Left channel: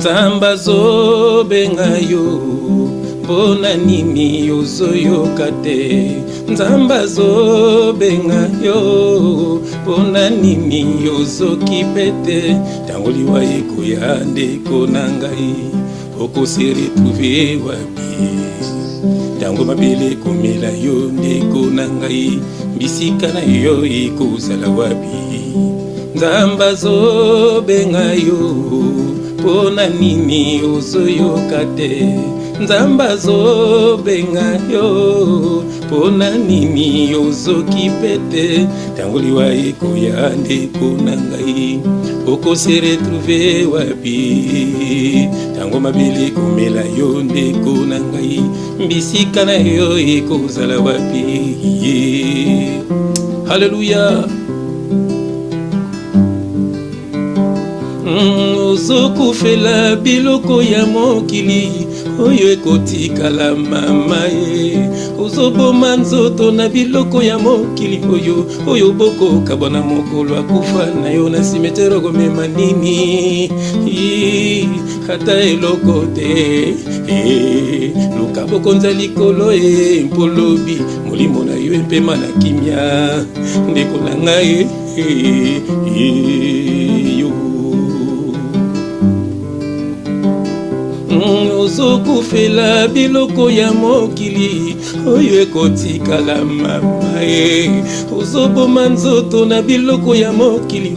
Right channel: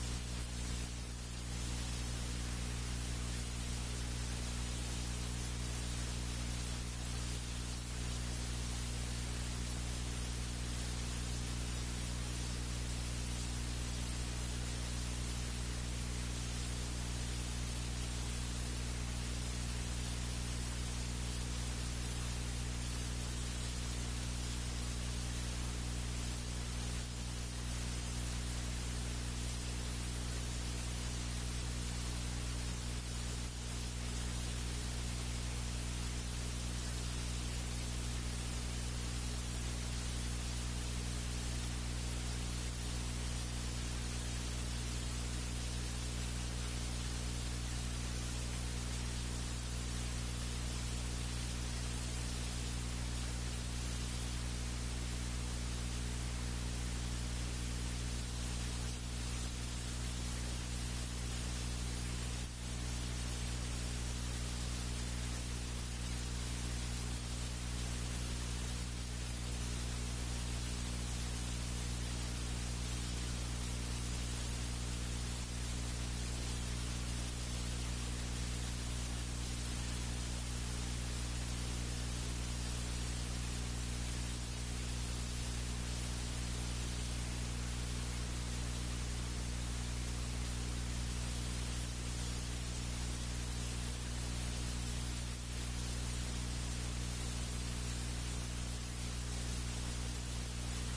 Nzamba zo bengayo Bona nini yozoyoka te Nzamba zo bengayo Bona nini yozoki pete Tango liwa ekoya ndeko na ngai Okose retrouver wapi Tango mabele komela yo ndeko na ngai Bisika na yo ekozala wapi Nzamba zo bengayo Pona nini ozoyoka te Nzamba zo bengayo Pona nini ozoki pete Tango liwa ekoya ndeko na ngai Okose retrouver wapi Tango mabele komela yo ndeko na ngai Bisika na yo ekozala wapi Hallelujah. Ozokufela biloko ya mokili Oyo ekotikala mama ye Ozoboma nzoto na biloko ya mokili Oyo boko kabona mokolo akufa na yo na simetero gomema nini Hata eloko te Luka boko nza likolo mpolobi Molimo na yo empema na kimia Ndeko na ngai Ozokufela biloko ya mokili Oyo ekotikala mama ye Ozoboma nzoto na biloko ya mokili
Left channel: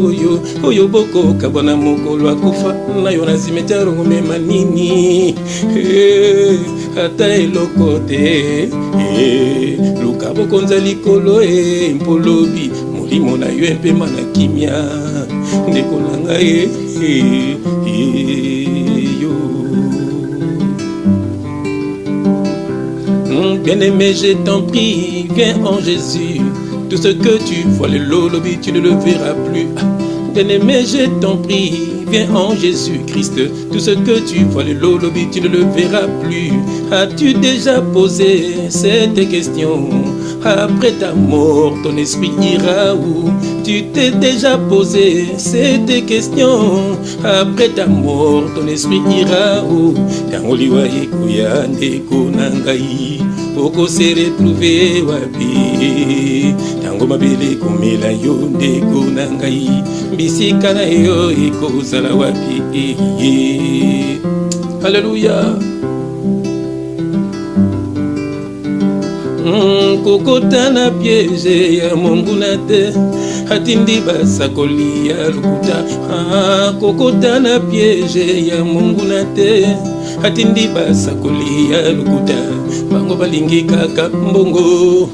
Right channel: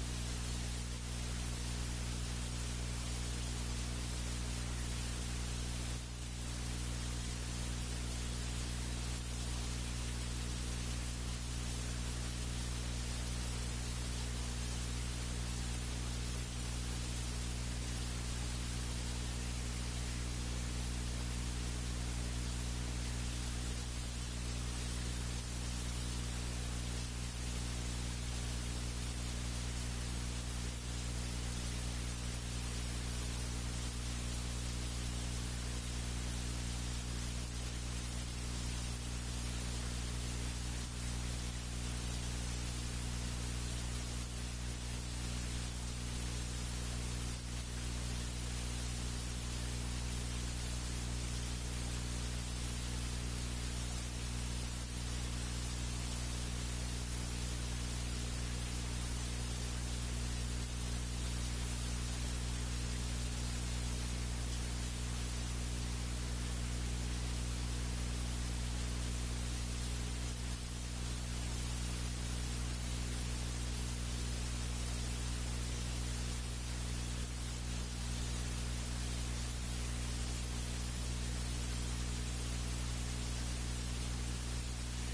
Oyo boko kabona mokolo akufa na yo na simetero gomema nini Hata eloko te Luka boko nza likolo mpolobi Molimo na yo empema na kimia Ndeko na ngai Bien-aimé, je t'en prie, viens en Jésus. Tout ce que tu vois, le lolobi, tu ne le verras plus. Bien-aimé, je t'en prie, viens en Jésus-Christ. Tout ce que tu vois, le lolobi, tu ne le verras plus. As-tu déjà posé cette question? Après ta mort, ton esprit ira où? Tu t'es déjà posé cette question? Après ta mort, ton esprit ira où? Tango liwa ekoya ndeko na ngai Okose retrouver wapi Tango mabele komela yo ndeko na ngai Bisika na yo ekozala wapi Hallelujah. Kokota na piège ya monguna te Atindi basakoli ya lukuta Kokota na piège ya monguna te Atindi basakoli ya lukuta Bango balingi kaka mbongo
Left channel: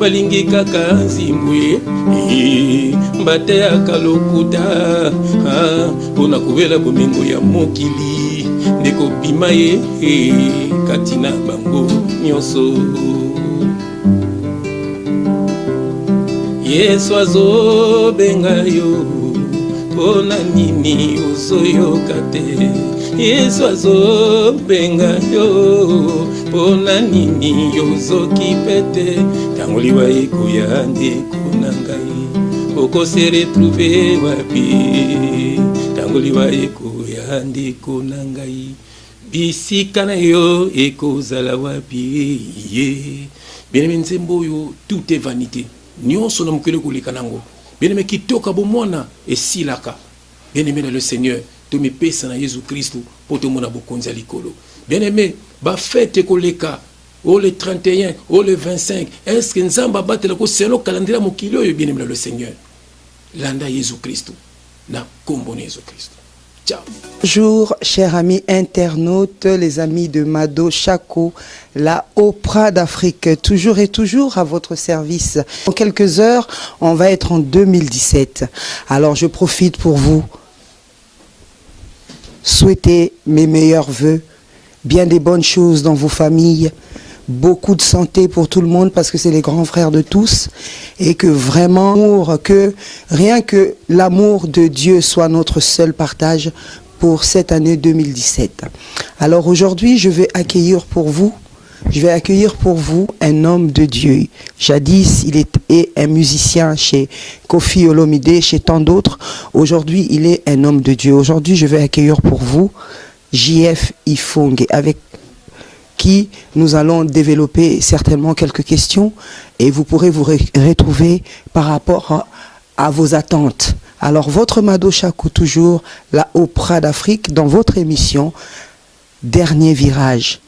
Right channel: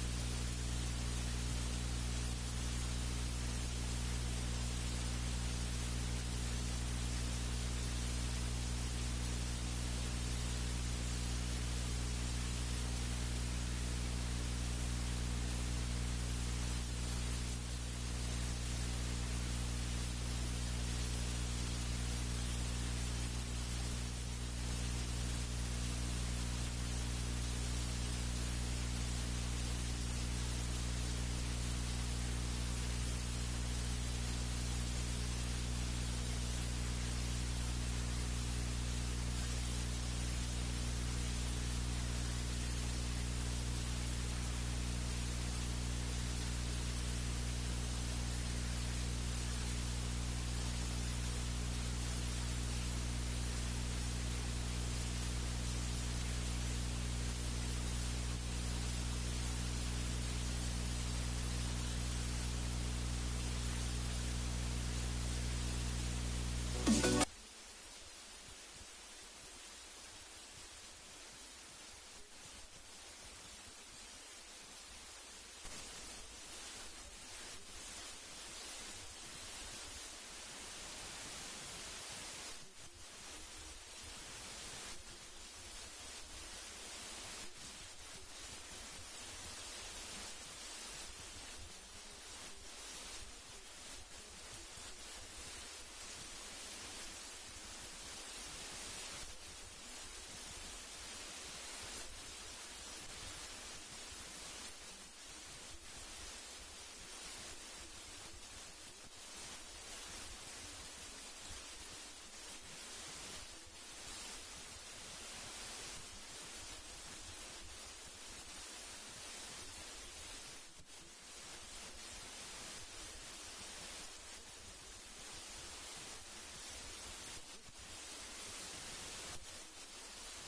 Balingi kaka nzimbwe Mbate akalokuta Pona kuvela bomengo ya mokili Ndeko bima ye Katina bango nyonso Yesu azo bengayo Pona nini ozoyoka te Yesu azo bengayo Pona nini ozoki pete Tango liwa ekoya ndeko na ngai Okose retrouver wapi Tango liwa ekoya ndeko na ngai Bisika na yo ekozala wapi Bien-aimé nzembo yo tout est vanité Nyonso na mokele koleka nango Bien-aimé kitoka bomwana esilaka Bien-aimé na le Seigneur tomipesa na Jésus Christ pour tout mona bokonza likolo Bien-aimé ba fête koleka o le 31 o le 25 est-ce que nzamba batela ko selo calendrier mokili oyo bien-aimé na le Seigneur Landa Jésus Christ na kombo na Jésus Christ. Ciao. Bonjour, chers amis internautes, les amis de Mado Chako, la Oprah d'Afrique, toujours et toujours à votre service. En quelques heures, on va être en 2017. Alors, je profite pour vous souhaiter mes meilleurs vœux, bien des bonnes choses dans vos familles, beaucoup de santé pour tout le monde parce que c'est les grands frères de tous et que vraiment, que rien que l'amour de Dieu soit notre seul partage pour cette année 2017. Alors aujourd'hui, je vais accueillir pour vous je vais accueillir pour vous un homme de Dieu. Jadis, il est un musicien chez Koffi Olomide, chez tant d'autres. Aujourd'hui, il est un homme de Dieu. Aujourd'hui, je vais accueillir pour vous JF Ifongue, avec qui nous allons développer certainement quelques questions et vous pourrez vous retrouver par rapport à vos attentes. Alors, votre Mado Chaco, toujours la Opéra d'Afrique, dans votre émission Dernier Virage.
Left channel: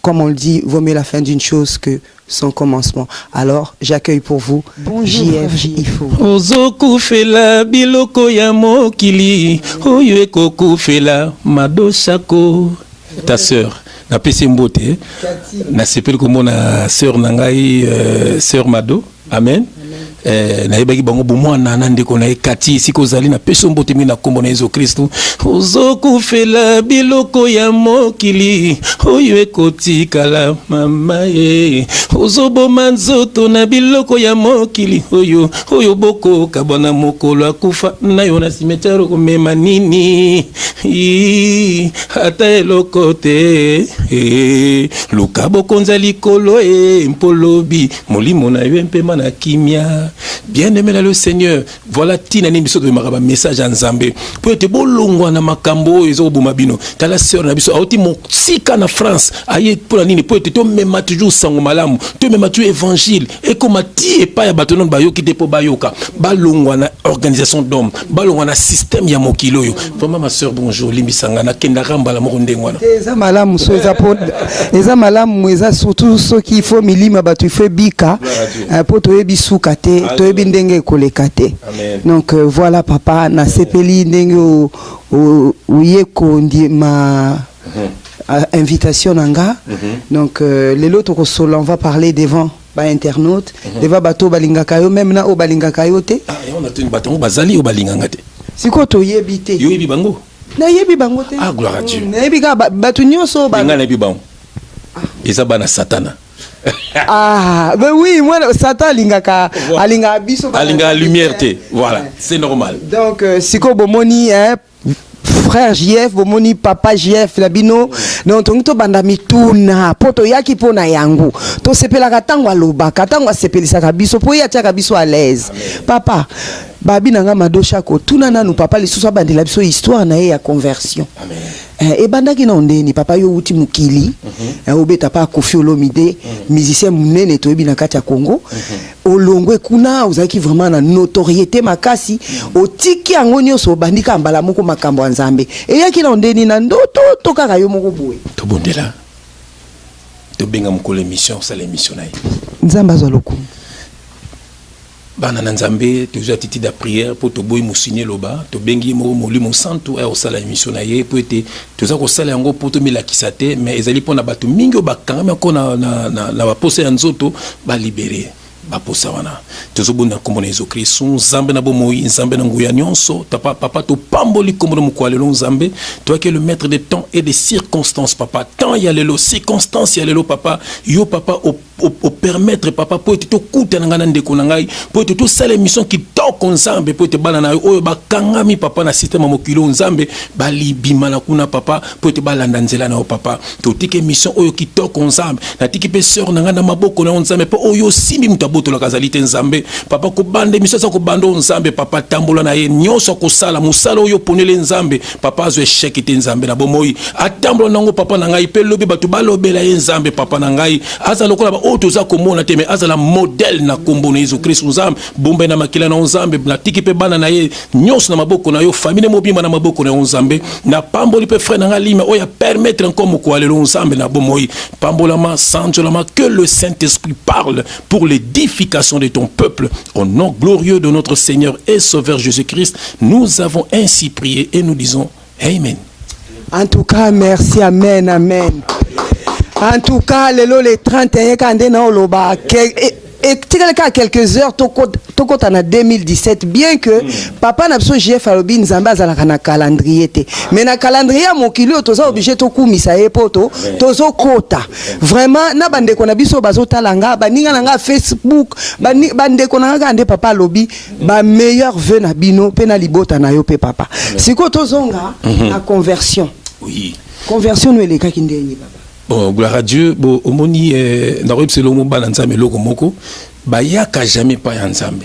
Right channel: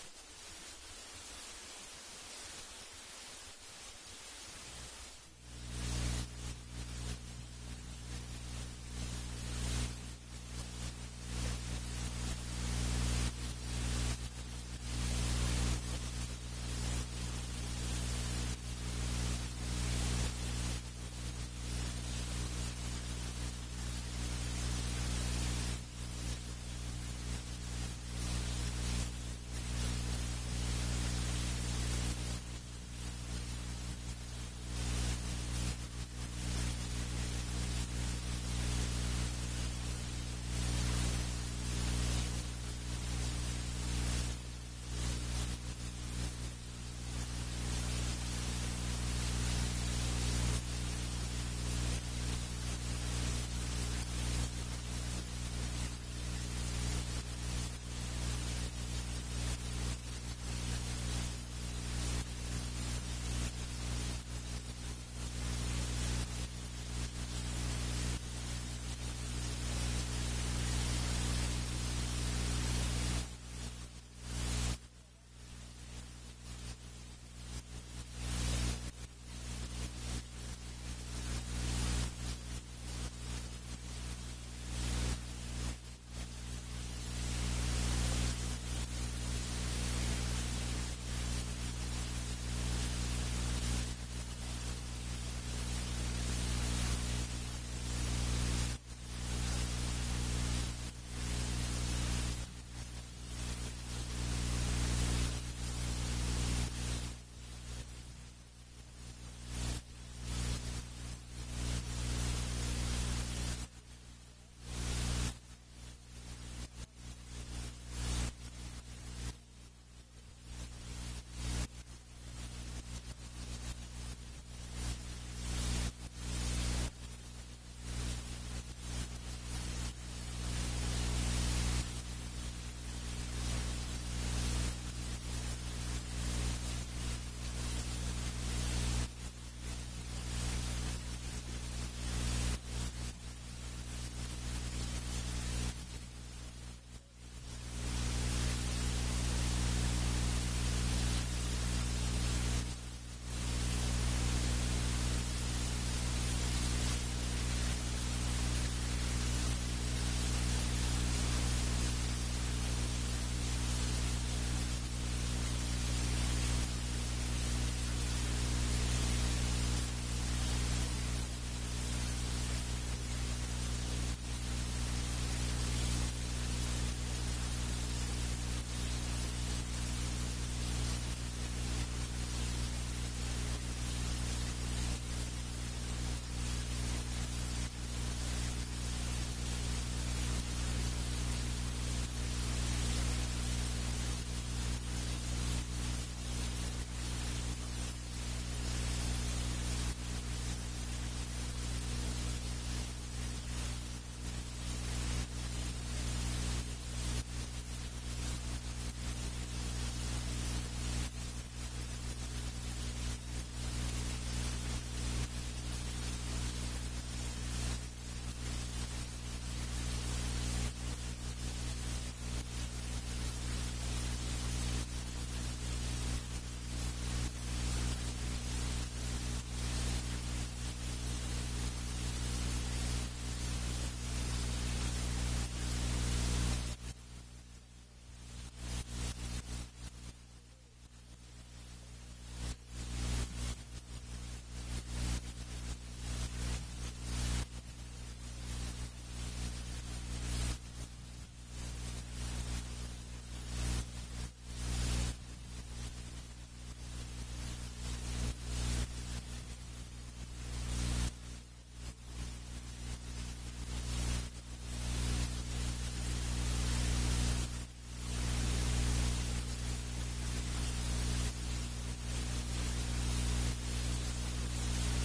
Comme on le dit, vaut mieux la fin d'une chose que son commencement. Alors, j'accueille pour vous JF Ifongue. Ozoku fela biloko ya mokili, oyo ekoku fela Mado Chaco. Ta sœur, na pesi mbote, na sepeli komona sœur nangai, sœur Mado. Amen. Na yebaki bango bomwana na ndeko na ekati siko zali na peso mbote mi na kombo na Yesu Kristo. Ozoku fela biloko ya mokili, oyo ekotikala mama ye. Ozoboma nzoto na biloko ya mokili, oyo boko kabana mokolo akufa na yo na cimetière komema nini. Ata eloko te. Luka bokonza likolo mpolobi, molimo na yo mpema na kimia. Bien-aimé dans le Seigneur, voilà tina ni biso de maraba message en Zambé. Pour être bolongwa na makambo ezo bomabino. Kala sœur na biso auti mon sika na France, aye pour la nini pour être to même toujours sango malamu, to même tu évangile et comme ti et pas ya batonon bayo ki depo bayoka. Balongwa na organisation d'hommes, balongwa na système ya mokilo yo. Vraiment ma sœur bonjour, limbisanga na kenda ramba la moronde ngwana. Eza malamu so eza po eza malamu eza surtout ceux qui faut milima batu fait bika po to ebisuka te. Donc voilà papa na sepeli ndenge uyeko ndi ma invitation nanga. Donc les autres on va parler devant ba internautes, devant bato balingaka yo même na o balingaka yo te. On a tenu bato bazali o balinganga te. Siko to yebite. Yo yebi bango. Na yebi bango te. Ah gloire à Dieu. Na yebi ka bato nyonso ba. Nga na yebi bango. Eza bana satana. Ah, ben oui, moi, Satan alingaka, alinga biso. Alinga lumière, voilà, c'est normal. Donc, si ko bomoni, hein, frère JF, bomoni papa JF, labino, donc on to bandami tuna, poto yaki pona yangu, to sepela katango aloba, katango sepelisa kabiso, po ya tia kabiso à l'aise. Papa, babi nanga Mado Chaco, tuna nanu papa li susa bandi la biso histoire na ya conversion. Amen. Et bandaki na ondeni papa yo uti mukili obeta pa Koffi Olomide musicien munene to ebi na kati ya Congo olongwe kuna ozaki vraiment na notoriété makasi otiki yango nyonso bandika mbala moko makambo ya Nzambe et yaki na ondeni na ndoto to kaka yo moko boye to bondela to benga mukolo émission ça l'émission na Nzambe azoloko bana na Nzambe toujours titi da prière pour to boy musigner loba to bengi mo molimo santo au sala émission na ye pour être toza ko sala yango pour to milakisa te mais ezali pona bato mingi bakanga me ko na ba posa ya nzoto ba libérer ba posa wana tozobona kombo na Yesu Kristo Nzambe na bomoi Nzambe na nguya nyonso papa to pamboli kombo mu kwalelo Nzambe toi qui es le maître des temps et des circonstances papa temps ya lelo circonstances ya lelo papa yo papa au permettre papa pour te kuta ngana ndeko na ngai pour te sala émission qui toko Nzambe pour te bana na oyo bakangami papa na système mokilo Nzambe bali bima na kuna papa pour te balanda nzela na papa to tike émission oyo qui toko Nzambe na tiki pe sœur na ngana maboko na Nzambe po oyo simbi mutaboto la kazalite Nzambe papa ko bande émission sa ko bando Nzambe papa tambola na ye nyonso ko sala musala oyo ponele Nzambe papa zo échec te Nzambe na bomoi atambola nango papa na ngai pe lobi batu balobela ye Nzambe papa na ngai aza lokola otoza komona te mais azala modèle na kombo na Yesu Kristo Nzambe bombe na makila na Nzambe na tiki pe bana na ye nyonso na maboko na yo famille mobima na maboko na Nzambe na pamboli pe frère na ngali mais oya permettre encore moko alelo Nzambe na bomoi pambolama sanjolama que le Saint-Esprit parle pour l'édification de ton peuple au nom glorieux de notre Seigneur et Sauveur Jésus-Christ nous avons ainsi prié et nous disons Amen. En tout cas merci, amen, amen. En tout cas, le 31 quand on oloba et quelques heures toko en 2017 bien que papa n'a besoin JF alobi Nzambe azalaka na calendrier te mais na calendrier mokili toza obligé to kumisa e poto tozo kota vraiment na bande ko na biso bazotalanga baninga nanga Facebook bande ko nanga ande papa alobi ba meilleur vœu na bino pe na libota na yo pe papa siko tozonga na conversion oui conversion no eleka kindeni papa Bon, gloire à Dieu. Bon, omoni naroyeb selongo bana nzambe loko moko bayaka jamais pa ya nzambe.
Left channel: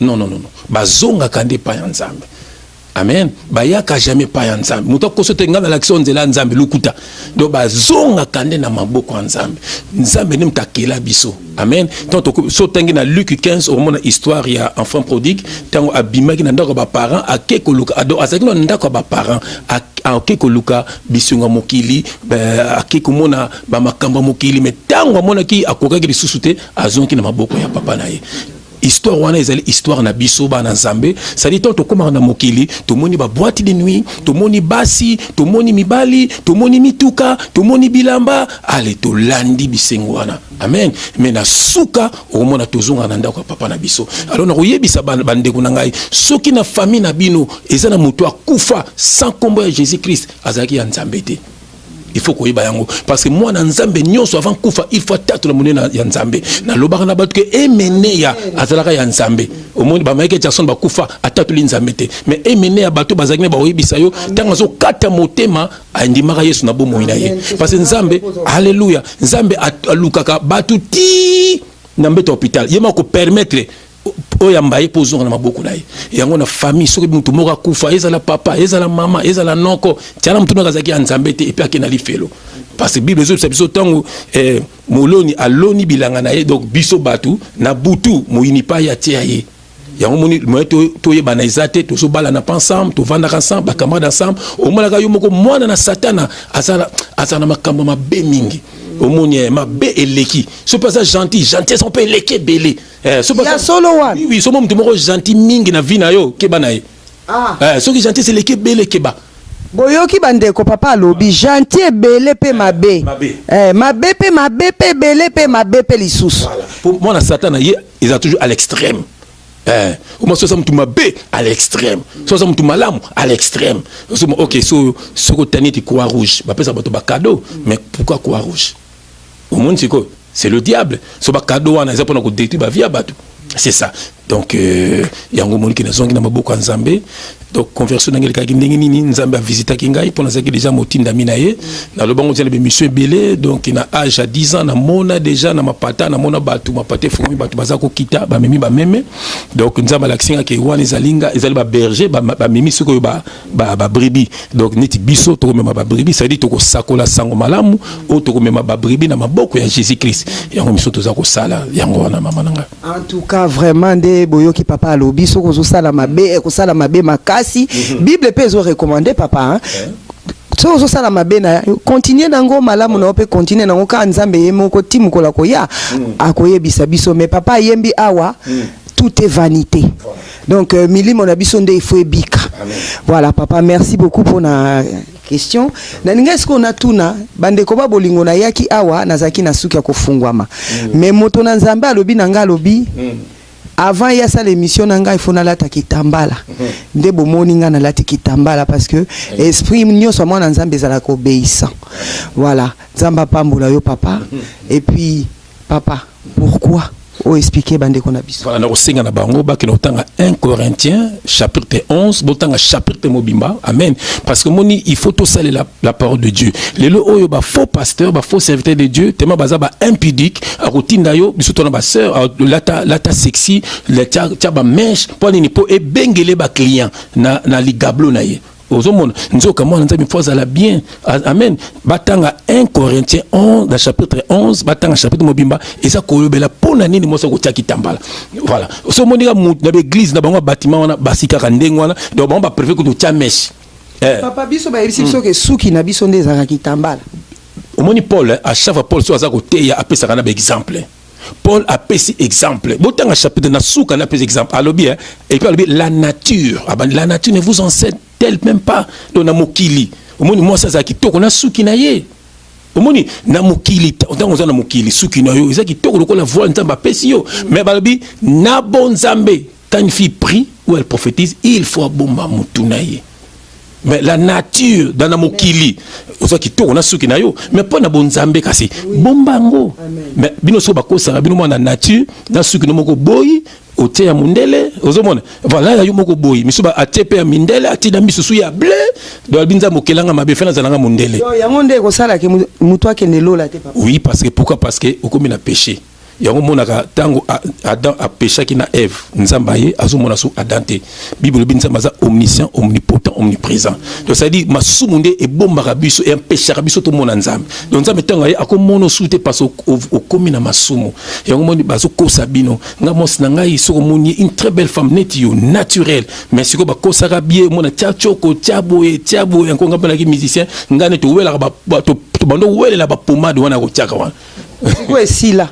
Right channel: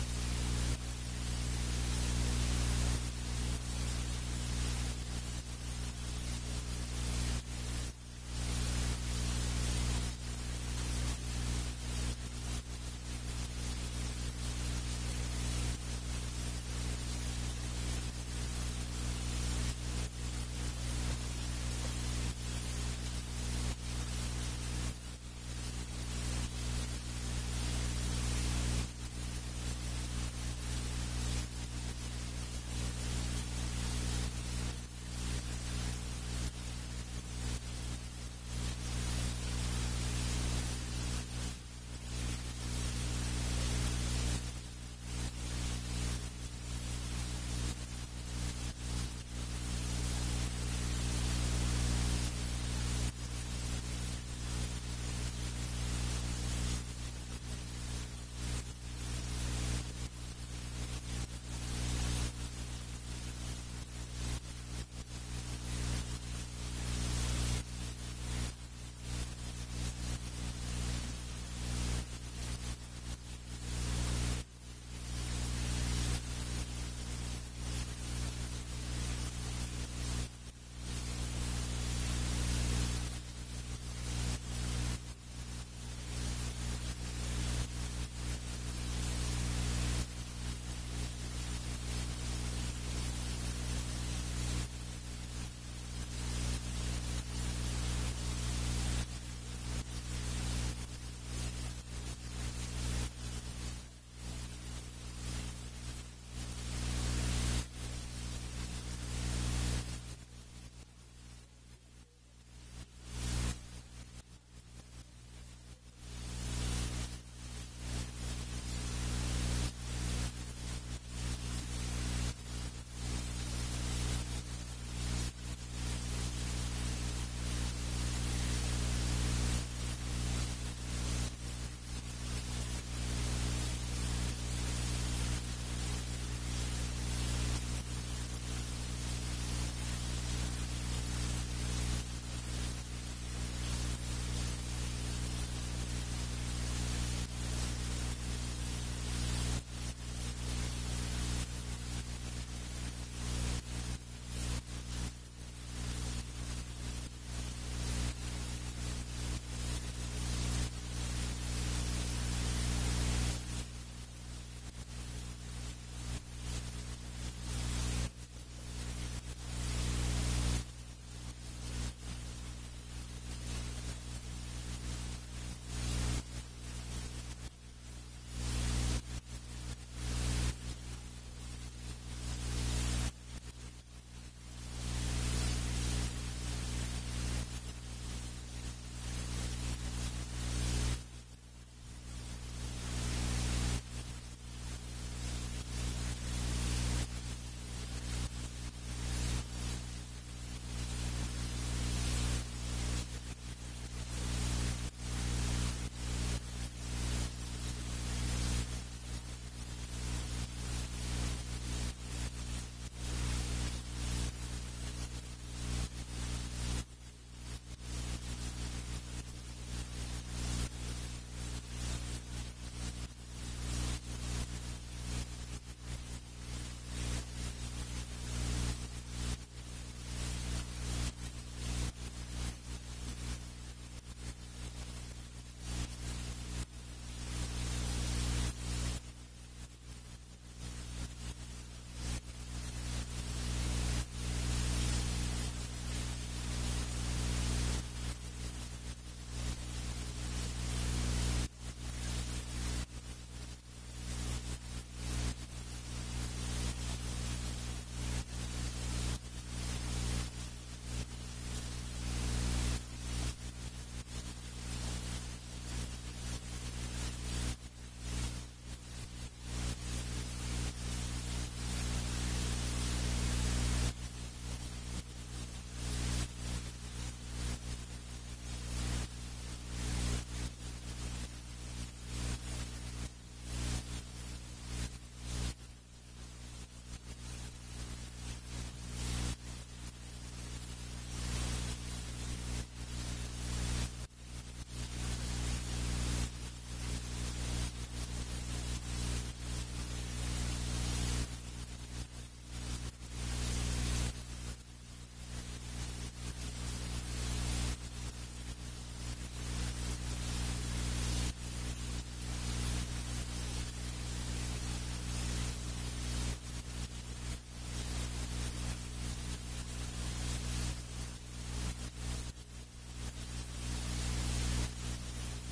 Non. Bazonga kande pa ya nzambe. Amen. Bayaka jamais pa ya nzambe. Muto kosote ngana l'action nzela nzambe lukuta. Donc bazonga kande na maboko ya nzambe. Nzambe ni mtakela biso. Amen. Tant so tangi na Luc 15 au mona histoire ya enfant prodigue, tango abimaki na ndako ba parents akeko luka ado azaki na ndako ba parents akeko luka bisunga mokili akeko mona ba makamba mokili mais tango mona ki akokaki lisusu te azonki na maboko ya papa na ye. Histoire wana ezali histoire na biso ba na nzambe ça dit tant tokoma na mokili tomoni ba boîte de nuit tomoni basi tomoni mibali tomoni mituka tomoni bilamba ale to landi bisengo wana amen mais na suka omona tozonga na ndako papa na biso alors na koyebisa bandeko na ngai soki na famille na bino eza na moto akufa sans kombo ya Jésus Christ azaki ya nzambe te. Il faut qu'on y aille parce que moi dans Nzambe nyonso avant kufa il faut tatu la monnaie ya Nzambe na lobaka na battu que emene ya azalaka ya Nzambe au monde ba maike Jackson ba kufa atatu li Nzambe te mais emene ya bato bazakine ba oyebisa yo tanga zo kata motema andimaka Yesu na bomo ina ye parce que Nzambe alléluia Nzambe alukaka batu ti na mbeto hôpital yema ko permettre oya mbaye pozonga na maboko na ye yango na famille soki mutu moko kufa ezala papa ezala mama ezala noko tiana mutu nakazaki ya Nzambe te epi akena lifelo parce que bible ezo biso tango moloni aloni bilanga na ye donc biso batu na butu moyini pa ya tia ye yango moni moyeto toyeba na ezate tozo bala na ensemble to vanda ensemble ba camarade ensemble o mona ka yo moko mwana na satana azana makambo mabe mingi au monde ma bé eleki ce passage gentil on peut eleki belé ce passage solo one oui ce moment tout gentil mingi na vie na yo keba na ye ce qui gentil c'est eleki belé keba boyoki bandeko papa lobi gentil belé pe mabe mabe pe belé pe mabe pe lisusu pour moi na satana ye ils ont toujours à l'extrême au moins ça me tout mabe à l'extrême ça me tout malamu à l'extrême OK ce que tani ti croix rouge ba pesa bato ba cadeau mais pourquoi croix rouge au monde c'est le diable so ba cadeau wana za pona ko détruire ba vie ya bato c'est ça donc yango moni ki na zongi na maboko ya Nzambe donc conversion na ngelika ndenge nini Nzambe a visiter kingai pona zaki déjà motinda minaye na lobango tele be monsieur belé donc na âge à 10 ans na mona déjà na mapata na mona batu mapate fomi batu bazako kita ba memi ba meme donc Nzambe laksinga ke wana ezalinga ezali ba berger ba memi soko ba bribi donc niti biso to mema ba bribi ça dit to ko sakola sango malamu o to ko mema ba bribi na maboko ya Jésus Christ yango miso to za ko sala yango wana mama nanga en tout cas vraiment de boyoki papa alobi soko zo sala mabe ko sala mabe makasi Bible peut zo recommander papa so so sala mabe na continuer nango malamu na ope continuer nango ka Nzambe yemoko timu kola koya akoyebisa biso mais papa yembi awa tout est vanité donc milimo na biso nde il faut ebika voilà papa merci beaucoup pour na question na ninga est-ce qu'on a tuna bandeko ba bolingo na yaki awa nazaki na suki ya kofungwama mais moto na Nzambe alobi nanga alobi avant il y a ça l'émission nanga il faut na lata kitambala nde bomoni nga na lata kitambala parce que esprit nyonso mwana Nzambe ezala ko obéissant voilà Nzamba pambola yo papa et puis papa pourquoi expliquer bandeko na biso voilà na kosenga na bango ba ke notanga 1 Corinthiens chapitre 11 botanga chapitre mobimba amen parce que moni il faut tout saler la parole de Dieu les oyo ba faux pasteur ba faux serviteur de Dieu tellement baza ba impudique a routine yo biso tona ba sœur lata sexy la tia ba mèche pour ni po e bengele ba client na ligablo na ye ozomona nzoka mwana Nzambe fois ala bien amen batanga 1 Corinthiens 11 dans chapitre 11 batanga chapitre mobimba eza koyobela pona nini moso ko tiaki tambala voilà so monika na l'église na bango bâtiment wana basika ka ndengo wana donc bango ba préfet ko tia mèche papa biso ba yebisi biso ke suki na biso nde ezaka kitambala omoni Paul à chaque fois Paul so aza ko teya apesa kana ba exemple Paul a pris exemple. Autant un chapitre na souka na pris exemple. Alors bien et puis la nature. La nature ne vous enseigne-t-elle même pas dans na mokili. Omoni moi ça kitoko na souki na ye. Omoni na mokili autant on na mokili souki na yo. Ezaki kitoko lokola voix Nzamba pesi yo. Mais balobi na bon Nzambe quand une fille prie ou elle prophétise, il faut bomba mutuna ye. Mais la nature dans la mokili oza kitoko na suki na yo mais pas na bonzambe kasi bombango mais bino so bakosa bino na nature na suki no moko boyi ote ya mundele ozomona voilà yo moko boyi misuba atepe mindele atina misusu ya blé do albinza mokelanga mabe fena zalanga mondele yo yango nde ko sala ke mutu akende lola te papa. Oui, parce que pourquoi? Parce que okomi na péché. Yango monaka tango Adam a péché qui na Ève nzambaye azomona su Adam te. Bible bi nzambaza omniscient, omnipotent, omniprésent. Donc ça dit masumunde e bomba biso et un péché biso to mona nzambe. Donc nzambe tango akomono sute parce au komi na masumu. Yango moni bazo kosa bino ngamos na ngai soko moni une très belle femme neti yo naturelle. Mais siko ba kosa bien mona tiachoko tiabo yango ngapela ki musicien ngane to wela ba to bando wele la ba pomade wana ko tiaka wana. Siko esila.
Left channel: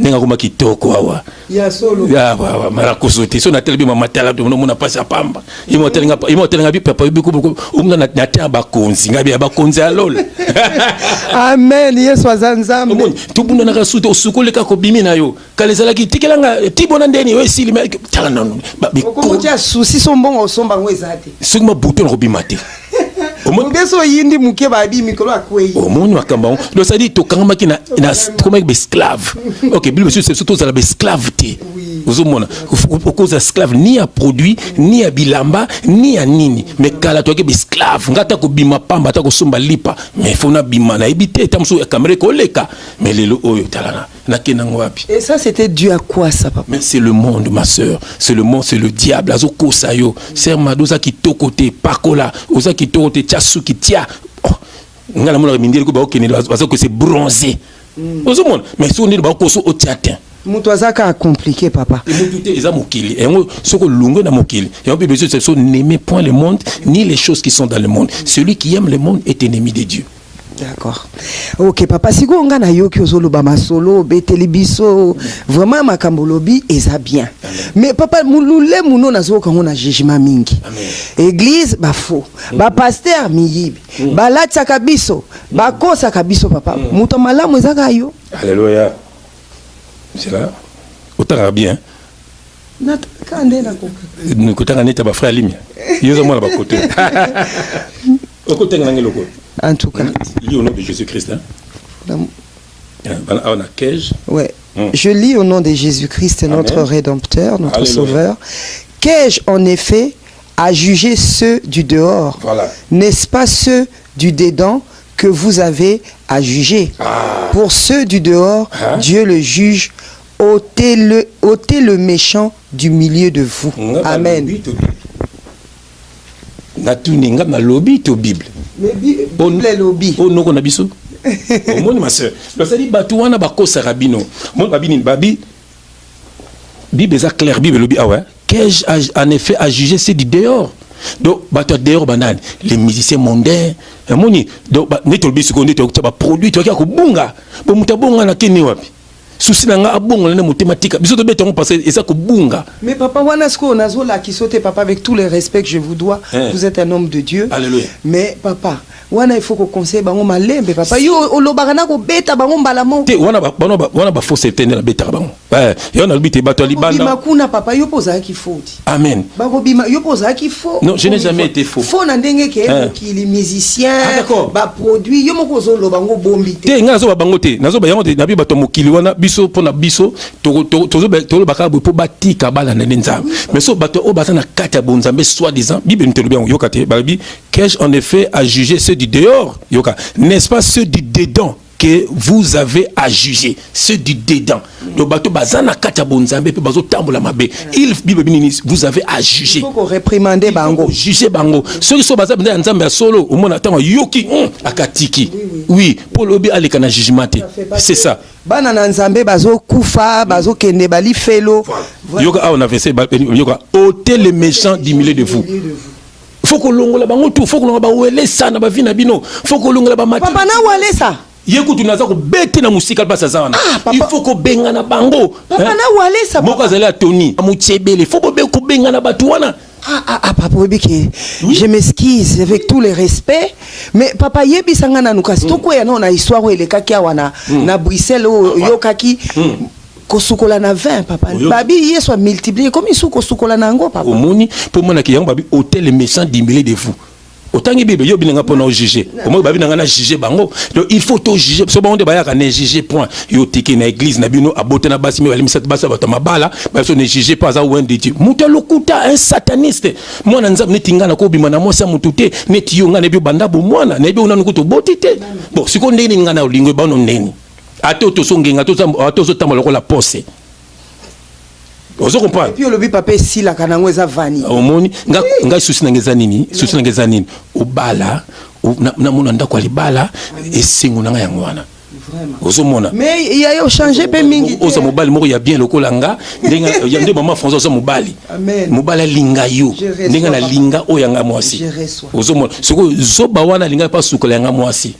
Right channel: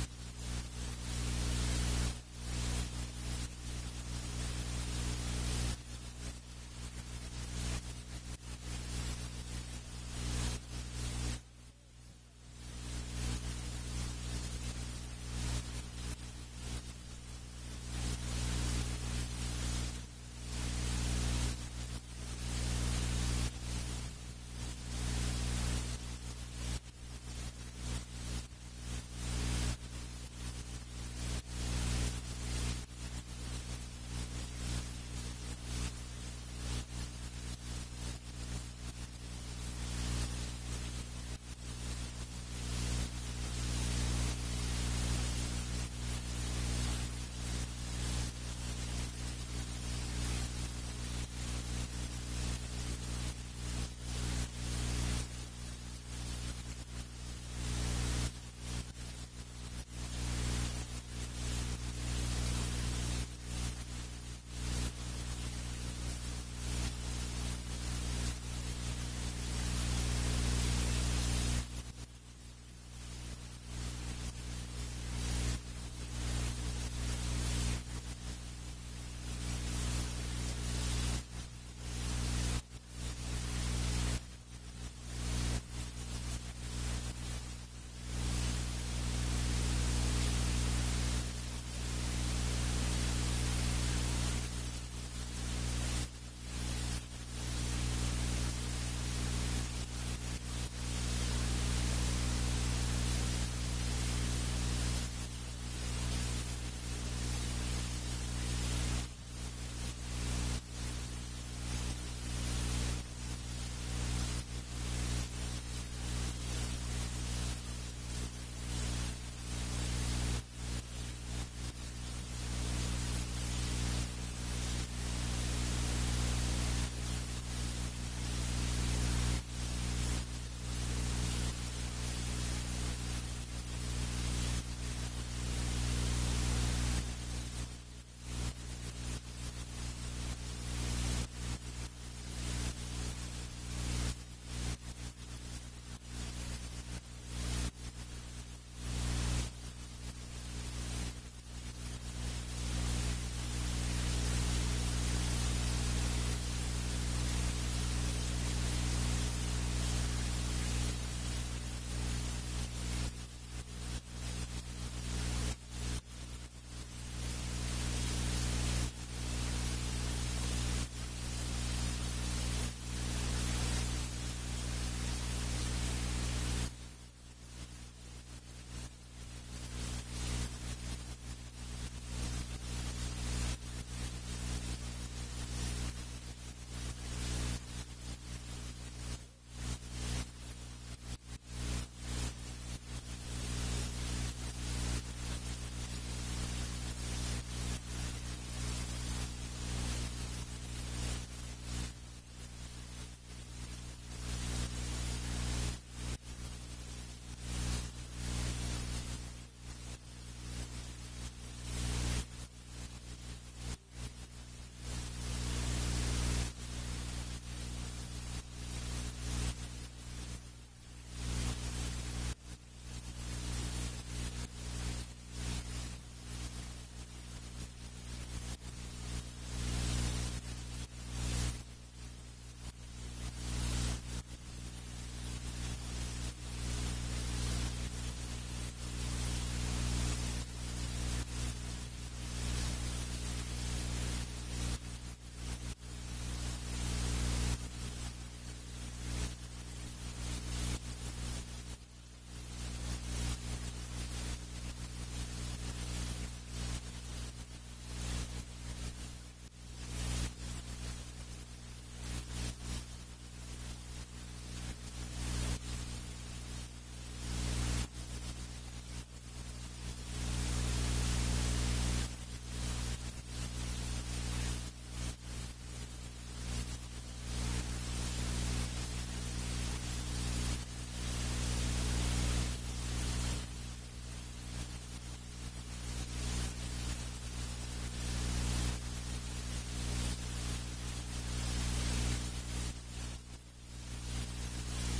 Nenga kuma kitoko awa ya solo ya wa mara kusuti so na telebi mama tala to mona pasa pamba imotelenga bi papa bi ko umna na ta ba konzi ngabi ba konzi alol. Amen. Yesu azanzambe omoni tubunda na kasuti osukole ka ko bimi na yo kalezala ki tikelanga tibona ndeni we sili me tala non ba bi ko mutia souci so mbongo osomba ngwezate sukuma buto na ko bimate Omongeso yindi muke ba bi mikolo akwei. Omoni makamba donc ça dit to kangama ki na comme esclave. OK, Bible c'est surtout ça la esclave té. Vous mona au cause esclave ni à produit ni à bilamba ni à nini mais kala to ke esclave ngata ko bima pamba ta ko somba lipa mais fona bima na ebité tamso kamere ko leka mais lelo oyo talana na kenango wapi. Et ça c'était dû à quoi ça papa? Mais c'est le monde ma sœur, c'est le monde, c'est le diable azo kosa yo. Ser madoza ki to côté pakola, oza ki to côté tiasu ki tia. Ngala mona mindeli ko ba okene parce que c'est bronzé. Ozomona mais so ndeli ba ko so otiatin. Mutu azaka compliqué papa. Et mutu te eza mokili. Et ngo soko lungo na mokili. Et on peut dire c'est n'aimer point le monde ni les choses qui sont dans le monde. Celui qui aime le monde est ennemi de Dieu. D'accord. Ok papa siko nga na yoki ozoloba masolo beteli biso vraiment makambo lobi eza bien. Mais papa mulule muno nazoka ngona jugement mingi. Église ba faux. Ba pasteur miyibi. Ba latsa kabiso, ba kosa kabiso papa. Muto malamu ezaka yo. Alléluia. C'est là. Autant bien. Natakande na ko. Nous kotanga neta ba frère Limia. Yozo mona ba côté. En tout cas. Lis au nom de Jésus-Christ. Ouais. Je lis au nom de Jésus-Christ, notre Rédempteur, notre Sauveur. Qu'ai-je en effet à juger ceux du dehors? Voilà. N'est-ce pas ceux du dedans que vous avez à juger? Pour ceux du dehors, Dieu le juge. ôtez le méchant du milieu de vous. Amen. Natuninga na lobby to Bible. Mais Bible lobby. Oh non qu'on a biso. Oh mon ma sœur. Donc ça dit batuana ba kosa rabino. Mon babini babi. Bible est clair Bible lobby ah ouais. Qu'ai-je en effet à juger c'est du dehors. Donc batu dehors banane les musiciens mondains. Moni donc neto biso ko neto ba produit to ko bunga. Bo mutabonga na keni wapi. Souci nanga abonga na mathématique biso to betongo parce que ça ko bunga. Mais papa wana sko nazola ki sote papa avec tout le respect que je vous dois, vous êtes un homme de Dieu. Alléluia. Mais papa wana il faut qu'on conseille bango malembe papa yo olobaka ko beta bango mbala mo. Te wana ba faut s'éteindre la beta bango. Yo na bité bato libanda. Bima kuna papa yo poza ki faute. Amen. Bango bima yo poza ki faux. Non, je n'ai jamais été faux. Faux na ndenge ke ki les musiciens ba produit yo moko zo lo bango bombi te. Te nga zo ba bango te. Nazo ba yango te na bi bato mokili wana biso pona biso to baka bo po batika bala na nzambe. Mais so bato o bata na kata bonzambe soi-disant Bible ne te le bien yo kate balabi qu'ai-je en effet à juger ceux du dehors yoka n'est-ce pas ceux du dedans que vous avez à juger ceux du dedans donc bato bazana kata bonzambe pe bazo tambola mabe il Bible binini vous avez à juger. Il faut réprimander bango juger bango ceux qui sont bazana dans nzambe solo au mona tango yoki akatiki oui pour lobi aleka na jugement c'est ça bana na nzambe bazo kufa bazo kende bali felo yoka on a fait yoka ôtez les méchants du milieu de vous. Faut que l'on la bango tout, faut que l'on ba wele ça na ba vina bino, faut que l'on la ba mati. Papa na wale ça. Yekutu naza ko bete na musika pasa ça wana. Il faut ko benga na bango. Papa na wale ça. Moko azala Tony, amuchebele, faut ko be ko benga na batu wana. Papa Webike, je m'excuse avec tout le respect, mais papa yebi sanga na nukasi toko ya na histoire où ele kaki wana na Bruxelles yo kaki kosukola na 20 papa babi yeso multiplier comme isu kosukola na ngo papa omoni pour mona ki yango babi hôtel les méchants du milieu de vous autant que Bible yo binanga pour nous juger au moins babi nanga juger bango donc il faut tout juger so ba on de ba ya ne juger point yo tiki na église na bino abote na basi mi balimisa basa bato mabala ba so ne juger pas za wende ti muta lokuta un sataniste mwana nzambe netinga na ko bima na mosa mutute neti yo nga ne bi banda bo mwana ne bi una nukuto botite bon siko ndeni nga na lingwe ba no ndeni ato to songenga to so tambola ko la pose. Vous comprenez? Et puis le papa si la kanango eza vani. Omoni nga susi na ngeza nini? Susi na ngeza nini? Obala na mona ndako alibala esengo na nga yango wana. Ozomona. Mais il y a eu changé pe mingi. Oza mobali moko ya bien lokola nga ndenga ya nde maman François oza mobali. Amen. Mobala linga yo. Ndenga na linga o yanga mwasi. Ozomona. Soko zoba wana linga pa sukola yanga mwasi.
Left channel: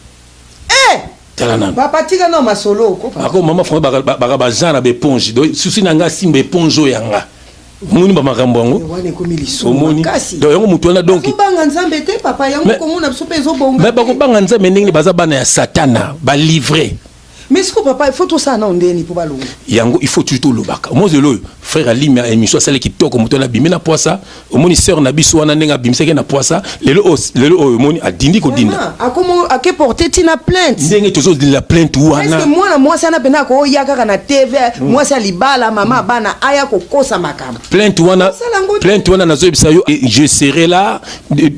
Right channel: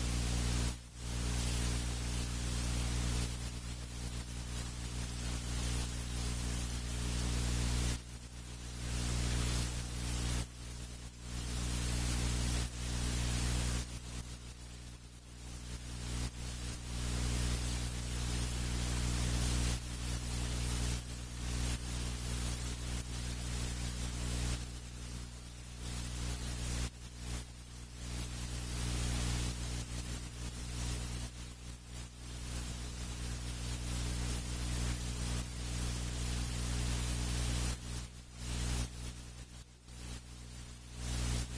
Papa tika no masolo ako mama fond ba jana be ponge do susi nanga simbe ponjo yanga muni ba makambo ngo omoni do yango mutu na donc banga nzambe te papa yango komuna biso pezo bonga mais ba ko banga nzambe ndenge baza bana ya satana ba livrer. Mais est-ce que papa il faut tout ça non ndeni pour balonga yango il faut tout le baka moi zelo frère Alimia émission sale ki toko mutu na bimina poisa omoni sœur na biso wana ndenga bimseke na poisa lelo omoni adindi ko dinda akomo ake porter tina plainte ndenge tozo de la plainte wana est-ce que moi sana pena ko yaka na TV moi ça libala mama bana aya ko kosa makamba plainte wana nazo bisa yo je serai là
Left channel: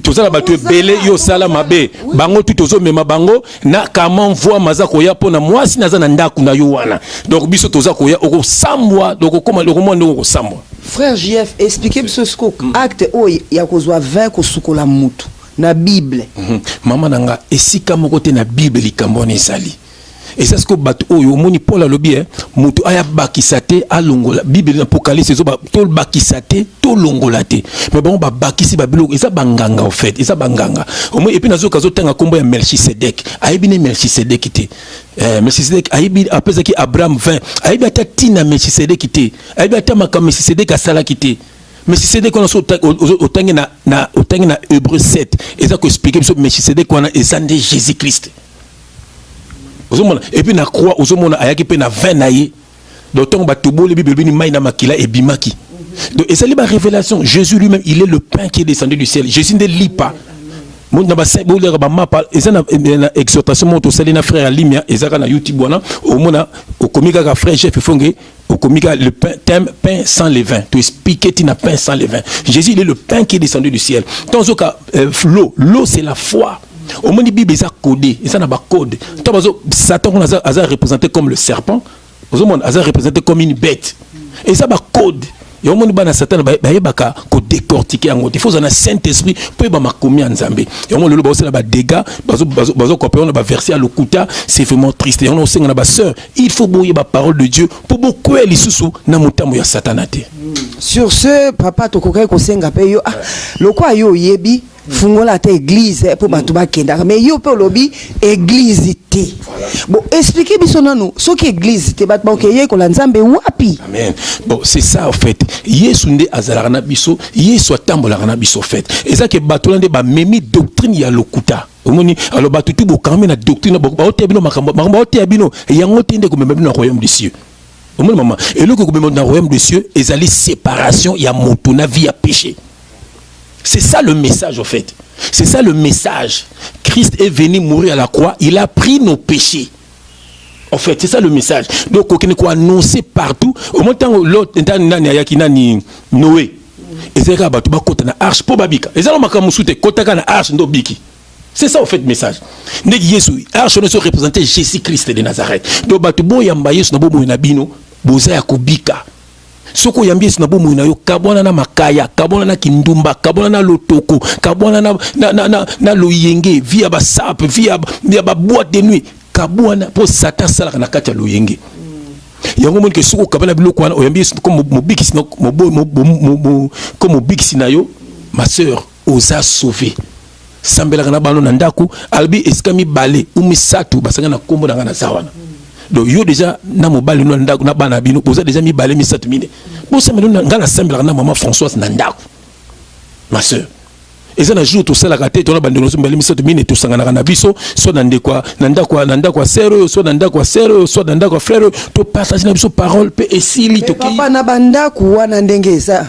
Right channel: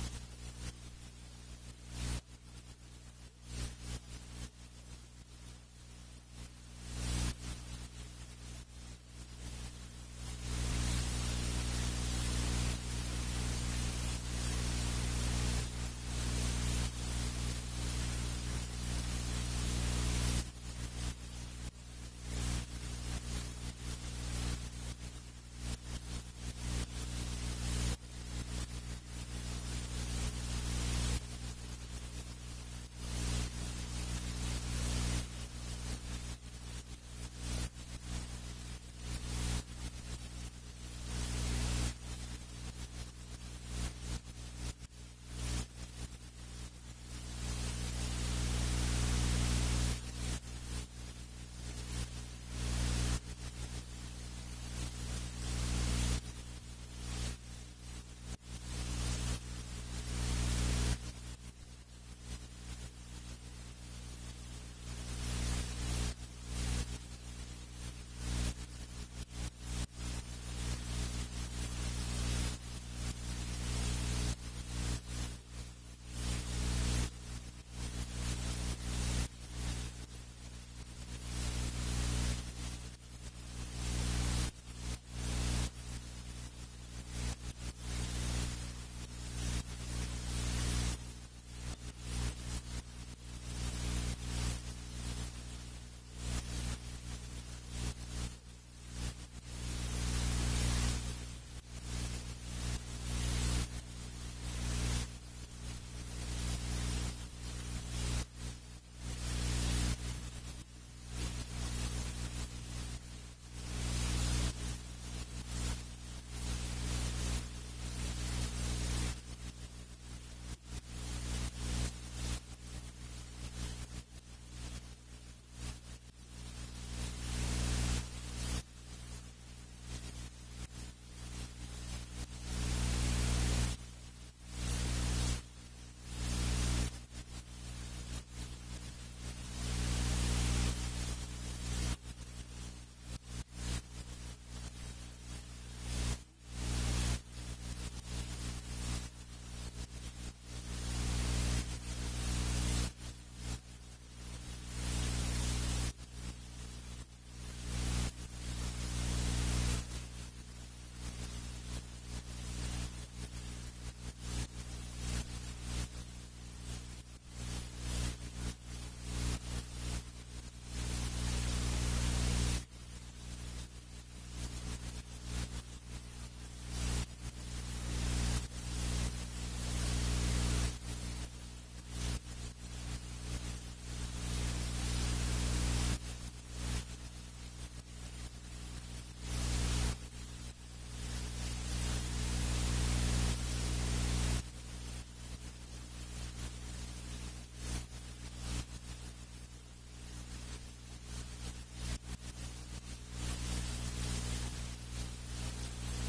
toza la batu belé yo sala mabe bango tout tozo mema bango na comment voir maza ko ya pona moi si naza na ndaku na yo wana donc biso toza ko ya oko sambwa donc comment le comment oko sambwa. Frère JF expliquez ce scoop acte o ya ko zwa 20 ko sukola mutu na Bible mama nanga esika moko te na Bible likambo na esali. Et c'est ce que bato oyo moni Paul alobi mutu aya bakisate alongola Bible l'Apocalypse zo ba tol bakisate to longola te mais bon ba bakisi ba biloko eza banganga en fait eza banganga au moins et puis nazo kazo tanga kombo ya Melchisedek ayebi ne Melchisedek te Melchisedek ayebi apesa ki Abraham 20 ayebi ata tina Melchisedek te ayebi ata makam Melchisedek asala ki Melchisedek on otangi na Hébreu 7 eza ko expliquer biso Melchisedek wana ezande Jésus Christ. Et puis na croix ozomona ayaki pe na 20 naye d'autant batoboli Bible bini mai na makila et bimaki donc et ça li ba révélation Jésus lui-même il est le pain qui est descendu du ciel Jésus ne lit pas mon na ba symbole ba mapa et ça na exhortation mon to salina frère Alimia et ça na YouTube wana au mona au komika ka frère chef fonge au komika le pain sans levain to expliquer tina pain sans levain Jésus il est le pain qui est descendu du ciel dans ce cas l'eau c'est la foi. Au moins, la Bible est codée, et ça n'a pas code. Satan a représenté comme le serpent, a représenté comme une bête. Et ça n'a pas code. Et au moins, Satan a décortiqué. Il faut un Saint-Esprit pour commis en Zambie. Et au moins, le boss a des dégâts, on a versé à l'okuta, c'est vraiment triste. Et on a aussi une sœur. Il faut bouiller la parole de Dieu pour beaucoup les sous na mutamu ya satanate. Sur ce, papa, tu connais que c'est un peu le quoi yo yebi. Fungola ta église pour batuba kenda mais yo pe lobby église té bon expliquez biso nanu ce qui église té batba okeye ko la nzambe wapi amen bon c'est ça en fait yesu nde azalaka na biso yesu atambolaka na biso fait et ça que batola nde ba memi doctrine ya lokuta omoni alors batutu bokamé na doctrine ba ote bino makambo ote bino yango te nde ko memba bino na royaume des cieux omoni maman et le ko memba na royaume des cieux ezali séparation ya moto na vie ya péché. C'est ça le message en fait. C'est ça le message. Christ est venu mourir à la croix. Il a pris nos péchés. En fait, c'est ça le message. Donc, on peut annoncer partout. Au moment où l'autre, Noé. Et c'est ça, tu vas côté na arche pour babika. Et ça, on m'a dit côté na arche ndo biki. C'est ça en fait le message. Negi Yesu, arche on est représenté Jésus-Christ de Nazareth. Donc, tu bo yamba Yesu na bo mo na bino, boza ya kubika. Soko yambi na bomu na yo kabona na makaya kabona na kindumba kabona na lotoko kabona na loyenge via ba sap via ba boîte de nuit kabona pour Satan sala na kati ya loyenge yango mon ke soko kabana biloko wana oyambi comme mobikisi na comme mobikisi na yo ma sœur osa sauver sambela na bano na ndaku albi eskami balé umisatu basanga na kombo na ngana zawana. Donc yo déjà na mobali no ndako na bana bino poza déjà mi balé mi 7000 bon ça me donne ngana sembla na maman Françoise na ndako ma sœur Et ça, un jour, tout ça, la raté, tout le monde, nous sommes tous mine, tout ça, na biso, soit dans des quoi, nanda quoi, sérieux, soit dans quoi, sérieux, soit dans quoi, frère, tout partage na biso parole, pe et si li, tout papa na banda quoi, nandenge ça,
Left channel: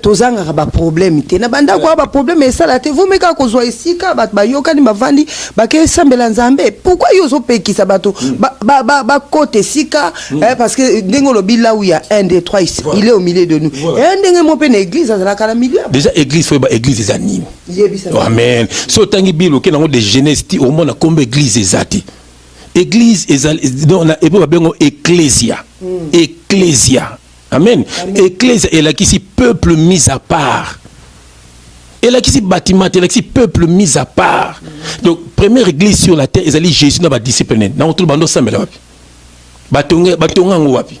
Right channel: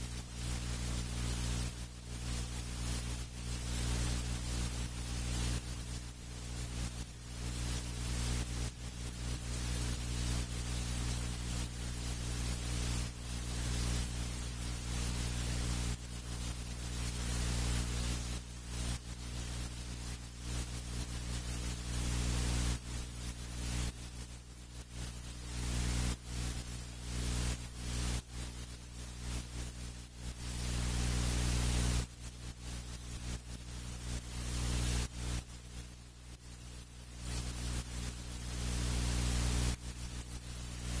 tout ça, n'a pas problème, na banda quoi, pas problème, et ça, la te, vous me ka kozwa ici, ka, ba yoka ni bavandi, ba ke sambela nzambe, pourquoi yoso pe ki sabato, ba côté sika, parce que dengo lo là où il y a 1, 2, 3 ici, il est au milieu de nous, et un dengue mon pe na église, ça la kala milieu. Déjà, église, faut église des animes. Amen. So tangi bilo ke nango de jeunesse ti au monde comme église ezati. Église donc na ebo bengo ecclésia. Ecclésia. Amen. Ecclésia est là qui si peuple mis à part. Et là qui si bâtiment, et là qui si peuple mis à part. Donc première église sur la terre ezali Jésus na ba discipliné. Na tout bando sambela wapi. Batonga wapi.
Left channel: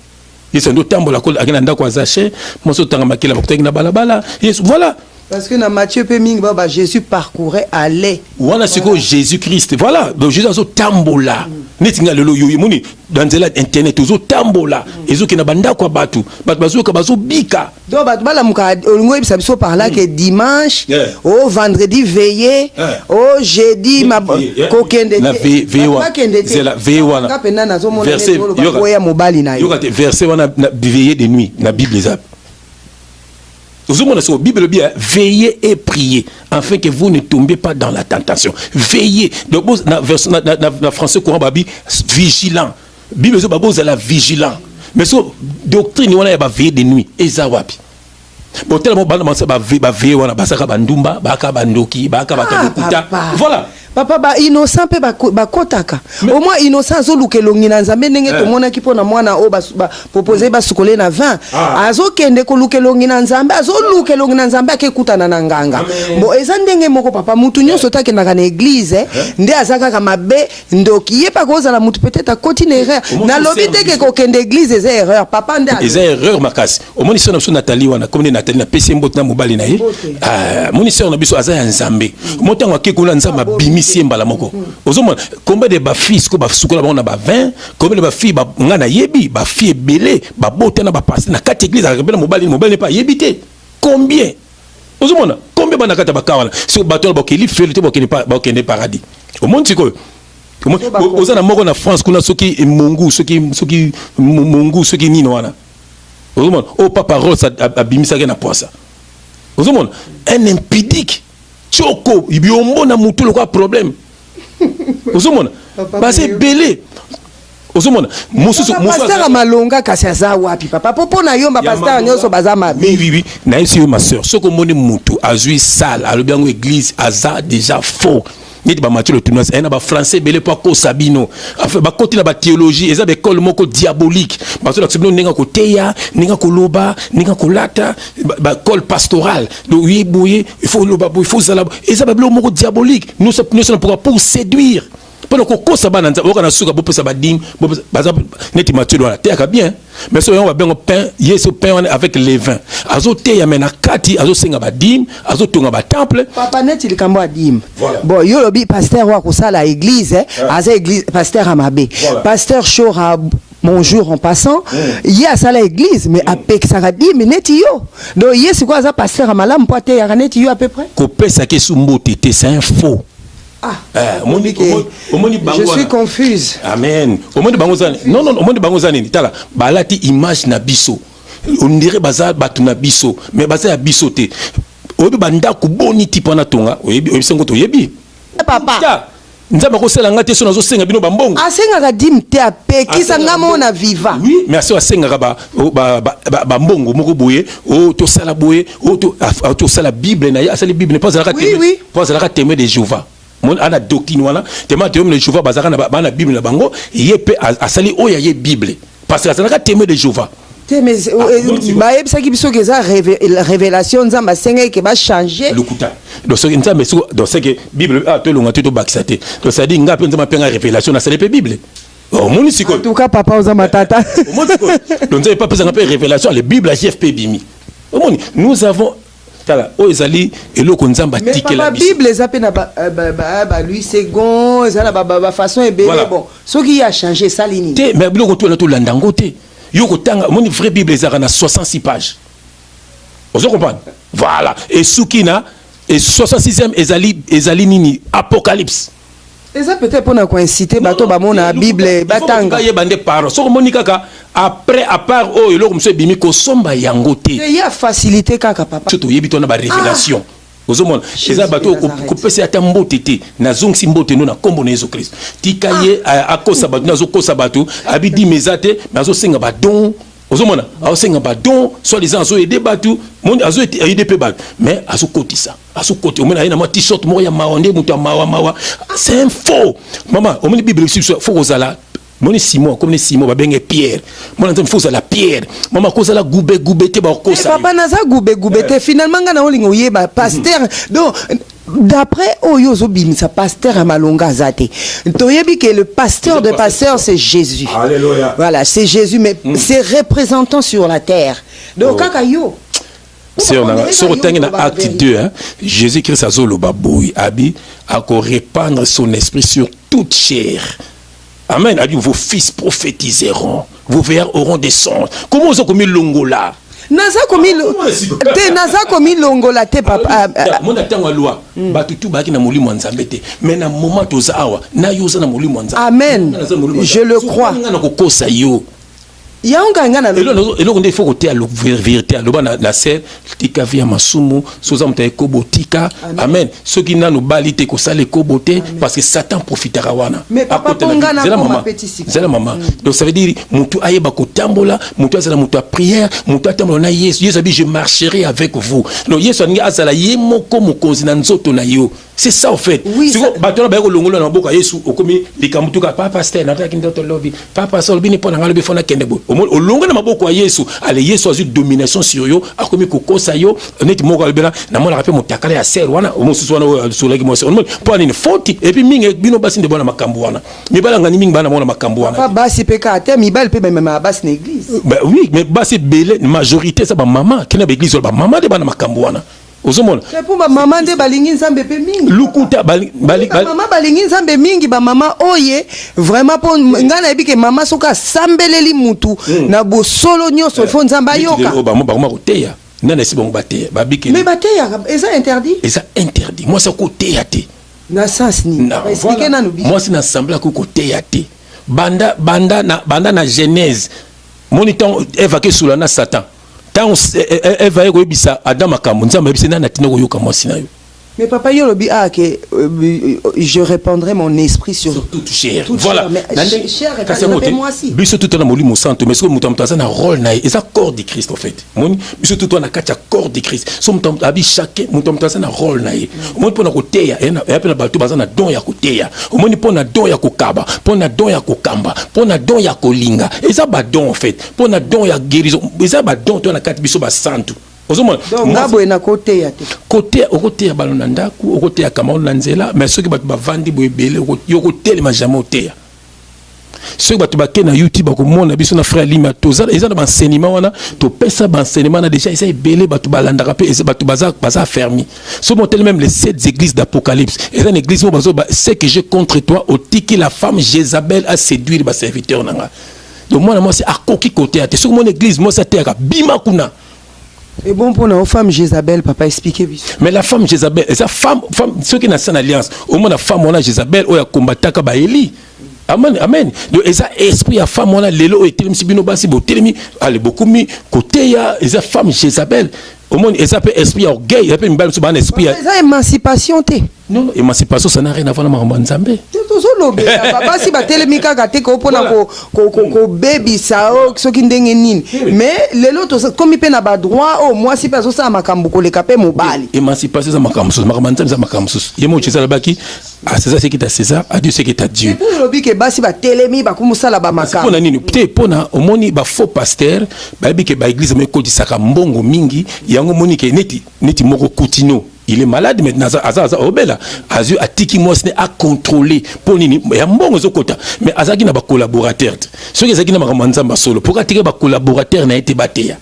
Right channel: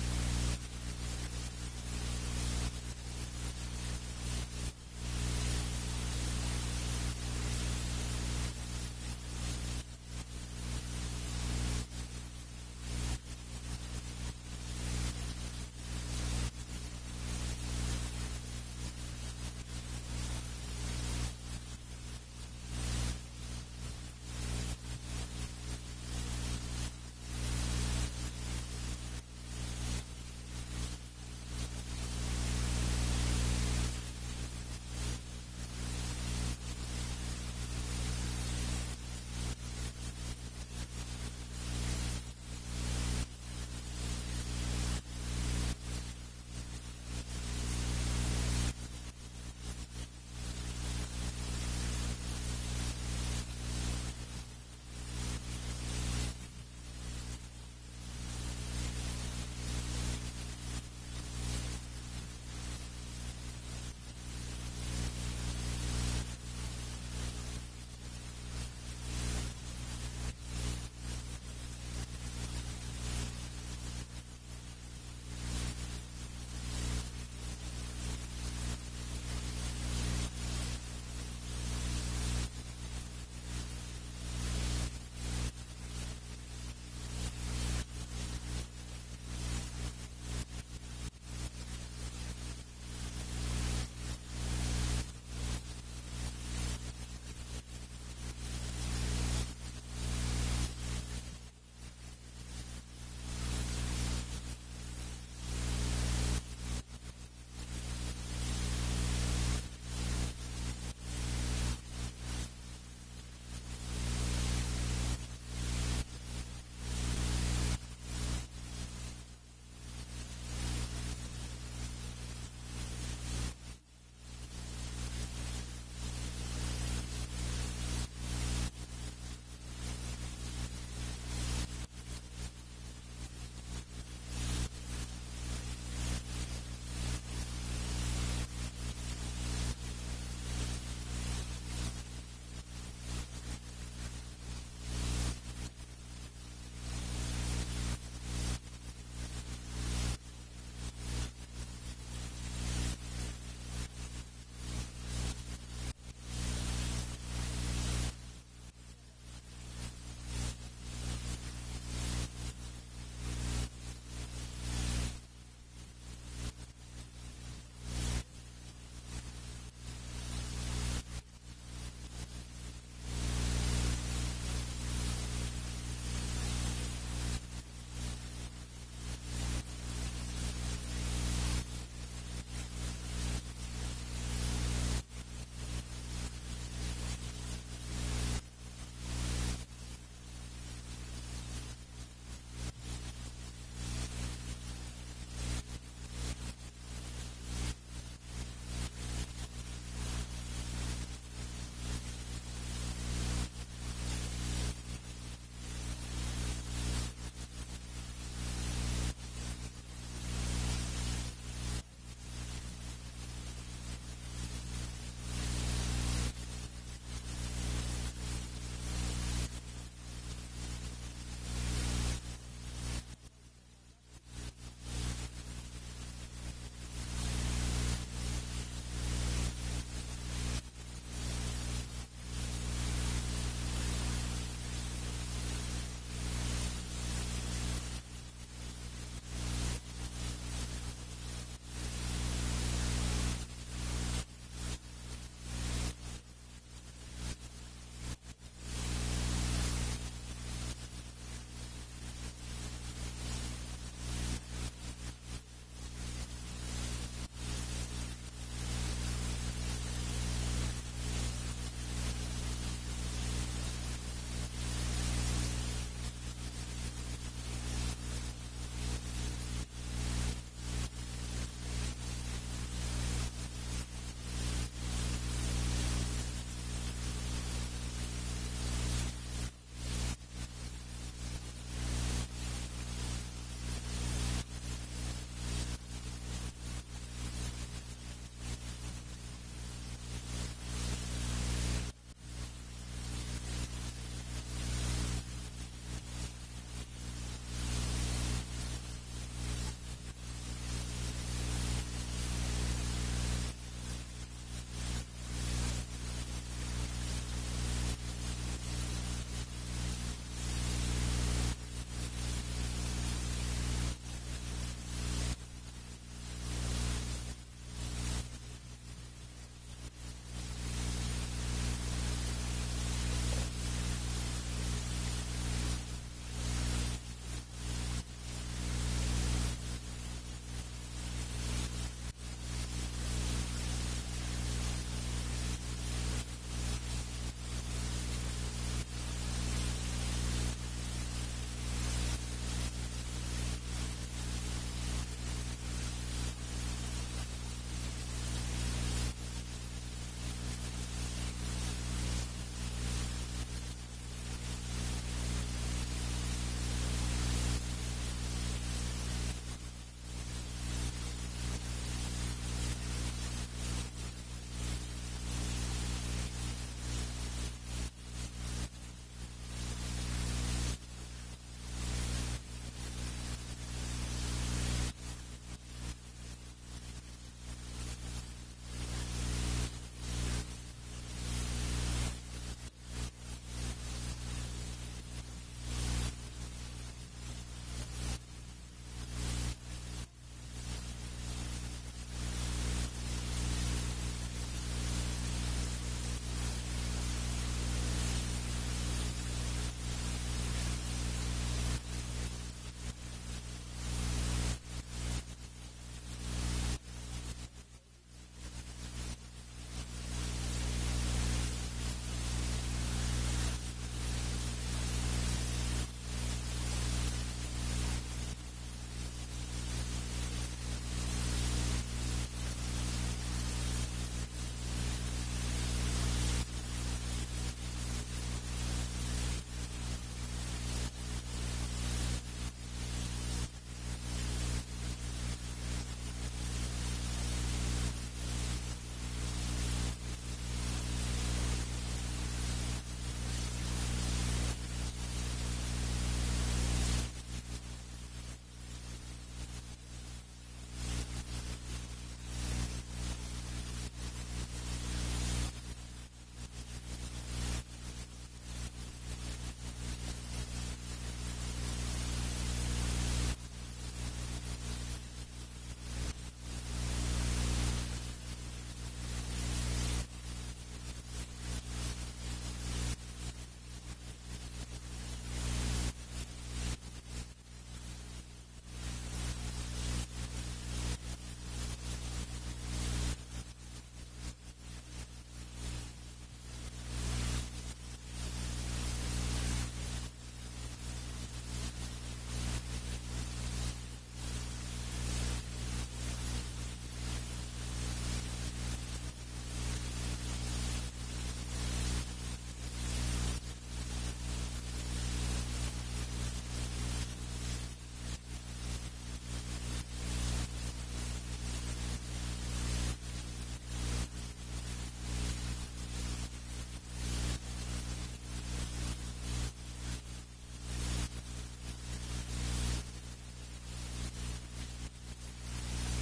Ils sont tambola ko akina ndako azache, moso tanga makila bakutaki na balabala. Yes, voilà. Parce que dans Matthieu Peming, Jésus parcourait, allait. Voilà ce que Jésus-Christ. Voilà. Donc Jésus a ce tambola. Netinga lelo yo yimuni dans internet toujours tambola. Ezo ki na banda kwa batu. Batu bazo ka bazo bika. Donc batu bala muka ngo ebisa biso par là que dimanche, au vendredi veillé, au jeudi ma kokende. Na veillé. C'est la veillé wana. Verset wana veillé de nuit na Bible ezap. Vous avez la Bible bien, veillez et priez, afin que vous ne tombiez pas dans la tentation. Veillez. Donc, dans français courant, vigilant. Bible c'est la vigilant. Mais ce doctrine, on a veillé de nuit. Et ça, wapi. Bon, tellement, veillé, on a basaka bandumba, baka bandoki, baka batalukuta. Voilà. Papa ba innocent pe ba kotaka au moins innocent zo lukelongi na nzambe ndenge to mona ki pona mwana o ba proposer ba sukole na 20 azo kende ko lukelongi na nzambe azo lukelongi na nzambe akekutana na nganga bo eza ndenge moko papa mutu nyonso take na kana église nde azaka ka mabe ndoki ye pa koza la mutu peut-être continue erreur na lobi teke ko kende église eza erreur papa nde eza erreur makasi au moins sona biso Nathalie wana comme Nathalie na pesi mbot na mobali na ye moni sona biso aza ya nzambe motango akekula nzamba bimi siembala moko ozomona combien de ba fils ko ba sukola ba na ba 20 combien de ba filles ba ngana yebi ba filles belé ba bote na ba passer na quatre églises akabela mobali n'est pas yebité combien ozomona combien ba na kata ba kawala so bato ba keli félité ba kende paradis au monde siko ozana moko na France kuna soki mongu soki mongu soki nino wana ozomona o papa Ross abimisa ke na poisa ozomona un impudique Choko, il y a un moutou le problème. Ozomona, bah c'est belé. Ozomona, pasteur amalonga kasiaza wapi papa popo na yomba pasteur nyoso bazama. Oui, na esi ma sœur, ce que moni moutou azui sale, alobiango église aza déjà faux. Ni ba Mathieu le tournoi un ba français belé pas ko sabino enfin ba continue ba théologie eza be école moko diabolique parce que l'acception ninga ko teya ninga ko loba ninga ko lata ba école pastorale donc oui bouyer il faut loba il faut ça eza ba moko diabolique nous sommes pour séduire pendant que ça va dans on a suka bo pesa ba ding baza neti Mathieu doit la bien mais so on va bien pain yeso pain avec les vins azo teya mena kati azo senga ba dim azo tonga ba temple papa neti likambo dim bon yo lobi pasteur wa ko sala église aza église pasteur Amabe pasteur Chora bonjour en passant il y a ça l'église mais avec ça a dit mais neti yo donc yes c'est quoi ça pasteur Amalam poate ya neti yo à peu près ko pesa ke sumbote c'est un faux. Je suis confuse. Amen. Au monde bangozani. Non, au monde bangozani. Tala. Balati image na biso. On dirait bazar batu na biso. Mais bazar ya biso te. Oyebi banda kuboni tipo na tonga. Oyebi sengo to yebi. Papa. Nzamba ko sela ngate so nazo senga bino bambongo. Asenga ka dim te ape kisa ngamo na viva. Oui, mais aso asenga ba mbongo moko boye o to sala boye o to sala Bible na ya sala Bible ne pas la témoin. Oui. Pas la témoin de Jéhovah. Mon ana doctrine wana témoin de Jéhovah bazaka na Bible na bango yepe asali oya ye Bible parce que ça na témoin de Jéhovah. Mais ba yebisa ki biso ke za révélation nzamba senga ke ba changer lokuta donc ce nzamba donc c'est que Bible a to longa to baxate donc ça dit ngapi nzamba penga révélation na sala Bible. Oh mon siko en tout cas papa nzamba tata mon siko donc nzamba pas penga révélation la Bible à JFP bimi. Nous avons Ozali et le konzamba tike la Bible les appelle na lui second ça la façon est belle bon ce qui a changé ça ligne mais biloko to na to landangote yo ko tanga mon vraie Bible ezaka na 66 pages. Vous comprenez voilà et soukina et 66e ezali nini Apocalypse. Et ça peut-être pour nous inciter bateau ba mona Bible batanga. Il bande par so moni kaka après à part oh eloko monsieur bimi ko somba yango te. Il y a facilité kaka papa. Surtout yebi tona ba révélation. Ozomona eza bateau ko pesa ata mbote te na zongsi mbote no na kombo na Yesu Christ. Tikaye akosa bateau na zo kosa bateau abidi mezate na zo senga ba don. Ozomona aosenga ba don soit les gens azo aider bateau monde azo aider pe bateau mais azo kotisa azo kote omena na ma t-shirt mo ya maonde mutu mawa c'est un faux maman omeni bible faut kozala moni Simon comme Simon ba benga Pierre mona nzambe faut la Pierre maman kozala goube te ba kosa papa naza goube te finalement ngana olingo yeba pasteur donc d'après Oyozo Bimisa pasteur à Malonga Zate toyebi que le pasteur de pasteur c'est Jésus. Alléluia. Voilà, c'est Jésus mais c'est représentant sur la terre. Donc kaka yo c'est on a sur acte 2 hein, Jésus-Christ a zolo baboui abi a ko répandre son esprit sur toute chair. Amen. A dit vos fils prophétiseront, vos vers auront des songes. Comment vous avez longola? Naza komi longola te papa. Mon attend la loi. Batutu baki na molimo nzambe te. Mais na moment toza awa na yoza na molimo nzambe. Amen. Je le crois. Na ko kosa yo. Yanga ngana lo. Et là il faut côté à la vérité à loba na sel tika via masumu soza mutaye kobotika. Amen. Ceux qui na no balite ko sale kobote parce que Satan profitera wana. Mais papa pongana ko mapetisi. C'est la maman. Donc ça veut dire mutu ayeba ko tambola, mutu azala mutu à prière, mutu atambola na Yesu. Yesu abi je marcherai avec vous. Donc Yesu ani azala yemo ko mokonzi na nzoto na yo. C'est ça en fait. Oui, si vous battez la longola na boka Yesu okomi likamutuka papa pasteur na taki ndoto lobby. Papa sol bini pona ngalobi fona kendebo. O longo na maboko ya Yesu, ale Yesu a eu domination sur yo, akomi kokosa yo, neti moko albela na mona rappel motakala ya ser wana, o mosusu wana sur lagi mo ser. On po ani faute et puis mingi bino basi ndebo na makambo wana. Mibala ngani mingi bana mona makambo wana. Papa basi peka ate mibala pe même basi na église. Bah oui, mais basi belé majorité ça ba maman, kena ba église ba maman de bana makambo wana. Ozomona c'est pour maman de balingi nzambe pe mingi lukuta maman balingi nzambe mingi ba maman oye vraiment pour ngana ebike maman soka sambeleli mutu na bo solo nyoso fo nzamba yoka ba mo koteya nana si bongo bateya babike mais bateya eza interdit moi ça koteya te na sens ni expliquer na no moi c'est na semble ko koteya te banda na Genèse moniton évacué sous la Satan. Tant elle va y bisa Adam makambo nzamba bisa na tina koyoka mwasi na yo. Mais papa yo lobi que je répandrai mon esprit sur toute chair. Voilà. Chair et moi aussi. Biso tout na molimo santo mais ce que mutamtaza na rôle na et ça corps de Christ en fait. Moni biso tout na katia corps de Christ. So mutamtabi chacun mutamtaza na rôle na ye. Moni pona koteya et apena bato bazana don ya koteya. Moni pona don ya kokaba, pona don ya kokamba, pona don ya kolinga. Et ça ba don en fait. Pona don ya guérison. Et ça ba don to na kati biso ba santo. Donc ngabo na côté ya te. Côté au côté ya balona ndaku, au côté ya kamao nanzela, mais ceux qui bat bavandi boyebele yo côté le majamo oteya. Ceux qui bat ba na YouTube ko mona biso na frère Lima toza, ils ont un enseignement wana, to pesa ba enseignement na déjà ils belé bat balanda rapé et bat baza fermé. Ce montel même les 7 églises d'Apocalypse. Et une église mo bazo c'est que j'ai contre toi au tiki la femme Jézabel a séduit ba serviteur nanga. Donc moi c'est à koki côté à te. Sur mon église moi ça terre bima kuna. Et bon pour nos femmes Jézabel, papa expliquez. Mais la femme Jézabel, et sa femme, ceux qui n'ont pas alliance, au moins la femme on a Jézabel, ou ya combataka ba Eli. Amen, amen. Donc et ça esprit à femme on a lelo et telemi sibino basi bo telemi, allez beaucoup mi côté ya et sa femme Jézabel. Au moins et ça peut esprit orgueil, ça peut mbal so ban esprit. Ça émancipation té. Non, émancipation ça n'a rien à voir avec ma nzambe. Tozolobe papa si ba telemi kaka te ko pona ko baby ça o soki ndenge nini. Mais lelo to comme pe na ba droit au moi si peso ça makambo ko le kapé mobali. Émancipation ça makambo so makambo ça makambo so. Yemo chisa baki à César c'est qui t'a César, à Dieu c'est qui t'a Dieu. Pour lobi ke basi ba telemi ba kumusala ba makambo. Pona nini peut pona omoni ba faux pasteur ba bi ke ba église me ko disaka mbongo mingi yango moni ke neti moko kutino. Il est malade maintenant aza obela azu atiki moi ce à contrôler pour nini ya mbongo zokota mais azaki na ba collaborateur ceux qui azaki na makambo solo pour attirer ba collaborateur na été bateya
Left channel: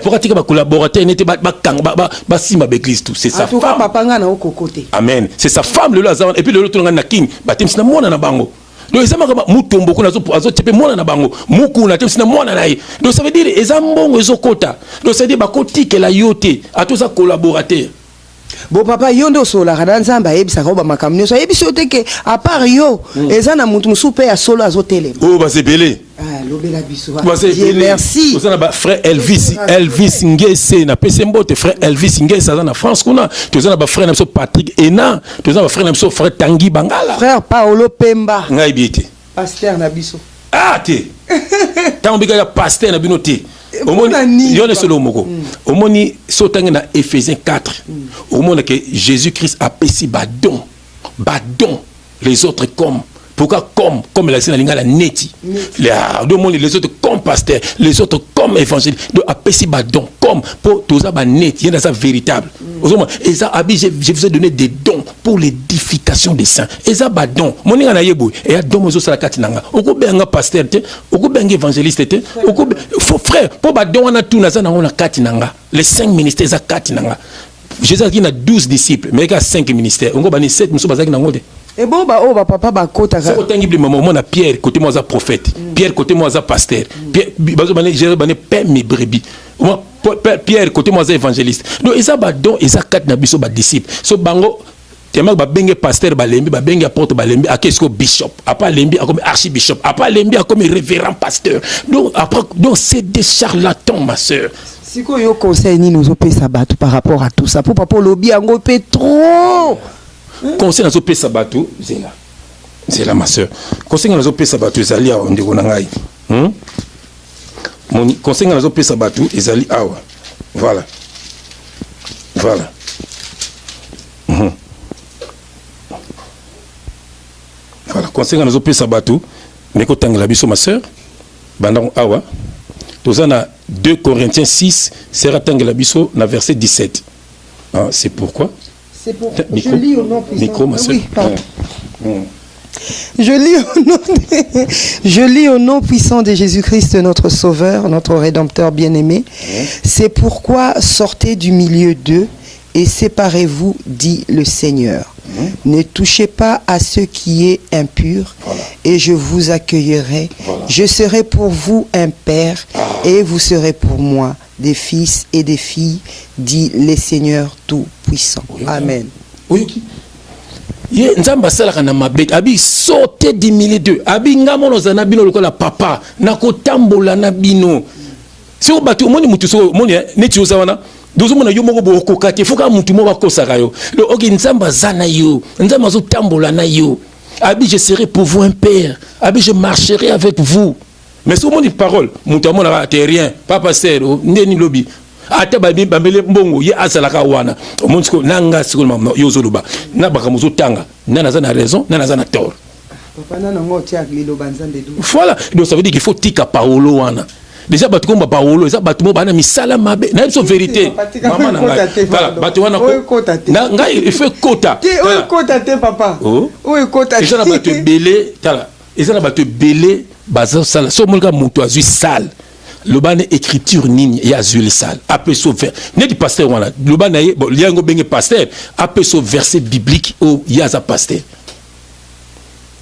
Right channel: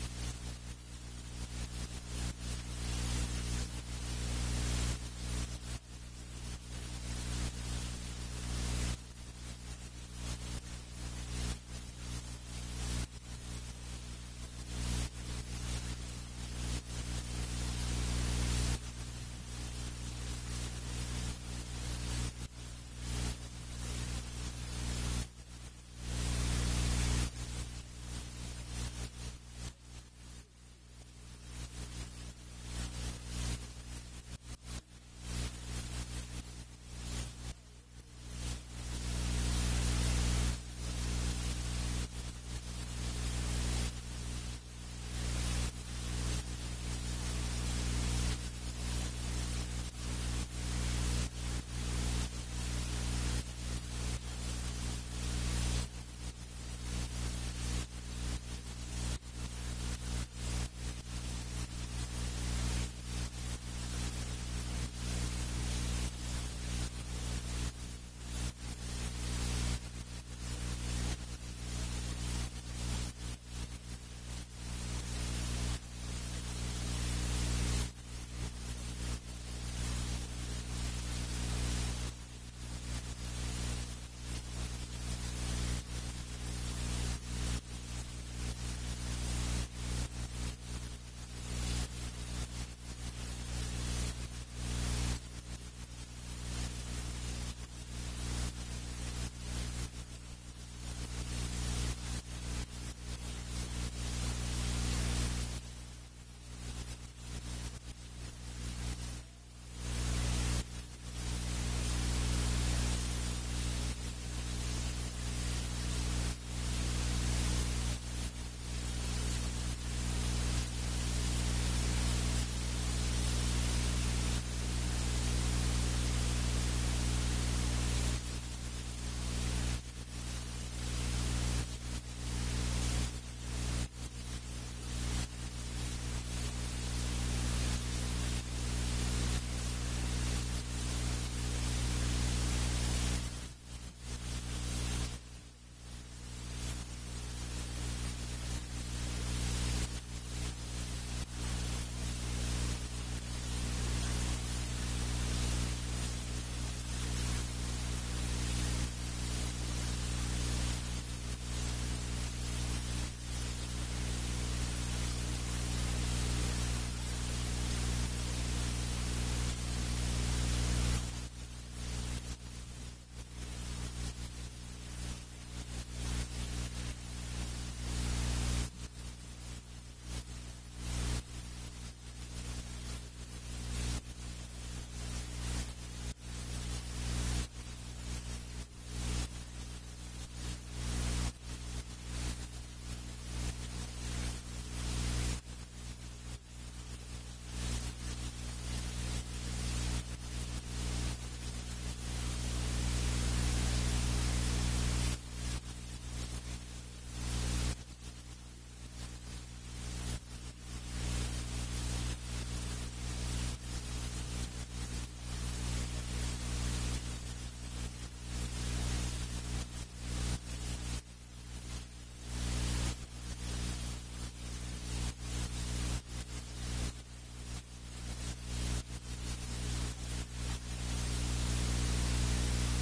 pour attirer ba collaborateur n'était ba sima l'église tout c'est sa femme papa nga na okokote amen c'est sa femme le lazare et puis le autre na king batem sina mona na bango donc ça maka mutombo kuna azo tepe mona na bango muku na tepe sina mona na ye donc ça veut dire ezambongo ezokota donc ça veut dire ba kotike la yote atoza collaborateur. Bon papa yondo sola kada nzamba ebisa ko ba makamnyo so ebiso teke à part yo ezana mutu musupe ya solo azotele. Oh ba c'est belé. Ah lobela biso. Dieu merci. Ozana ba frère Elvis Ngese na pesembote frère Elvis Ngese na France kuna. Tozana ba frère namso Patrick Ena, tozana ba frère namso frère Tanguy Bangala. Frère Paolo Pemba. Ngai biete. Pasteur na biso. Ah te. Tant biga ya pasteur na bino te. Omoni yone solo moko. Omoni sotangi na Éphésiens 4. Omoni que Jésus-Christ a payé badon. Badon les autres pourquoi comme la scène la neti. Les autres comme pasteur, les autres comme évangile. Donc a payé badon comme pour tous ça net, il y a ça véritable. Et ça je vous ai donné des dons pour l'édification des saints. Et ça badon. Mon ninga na yebo et a don mozo sala katinanga. Oko benga pasteur te, oko benga évangéliste te, oko frère pour badon on a tout na ça na katinanga. Les 5 ministères za katinanga. Jésus qui a 12 disciples, mais il y a 5 ministères. On a 7 ministères. Et bon, bah, papa, bah, côté. C'est autant que moi, a Pierre, côté moi, a prophète. Pierre, côté moi, a pasteur. Pierre, j'ai père mes brebis. Pierre, côté moi, a évangéliste. Donc, ils ont donc, ils ont 4 disciples. So, bango, tellement ba bengue pasteur balembi ba bengue apôtre balembi a qu'est-ce que bishop après lembi a comme archibishop après lembi a comme révérend pasteur. Donc après donc c'est des charlatans ma sœur. Si quoi yo conseil ni nous opé sabatu par rapport à tout ça pour papa lobby ngo pe trop. Conseil nous opé sabatu c'est là ma sœur. Conseil nous opé sabatu ezali a ndeko na ngai. Mon conseil nous opé sabatu ezali awa. Voilà. Voilà. Voilà, conseil nous opé sabatu mais ko tangela biso ma sœur bandang awa. Nous avons 2 Corinthiens 6, c'est Ratangela Bisso, dans verset 17. Ah, c'est pourquoi? C'est pour micro, je lis au nom puissant. Micro, ma soeur. Oui, je lis au nom puissant de Jésus-Christ, notre Sauveur, notre Rédempteur bien-aimé. C'est pourquoi sortez du milieu d'eux et séparez-vous, dit le Seigneur. Ne touchez pas à ce qui est impur, et je vous accueillerai. Je serai pour vous un père, et vous serez pour moi des fils et des filles, dit le Seigneur Tout-Puissant. Amen. Oui. Nzamba sala kana mabet abi sauter du milieu d'eux abi ngamono zana bino lokola papa na kotambola na bino so batu moni mutu so moni neti osawana dozo mona yo moko boko kate foka mutu mo bakosaka yo le oki nzamba zana yo nzamba zo tambola na yo abi je serai pour vous un père abi je marcherai avec vous mais so moni parole mutu amona te rien papa sero ndeni lobi ata babi bambele mbongo ye azalaka wana omonsko nanga siko yo zoluba na bakamuzo tanga nana za na raison nana za na tort voilà donc ça veut dire qu'il faut tika Paolo wana déjà batu komba Paolo ça batu mo bana misala mabe na so vérité maman nanga voilà batu wana na ngai il fait quota oui quota te papa oui quota et ça na batu belé tala et ça na batu belé bazo sala so molka mutu azui sale le ban écriture nini et azul sale après ce vers ne dit pasteur wana le ban bon liango bengue pasteur après ce verset biblique au yaza pasteur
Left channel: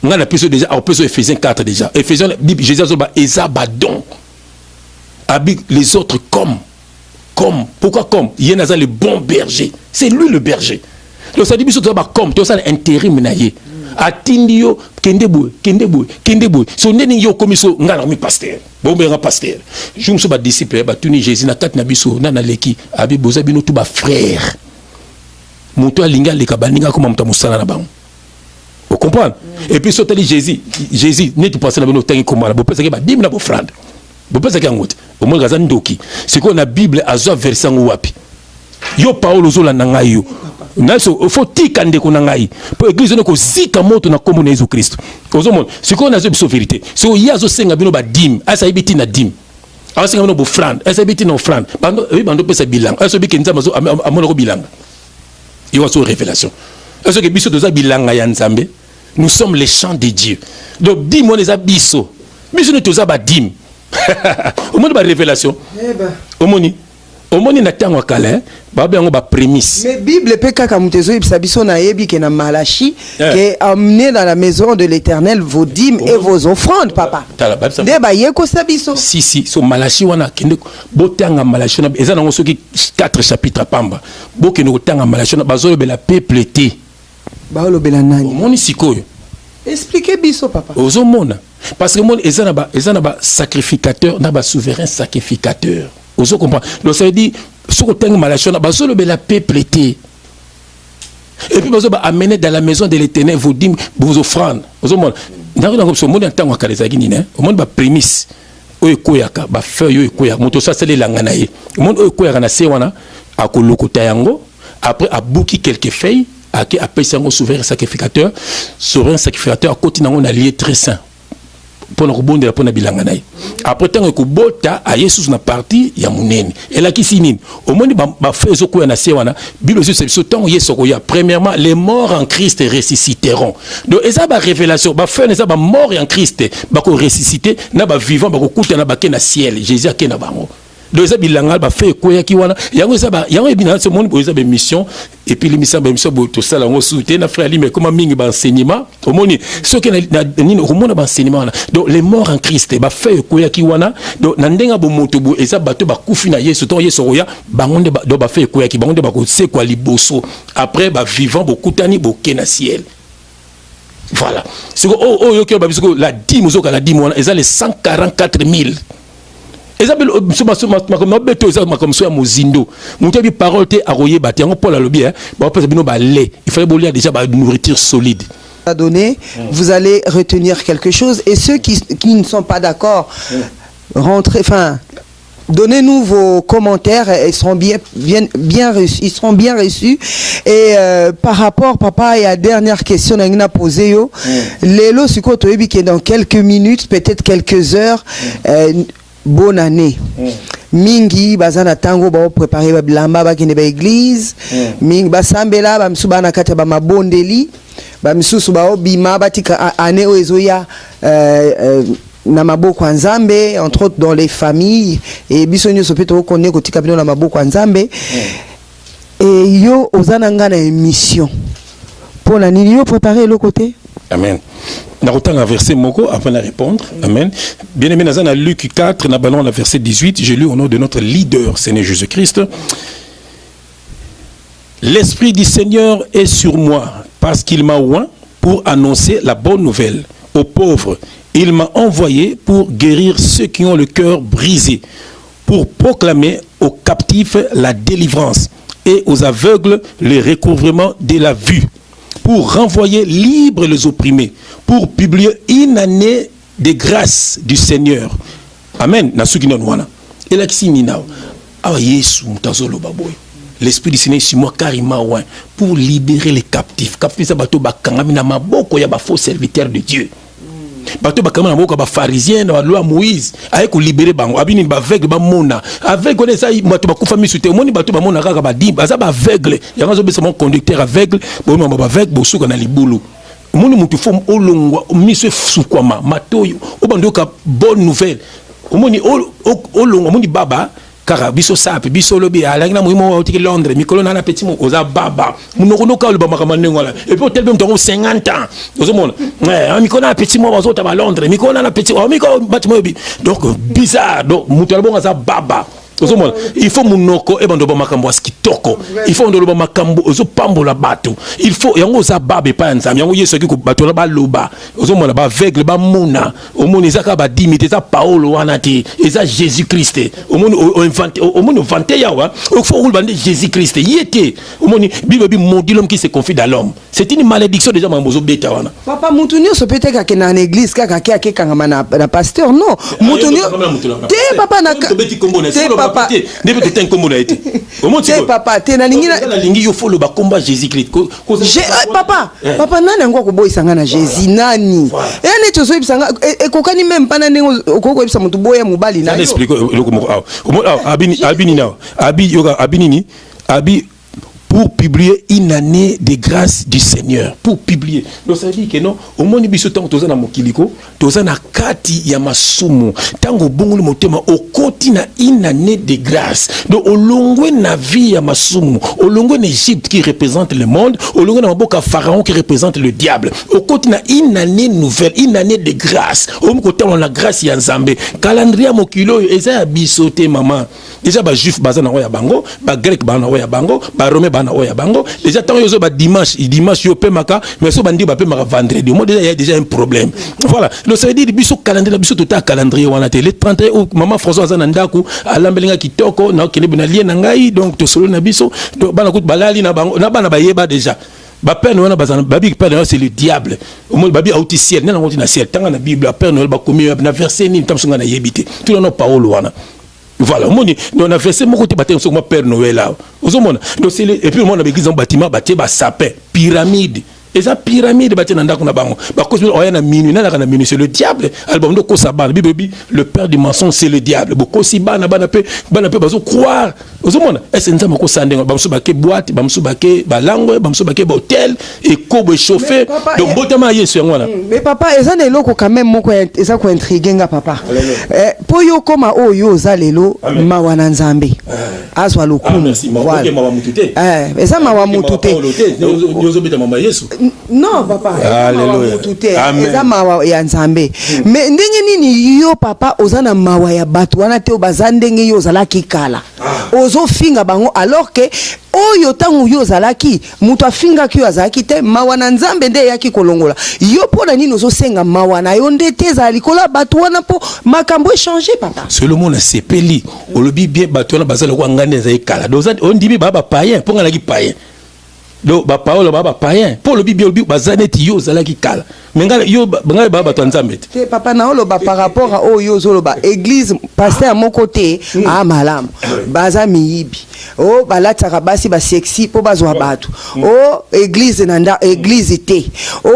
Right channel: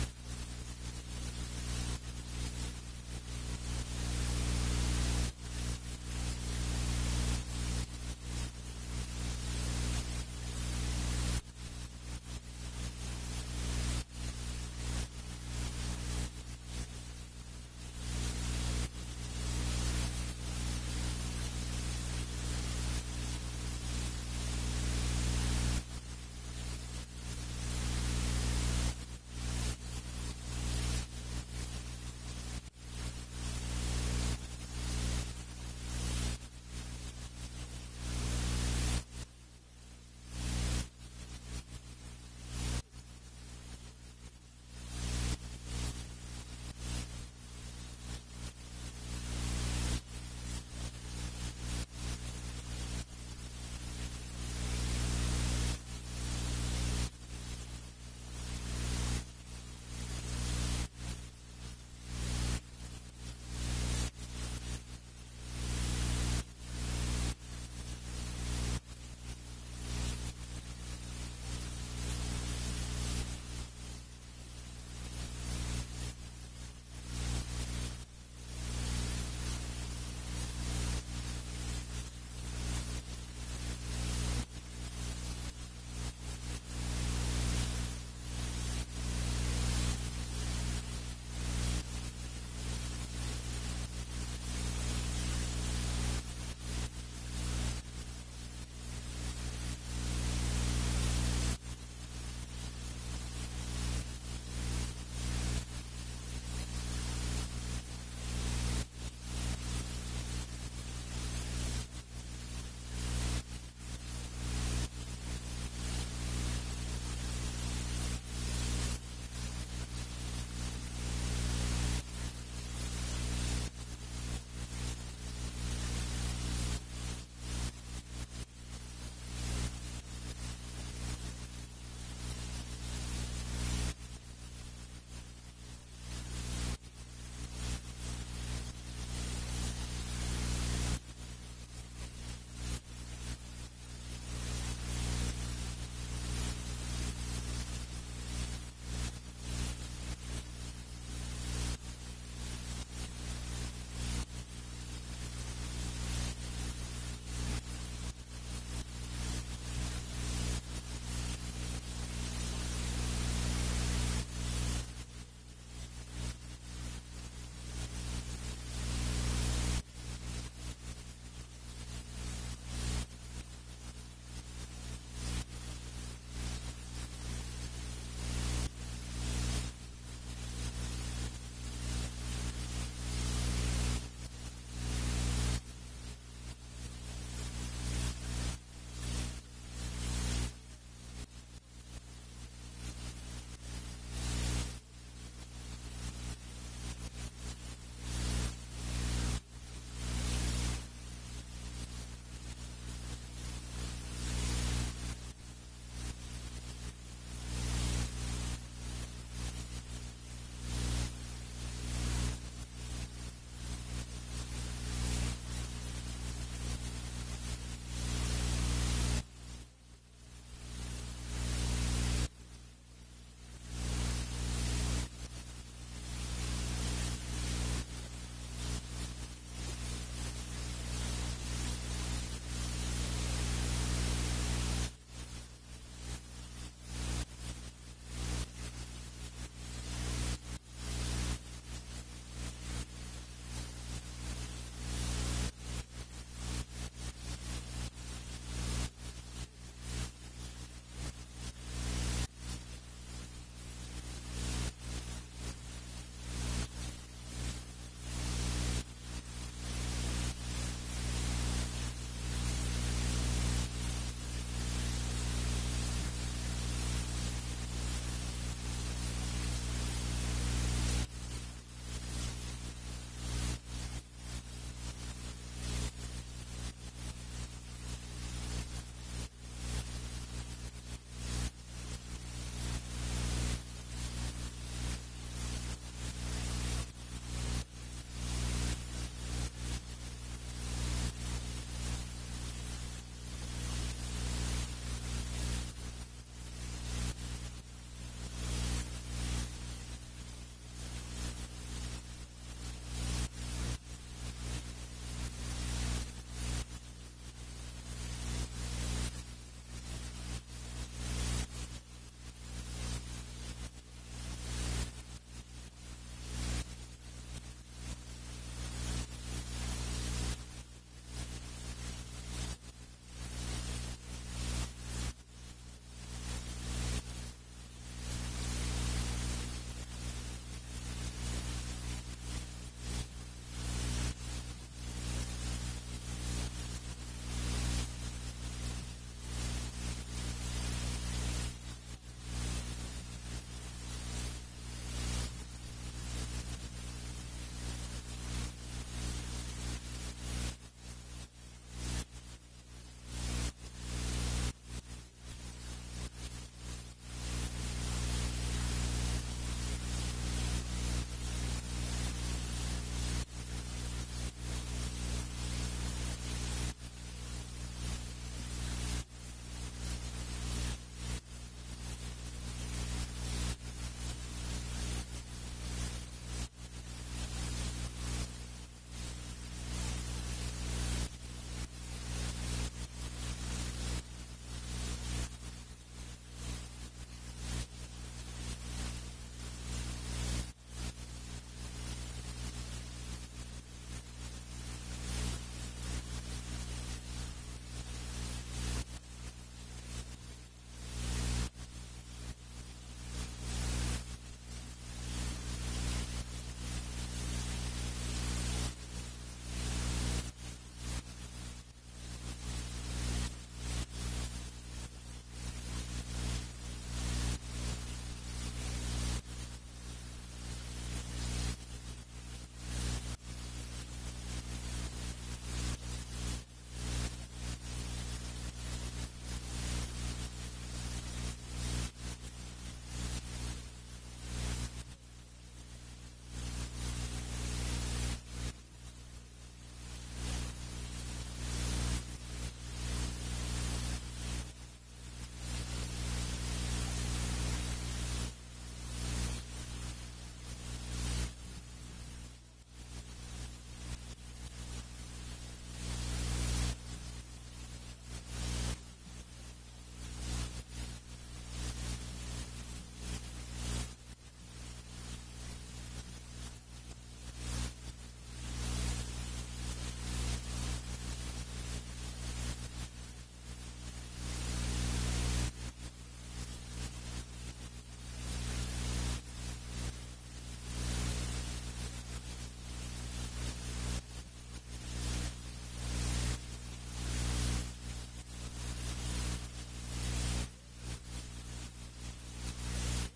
on a plus déjà on peut sur Éphésiens 4 déjà Éphésiens Bible Jésus zoba ezabadon habite les autres comme pourquoi comme il y en a le bon berger c'est lui le berger donc ça dit biso zoba comme to ça intérim naie atindio kendebo so ndeni yo komiso ngala mi pasteur bombe nga pasteur je me suis ba disciple ba tuni Jésus na kat na biso na leki abi boza bino tout ba frère moto alinga leka baninga comme muta musala na bango vous comprenez et puis sotali Jésus ne tu passer na bino tangi komala bo pesa ke ba dim na bo frande bo pesa ke ngote au moins gazan ndoki c'est qu'on a Bible azo verset wapi yo Paolo zo la nanga yo naso faut tikande ko nangai pour église ne ko zika moto na kombo na Jésus Christ ozomona c'est qu'on a zo vérité so yazo senga bino ba dim asa ibiti na dim asa senga bino bo frande asa ibiti na frande bando pesa bilang asa biki nzamba zo amona ko bilanga yo so révélation asa ke biso doza bilanga ya nzambe nous sommes les champs de Dieu donc dim on les abisso biso ne toza ba dim au monde ba révélation au moni au monde na tango kala ba bango ba prémisse. Mais Bible pe kaka mutezo ibisa biso na yebi ke na Malachi que amenez dans la maison de l'Éternel vos dîmes et vos offrandes papa. De ba yeko sabiso. Si so Malachi wana kende botanga Malachi na eza nango soki 4 chapitres pamba. Bokende kotanga Malachi na bazolo be la peuplete. Ba lobela nani? Moni sikoyo. Expliquez biso papa. Ozo mona parce que mon eza na ba sacrificateur na ba souverain sacrificateur. Ozo comprend. Donc ça veut dire ce que tu as malachon, bazolo be la peuplete. Et puis bazolo amener dans la maison de l'Éternel vos dîmes, vos offrandes. Ozo mona. Dans comme ce monde en tant que les agini né. Au monde ba prémisse. Oyo koyaka ba feuille oyo koyaka. Moto ça c'est les langana ye. Au monde oyo koyaka na se wana akolokota yango. Après a bouki quelques feuilles. Après un souverain sacrificateur à côté on a lié très saint pour nous rebondir pour bilanga naï après tant que bota a Yesus na parti ya munene et là qui sinine au monde ba fait zoko na sewana bible c'est ce temps Yesu ya premièrement les morts en Christ ressusciteront donc eza ba révélation ba fait eza ba mort en Christ ba ko ressusciter na ba vivant ba ko kuta na ba ke na ciel Jésus a ke na bango. Donc ça bilanga ba fait koya ki wana yango ça ba yango ebina ce monde boza be mission et puis l'émission ba mission to sala ngo souté na frère li mais comment mingi ba enseignement au monde ce que na ni au monde ba enseignement donc les morts en Christ ba fait koya ki wana donc na ndenga bo moto bo eza bato ba kufi na Yesu to Yesu roya bangonde ba do ba fait koya ki bangonde ba ko se kwa liboso après ba vivant bo kutani bo ke na ciel. Voilà ce que yo ke ba biso la dîme zo ka la dîme wana eza les 144 000. Isabelle, comme ça, Mozindo. Mon parole te arroyé, bâti, Paul a le bien, il fallait boire déjà une nourriture solide. Donné, vous allez retenir quelque chose. Et ceux qui ne sont pas d'accord, rentrez, enfin, donnez-nous vos commentaires, ils seront bien reçus. Ils seront bien reçus. Et par rapport, papa, il y a dernière question qu'on a posée. Lélo, c'est quoi, tu que dans quelques minutes, peut-être quelques heures, bonne année. Mingi bazana tango ba préparer ba bilamba ba kende ba église. Mingi ba sambela ba msuba na kati ba mabondeli. Ba msusu ba obima ba tika année oezoya na maboko nzambe entre autres dans les familles et bisonyo sopeto konne kotika bino na maboko nzambe. Et yo ozana ngana émission. Pour la nini yo préparer le côté. Amen. Nous avons un verset moko avant de répondre. Amen. Bien aimé, nous avons Luc 4, nous avons le verset 18. J'ai lu au nom de notre leader, Seigneur Jésus-Christ. L'Esprit du Seigneur est sur moi parce qu'il m'a oint pour annoncer la bonne nouvelle aux pauvres. Il m'a envoyé pour guérir ceux qui ont le cœur brisé, pour proclamer aux captifs la délivrance et aux aveugles le recouvrement de la vue, pour renvoyer libres les opprimés, pour publier une année de grâce du Seigneur. Amen. Et là, l'Esprit du Seigneur est sur moi carrément pour libérer les captifs. Captifs, c'est un faux serviteur de Dieu. Bato bakama na moko ba pharisien na loi Moïse avec libérer bango abini ba aveugle ba mona avec on ça bato ba kufa misute moni bato ba mona kaka ba dimba za ba aveugle yango zo besa mon conducteur aveugle bo mama ba aveugle bo suka na libulu moni mutu fom olongwa miso sukwama matoyo obandoka bonne nouvelle moni olongwa moni baba car biso sape biso lobi alangi na muimo wa tiki Londres mikolo na petit mo oza baba munoko ka loba makamane ngola et puis tel même ton 50 ans ozo mona mikolo na petit mo bazota ba Londres mikolo na petit o mikolo batimo donc bizarre donc mutalbo ngaza baba ozo mona il faut munoko e bando ba makambo askitoko il faut ndolo ba makambo ozo pambola bato il faut yango za baba pa nzam yango yeso ki ko bato la ba loba ozo mona ba aveugle ba mona o mona ezaka ba dimite za Paulo wana te eza Jésus Christ o mona o mona vanté yawa o faut rouler bande Jésus Christ yete o mona bible bi maudit l'homme qui se confie dans l'homme c'est une malédiction déjà mambozo beta wana papa mutunio so peut-être que na église kaka ke kanga na pasteur non mutunio te papa na te papa ndebe te tenko mona ete te papa te na lingina la lingi yo follow ba combat Jésus Christ papa papa nani ngo ko boyisanga na Jésus nani ene to so ibisanga e kokani même pana nengo okoko ibisa mutu boya mubali na yo explique loko mo abini na abi yoga abini ni abi pour publier une année de grâce du Seigneur. Pour publier. Donc ça veut dire que non, au moins biso tango toza na mokiliko, toza na kati ya masumu. Tango bongo le motema au koti na une année de grâce. Donc au longue na vie ya masumu, au longue na Égypte qui représente le monde, au longue na maboka Pharaon qui représente le diable. Au koti na une année nouvelle, une année de grâce. Au côté on la grâce ya Nzambe. Calendrier mokilo eza ya bisote maman. Déjà ba juif baza na ya bango, ba grec ba na ya bango, ba romain ba na ya bango. Déjà tant yo ba dimanche yo pe maka, mais so bandi ba pe maka vendredi. Moi déjà il y a déjà un problème. Voilà. Donc ça veut dire biso calendrier, biso total calendrier wana te. Le 31 août maman François za na ndaku, alambelinga kitoko na kene na lien na ngai, donc to solo na biso, to bana kut balali na bango, na bana ba yeba déjà. Ba Père Noël bazana babi Père Noël c'est le diable. Au moins babi auti ciel, na ngoti na ciel. Tanga na Bible Père Noël ba komi na verset ni tamsunga na yebite. Tout na parole wana. Voilà, on a fait ce côté bâtiment sur mon Père Noël là. Et puis on a église en bâtiment bâti ba sapin, pyramide. Et ça pyramide bâti dans ndako na bango. Ba cause on a minuit na minuit c'est le diable. Album de Kosaban, Bible le père du mensonge c'est le diable. Boko si bana pe bazo croire. Ozomona, est-ce nzama ko sandenga bamso bake boîte, bamso bake balango, bamso bake hôtel et kobo chauffé. Donc botama yesu ngwana. Mais papa, eza na eloko quand même moko eza ko intriguer nga papa. Po yo koma oyo zalelo mawana Nzambe. Azwa lokumu. Merci, mawa mutute. Eza mawa mutute. Yozo beta mama yesu. Non papa, alléluia. Eza mawa ya Nzambe. Mais ndenge nini yo papa ozana mawa ya batu wana te obazandenge yo zalaki kala. Ozo finga bango alors que oyo tangu yo zalaki mutu afinga ki azalaki te mawana Nzambe nde yaki kolongola. Yo pona nini ozo senga mawana yo ndete za likola batu wana po makambo changer papa. Seulement na sepeli olobi bien batu wana bazala ko ngane za ikala. Doza on dit baba païen ponga la ki païen. Do ba Paolo baba païen pour le bibi bazaneti yo zalaki kala. Menga yo banga baba to Nzambe. Te papa na olo ba par rapport à oyo zolo ba église pasteur à mon côté a malam. Baza miyibi. Oh balataka basi ba sexy po bazwa batu. Oh église nanda église té. Oh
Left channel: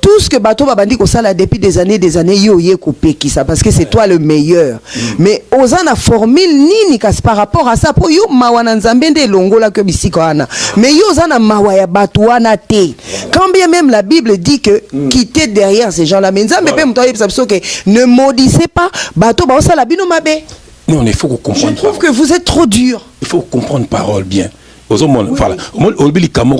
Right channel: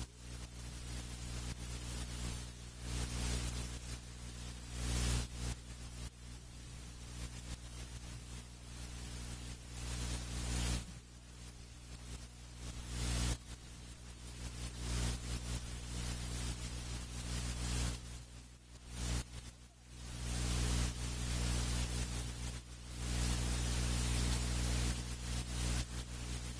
tout ce que bato babandi ko sala depuis des années yo ye coupé qui ça parce que c'est toi le meilleur. Mais ozana formule nini kas par rapport à ça po yo mawana Nzambe nde longola que bisiko ana. Mais yo ozana mawa ya batu wana té. Quand bien même la Bible dit que quitter derrière ces gens là mais Nzambe pe mtoye biso que ne maudissez pas bato ba osala bino mabe. Non, il faut comprendre. Je trouve que vous êtes trop dur. Il faut comprendre parole bien. Voilà. On dit que bon,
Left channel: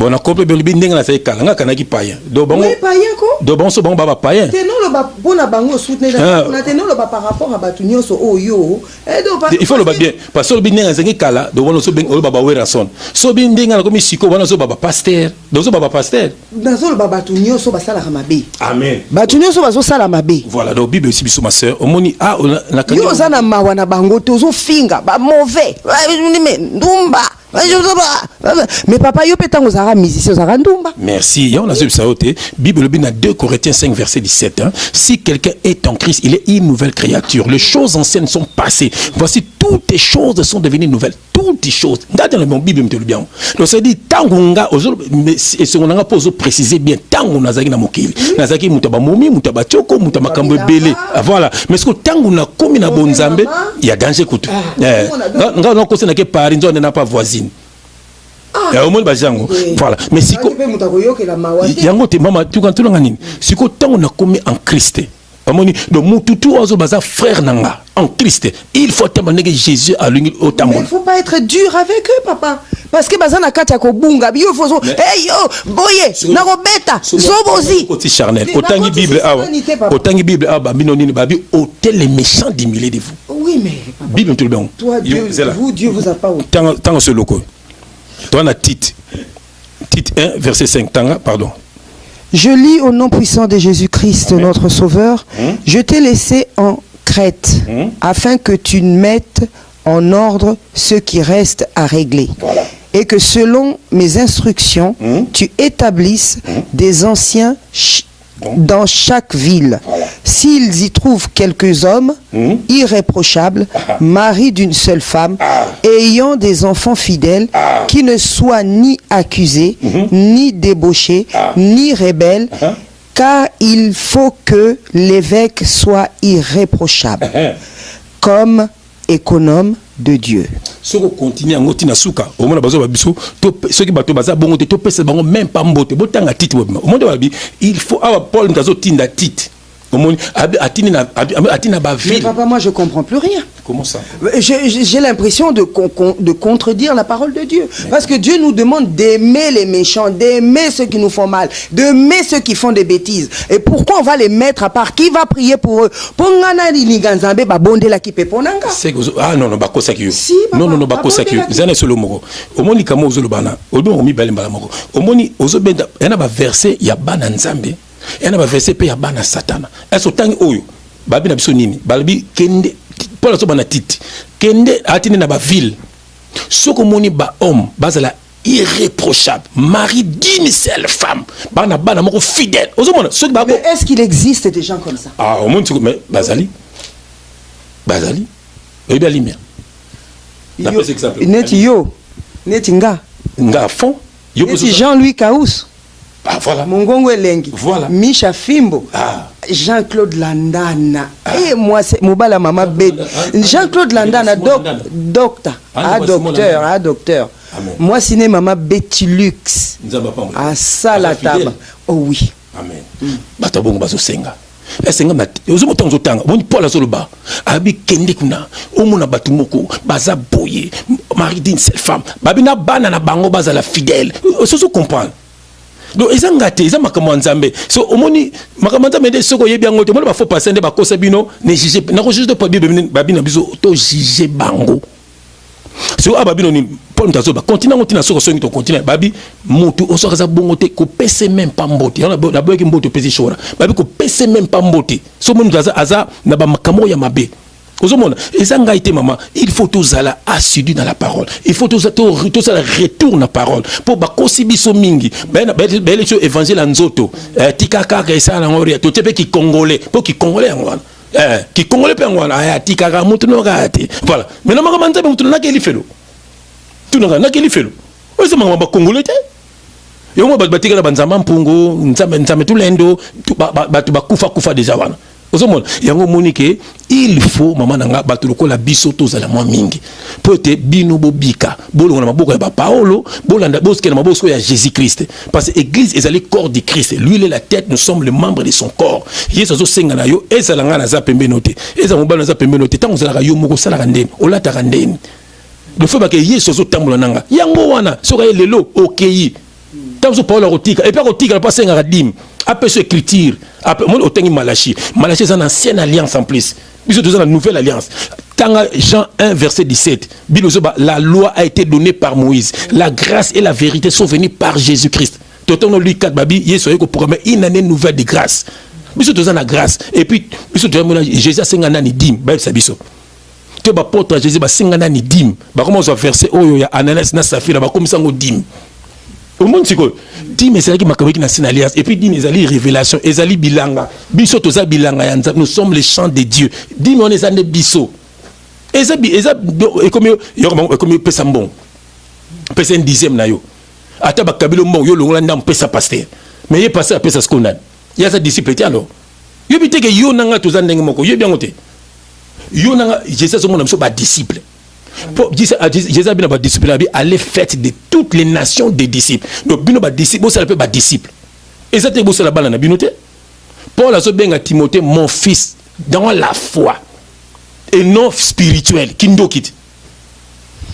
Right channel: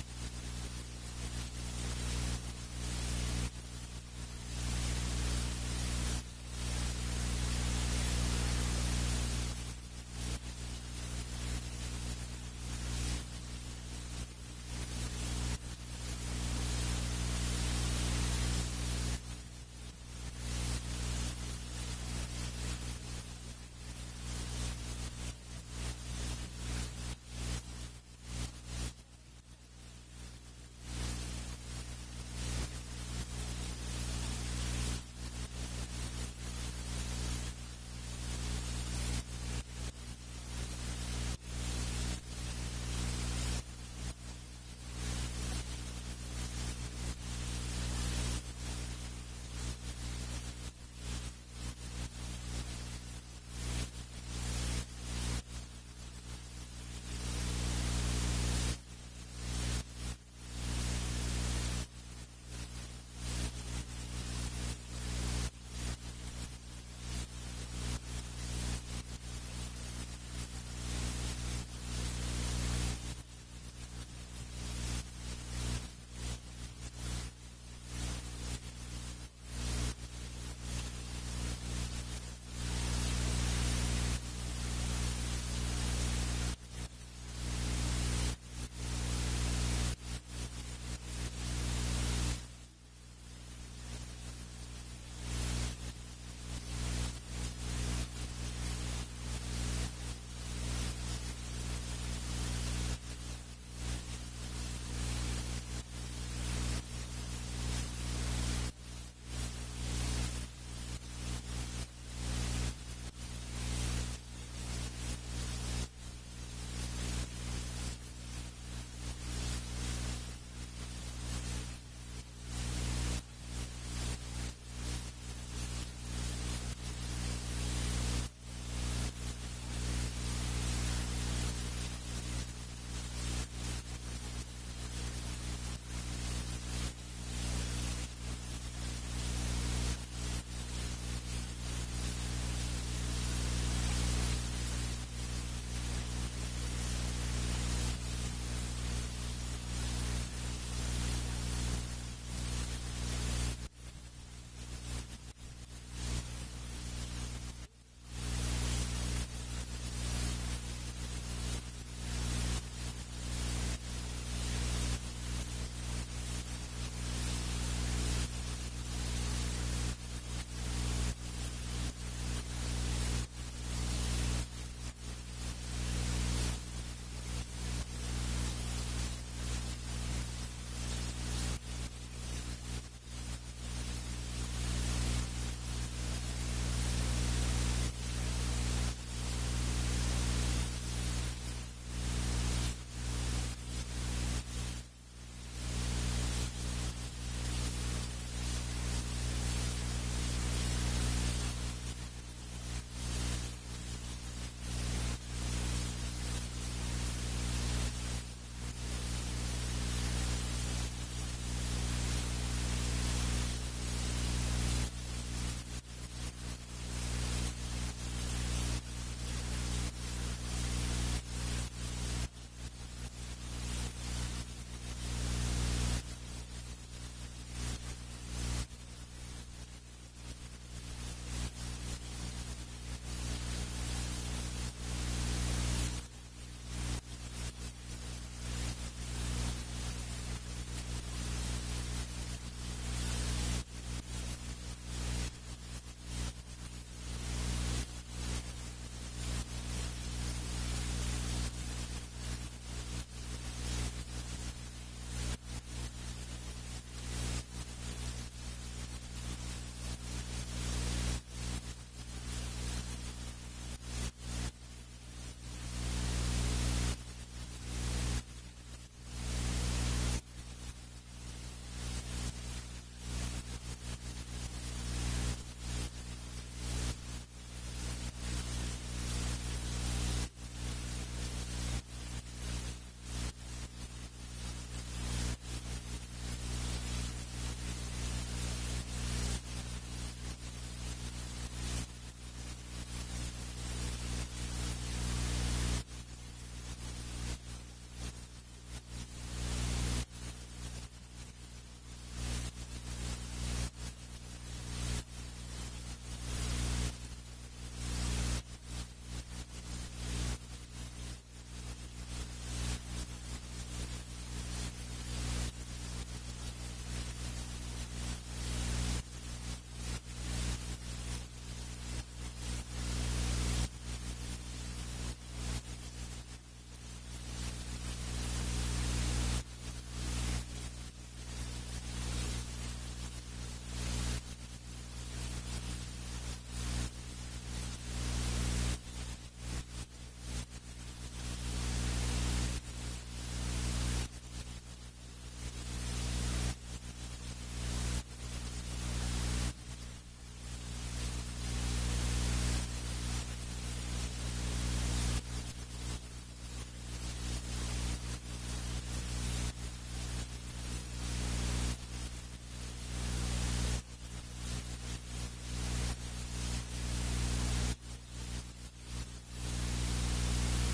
on a compris que on a fait kalanga kanaki païen. Donc bon. Païen quoi? Donc bon, so bon baba païen. Tenons le bas bon à bango soutenir. On a tenons le bas par rapport à batunyo so oyo. Il faut le bas bien parce que le bien ngi kala donc on so ben o baba werason. So bin ndinga comme siko on so baba pasteur. Donc so baba pasteur. Dans so le baba batunyo so basala mabe. Amen. Batunyo so bazo sala mabe. Voilà donc Bible aussi biso ma sœur. Omoni ah na kanyo. Yo zana mawana bango tozo finga ba mauvais. Ndumba. Mais papa, yo pétango zara musicien zara ndumba. Merci. Ya on a vu ça ôté. Bible bin 2 Corinthiens 5 verset 17 hein. Si quelqu'un est en Christ, il est une nouvelle créature. Les choses anciennes sont passées. Voici toutes les choses sont devenues nouvelles. Toutes les choses. Dans le Bible me dit bien. Donc ça dit tangunga mais et ce qu'on a pas préciser bien tangu nazaki na mokili. Nazaki mutaba momi, mutaba choko, mutaba kambo belé. Voilà. Mais ce que tangu na komi na bonzambe, il y a danger kutu. Nga na kosa na ke pari nzo na pas voisine. Au moins bajango. Voilà. Mais si ko yango te mama tu quand tu ngani. Si ko tangu na komi en Christ. Amoni donc mututu ozo baza frère nanga en Christ. Il faut t'amener Jésus à l'union au tamon. Il faut pas être dur avec eux papa. Parce que bazana kati ya kobunga biyo fozo hey yo boye na robeta zobozi côté charnel autant Bible awa autant Bible aba binoni babi hôtel les méchants d'humilier de vous. Oui mais Bible tout le bien. Toi Dieu vous a pas tant ce loco. Toi na Tite 1 verset 5 tanga pardon. Je lis au nom puissant de Jésus-Christ, notre Sauveur. Je t'ai laissé en Crète afin que tu mettes en ordre ce qui reste à régler. Voilà. Et que selon mes instructions, tu établisses des anciens dans chaque ville. Voilà. S'ils y trouvent quelques hommes irréprochables, maris d'une seule femme, ayant des enfants fidèles, qui ne soient ni accusés, ni débauchés, ni rebelles, car il faut que l'évêque soit irréprochable, comme économe de Dieu. Ce qu'on continue en otina souka, au moins bazo babiso, ceux qui bateau baza bongo te to pesa bango même pas mbote, botanga titre au moins il faut avoir Paul ndazo tinda titre. Mais papa, moi je comprends plus rien. Comment ça? J'ai l'impression de contredire la parole de Dieu. Parce que Dieu nous demande d'aimer les méchants, d'aimer ceux qui nous font mal, d'aimer ceux qui font des bêtises. Et pourquoi on va les mettre à part? Qui va prier pour eux? Ah non, non, bako sakio. Si, non, non, non, bako sakio. Zane solo moko. Omoni kamo ozolo bana. Odo mi balemba moko. Omoni ozo benda, yana ba verset ya bana nzambe. Et on a versé pe ya bana satana. Est-ce que oyo babi na biso nini? Balbi kende Paul so bana titi. Kende atine na ba ville. Soko moni ba homme bazala irréprochable, mari d'une seule femme. Bana moko fidèle. Ozomona so ba. Mais est-ce qu'il existe des gens comme ça? Ah, au monde mais bazali. Et bien lumière. Na pese exemple. Neti nga fond. Neti Jean-Louis Kaous. Ah, voilà. Mongongo Elengi. Voilà. Misha Fimbo. Ah. Jean-Claude Landana. Et moi, c'est Moubala Mama Bet. Jean-Claude Landana, docteur. Docteur. Moi, c'est Mama Betilux. À Salataba. Oh oui. Amen. Batabongo Bazo Senga. Esenga na ozomo tonzo tanga boni Paul azoloba abi kende kuna omona batumoko baza boye mari d'une seule femme babina bana na bango baza la fidèle oso comprendre. Donc ils ont gâté, ils ont makambo nzambe. So omoni makambo nzambe de soko yebi angote, mona ba faut passer ba kosa bino, ne juger, na ko juger pas bible babina biso to juger bango. So ababino ni Paul ndazo ba continent ngotina soko songi to continent babi mutu osoka za bongote ko pese même pas mbote. Na boye ki mbote pese shora. Babi ko pese même pas mbote. So monu ndaza aza na ba makambo ya mabe. Maman, il faut tous aller assidu dans la parole. Il faut tous aller retour la parole. Pour bakosibiso mingi. Ben évangile anzoto. Tikaka kesa na ngori. To tepe ki congolais. Pour ki congolais ngwana. Ki congolais pe ngwana. Aya tikaka mutu no gati. Voilà. Mais na makamanta mutu na keli felo. Tu na keli felo. Ozo mama ba congolais te. Yo mo batika na banzama mpungu, nzame tulendo, batu bakufa déjà wana. Yango monike il faut maman nanga batuloko la biso to zala mwa mingi pote bino bobika bolonga na maboko ya ba Paolo bolanda boske na maboko ya Jésus-Christ parce que église est le corps de Christ, lui il est la tête, nous sommes les membres de son corps. Yesu zo senga na yo ezalanga na za pembe note eza mobala na za pembe note tango zala yo moko sala kandeni olata kandeni le fait que Yesu zo tambola nanga yango wana soka lelo okei tango Paolo rotika et puis rotika pas senga radim après cette écriture après moi autant Malachi c'est une ancienne alliance en plus ils ont une nouvelle alliance. Quand Jean 1 verset 17 la loi a été donnée par Moïse, la grâce et la vérité sont venues par Jésus-Christ. Totono lui 4 babi yeso ko programmer une année nouvelle de grâce biso toza na grâce et puis biso toza Jésus sengana ni dim ba biso to ba porte Jésus ba sengana ni dim ba comment on verset oyo ya Ananias na Safira ba comme ça ngo dim au monde siko dim ezali makambo na alliance et puis dim ezali révélation ezali bilanga biso toza bilanga ya nzambe, nous sommes les chants de Dieu. Dim on est ande biso eza comme pesa mbon pesa un dixième na yo ata ba kabilo mbon yo longola ndam pesa pasteur mais ye pasteur pesa skondane ya sa disciple ti alors yo biteke yo nanga toza ndenge moko yo bien ngote yo nanga Jésus so mona biso ba disciple. Jésus a bien ba disciple aller fête de toutes les nations des disciples. Donc bino ba disciple, ça peut ba disciple. Et ça te bossa la bala na binote. Paul a so benga Timothée mon fils dans la foi et non spirituel kindokit.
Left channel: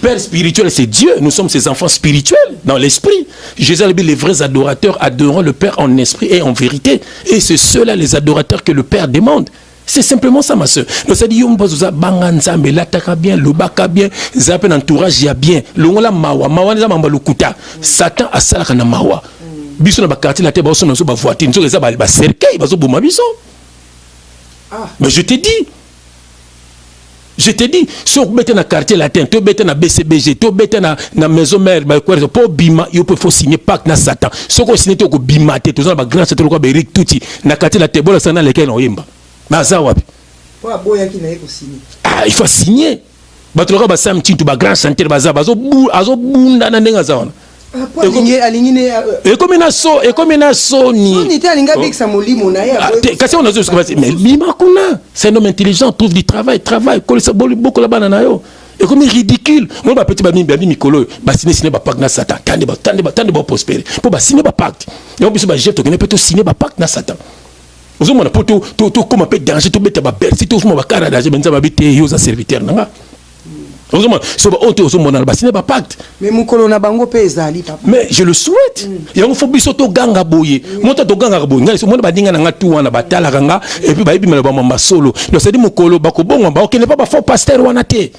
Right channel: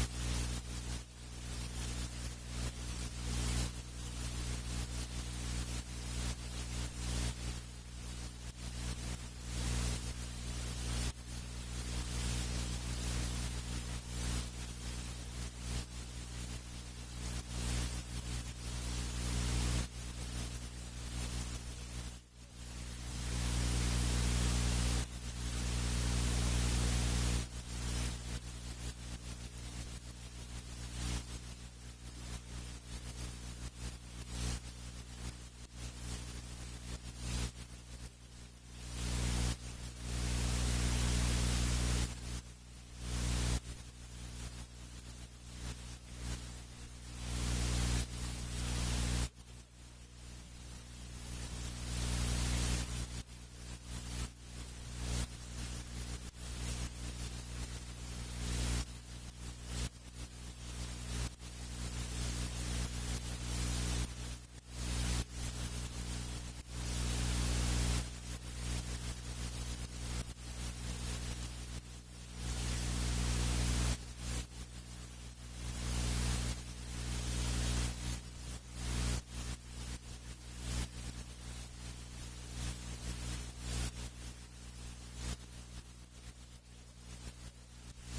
Père spirituel c'est Dieu, nous sommes ses enfants spirituels dans l'esprit. Jésus a dit les vrais adorateurs adoreront le Père en esprit et en vérité, et c'est ceux-là les adorateurs que le Père demande. C'est simplement ça, ma soeur. Donc, ça dit, yom bazuza banganza, mais l'attaque bien, le baka bien, zapen entourage ya bien, l'ongola mawa, mawa neza mamba lukuta, Satan a salaka na mawa. Biso na ba quartier la te ba so na so ba voiture, nzo za ba cercueil, ba zo boma biso. Mais je t'ai dit, si on bête na quartier latin, tu bête na BCBG, tu bête na maison mère, bah quoi, pour bima, il faut signer pacte na Satan. Si on signe tu ko bima, tu as ba grand Satan ko ba Eric Touti, na quartier latin, bola sana lequel on yemba. Baza wapi? Ah, il faut signer. Batoloka ba sam tintu ba grand chantier baza bazo bunda na ndenga za wana. ekomi na soni kasi on a mais bima kuna c'est un homme intelligent, trouve du travail kolisa beaucoup la bana na yo ekomi ridicule moi ba petit ba mikolo ba signer ba pacte na Satan tande ba prospérer pour ba signer ba pacte yo biso ba chef to kene peut signer ba pacte na Satan ozo mona pour to comme un peu danger to beta ba belle si to mo ba kara danger benza ba bité yo za serviteur nanga. Mais je le souhaite. Il y a un phobie soto ganga boye. Monta to ganga boye. Ngali so mona badinga na ngatu wana batala ganga et puis ba yibi mala ba mama solo. Donc c'est dit mukolo ba ko bongo ba okene pas ba faux pasteur wana te.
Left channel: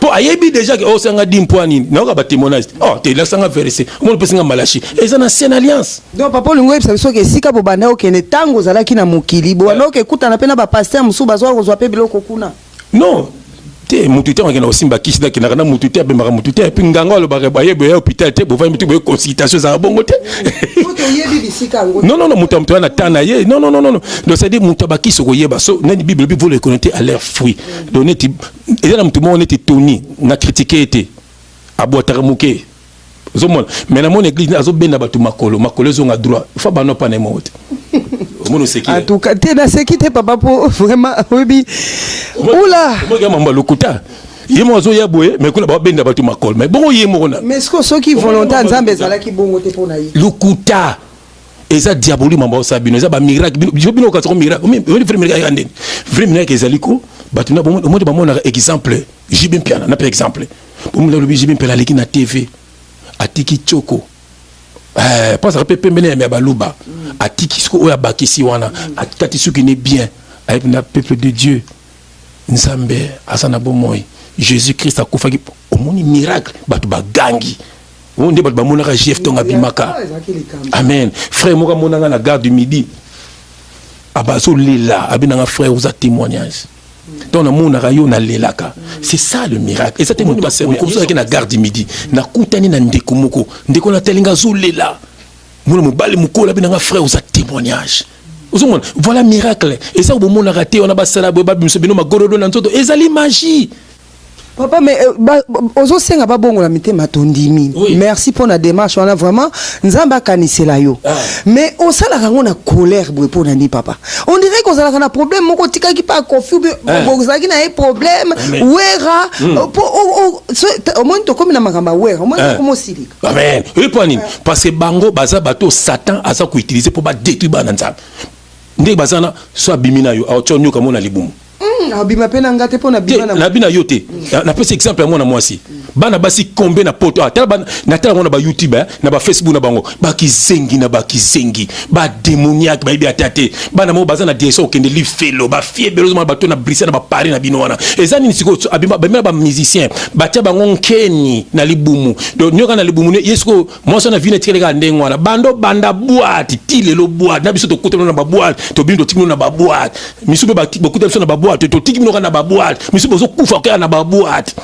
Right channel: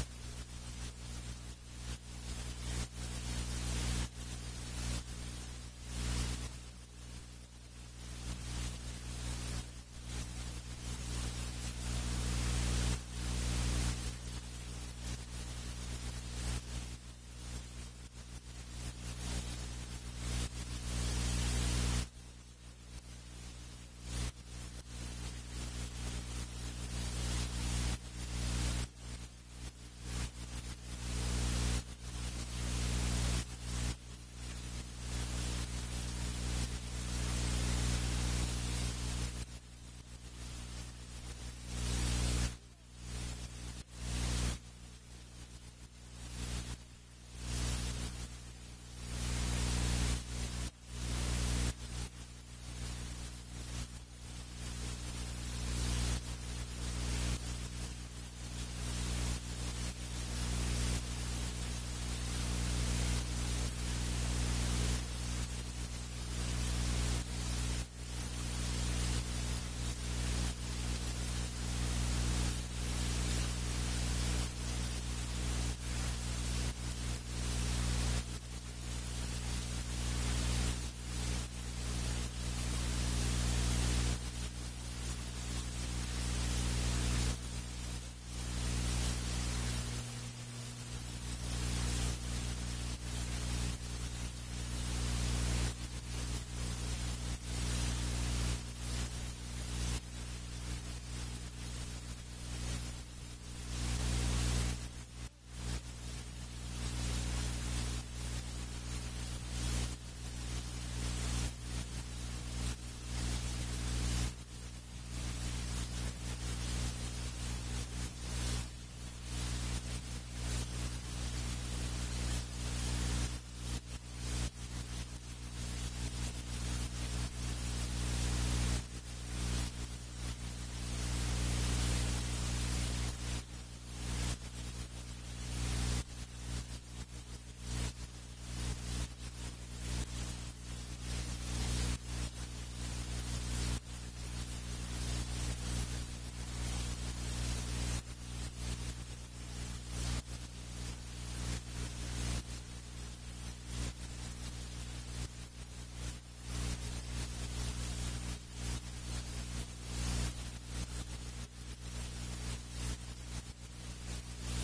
Pour ayebi déjà que o sanga dimpoani na ka ba témoignage. Oh te la sanga verser. Mon pesinga malachi. Et ça na ancienne alliance. Donc papa lingo yebisa biso ke sika bo banda okene tango zalaki na mokili. Bo wana okekuta na pena ba pasteur musu bazwa ko zwa pe biloko kuna. Non. Mutute ngena osimba kisida kina kana mutute abemaka mutute et puis nganga lo ba yebe hôpital te bo va mutu bo consultation za bongo te non mutu na tana ye non donc c'est dire mutu ba kisoko yeba so na bible bi vous le connaissez à leur fruit donner ti et là mutu mo on était toni na critiquer été abotara muke zomona mais na mon église azo benda batu makolo zo nga droit il faut ba no pa na mote en tout cas t'es na sécurité papa pour vraiment oui oula moi mamba lokuta yemo zo ya boye mais kula ba benda batu makolo mais bon yemo na mais est-ce que ceux qui volontaire nzambe zala ki bongo te pona yi lokuta eza diaboli mamba sabino eza ba miracle bino ka so miracle mais vrai miracle yande vrai miracle ezaliko batu na bon ba mona exemple jibin piana na par exemple pour me le jibin piana leki na TV atiki choko pas ça peut pembele mais baluba atiki sko oya bakisi wana atikati suki ne bien avec le peuple de Dieu nzambe asana bomoy Jésus Christ akufaki omoni miracle batu bagangi onde batu bamonaka chef tonga bimaka amen frère moka monanga na gare du midi abaso lela abinanga frère aux témoignages donc na monaka yo na lelaka c'est ça le miracle et ça te montre pas comme ça na gare du midi na kutani na ndeko moko ndeko na telinga zo lela mona mobali mukola binanga frère aux témoignages voilà miracle et ça au moment on a raté on a basala boba bimso bino magorodo na nzoto ezali magie papa mais ozo senga ba bongo la mité matondimi merci pour la démarche on a vraiment nzamba kanisela yo mais on sala rango na colère boy pour nani papa on dirait qu'on sala na problème moko tika ki pas confus bozaki na un problème wera au moins to comme na makamba wera au moins comment sili amen et pour nini parce que bango baza bato Satan asa ko utiliser pour ba détruire ba nzamba ndé bazana soit bimina yo a tonyo kama na libumu abima pena ngate pona bimana na bina yote na pese exemple moi na moi si bana basi combien na poto na tala mona ba YouTube na ba Facebook na bango ba kizengi na ba kizengi ba démoniaque ba ibi atate bana mo bazana direction okende li felo ba fie belozuma ba to na Bruxelles na ba Paris na bino wana ezani nisiko abima ba musicien ba tia bango nkeni na libumu donc nyoka na libumu yesko moi so na vine tikeleka ndengo wana banda boîte tilelo boîte na biso to kutelo na ba boîte to bindo timino na ba boîte misube ba kutelo na ba boîte to tikino na ba boîte misube zo kufa ka na ba boîte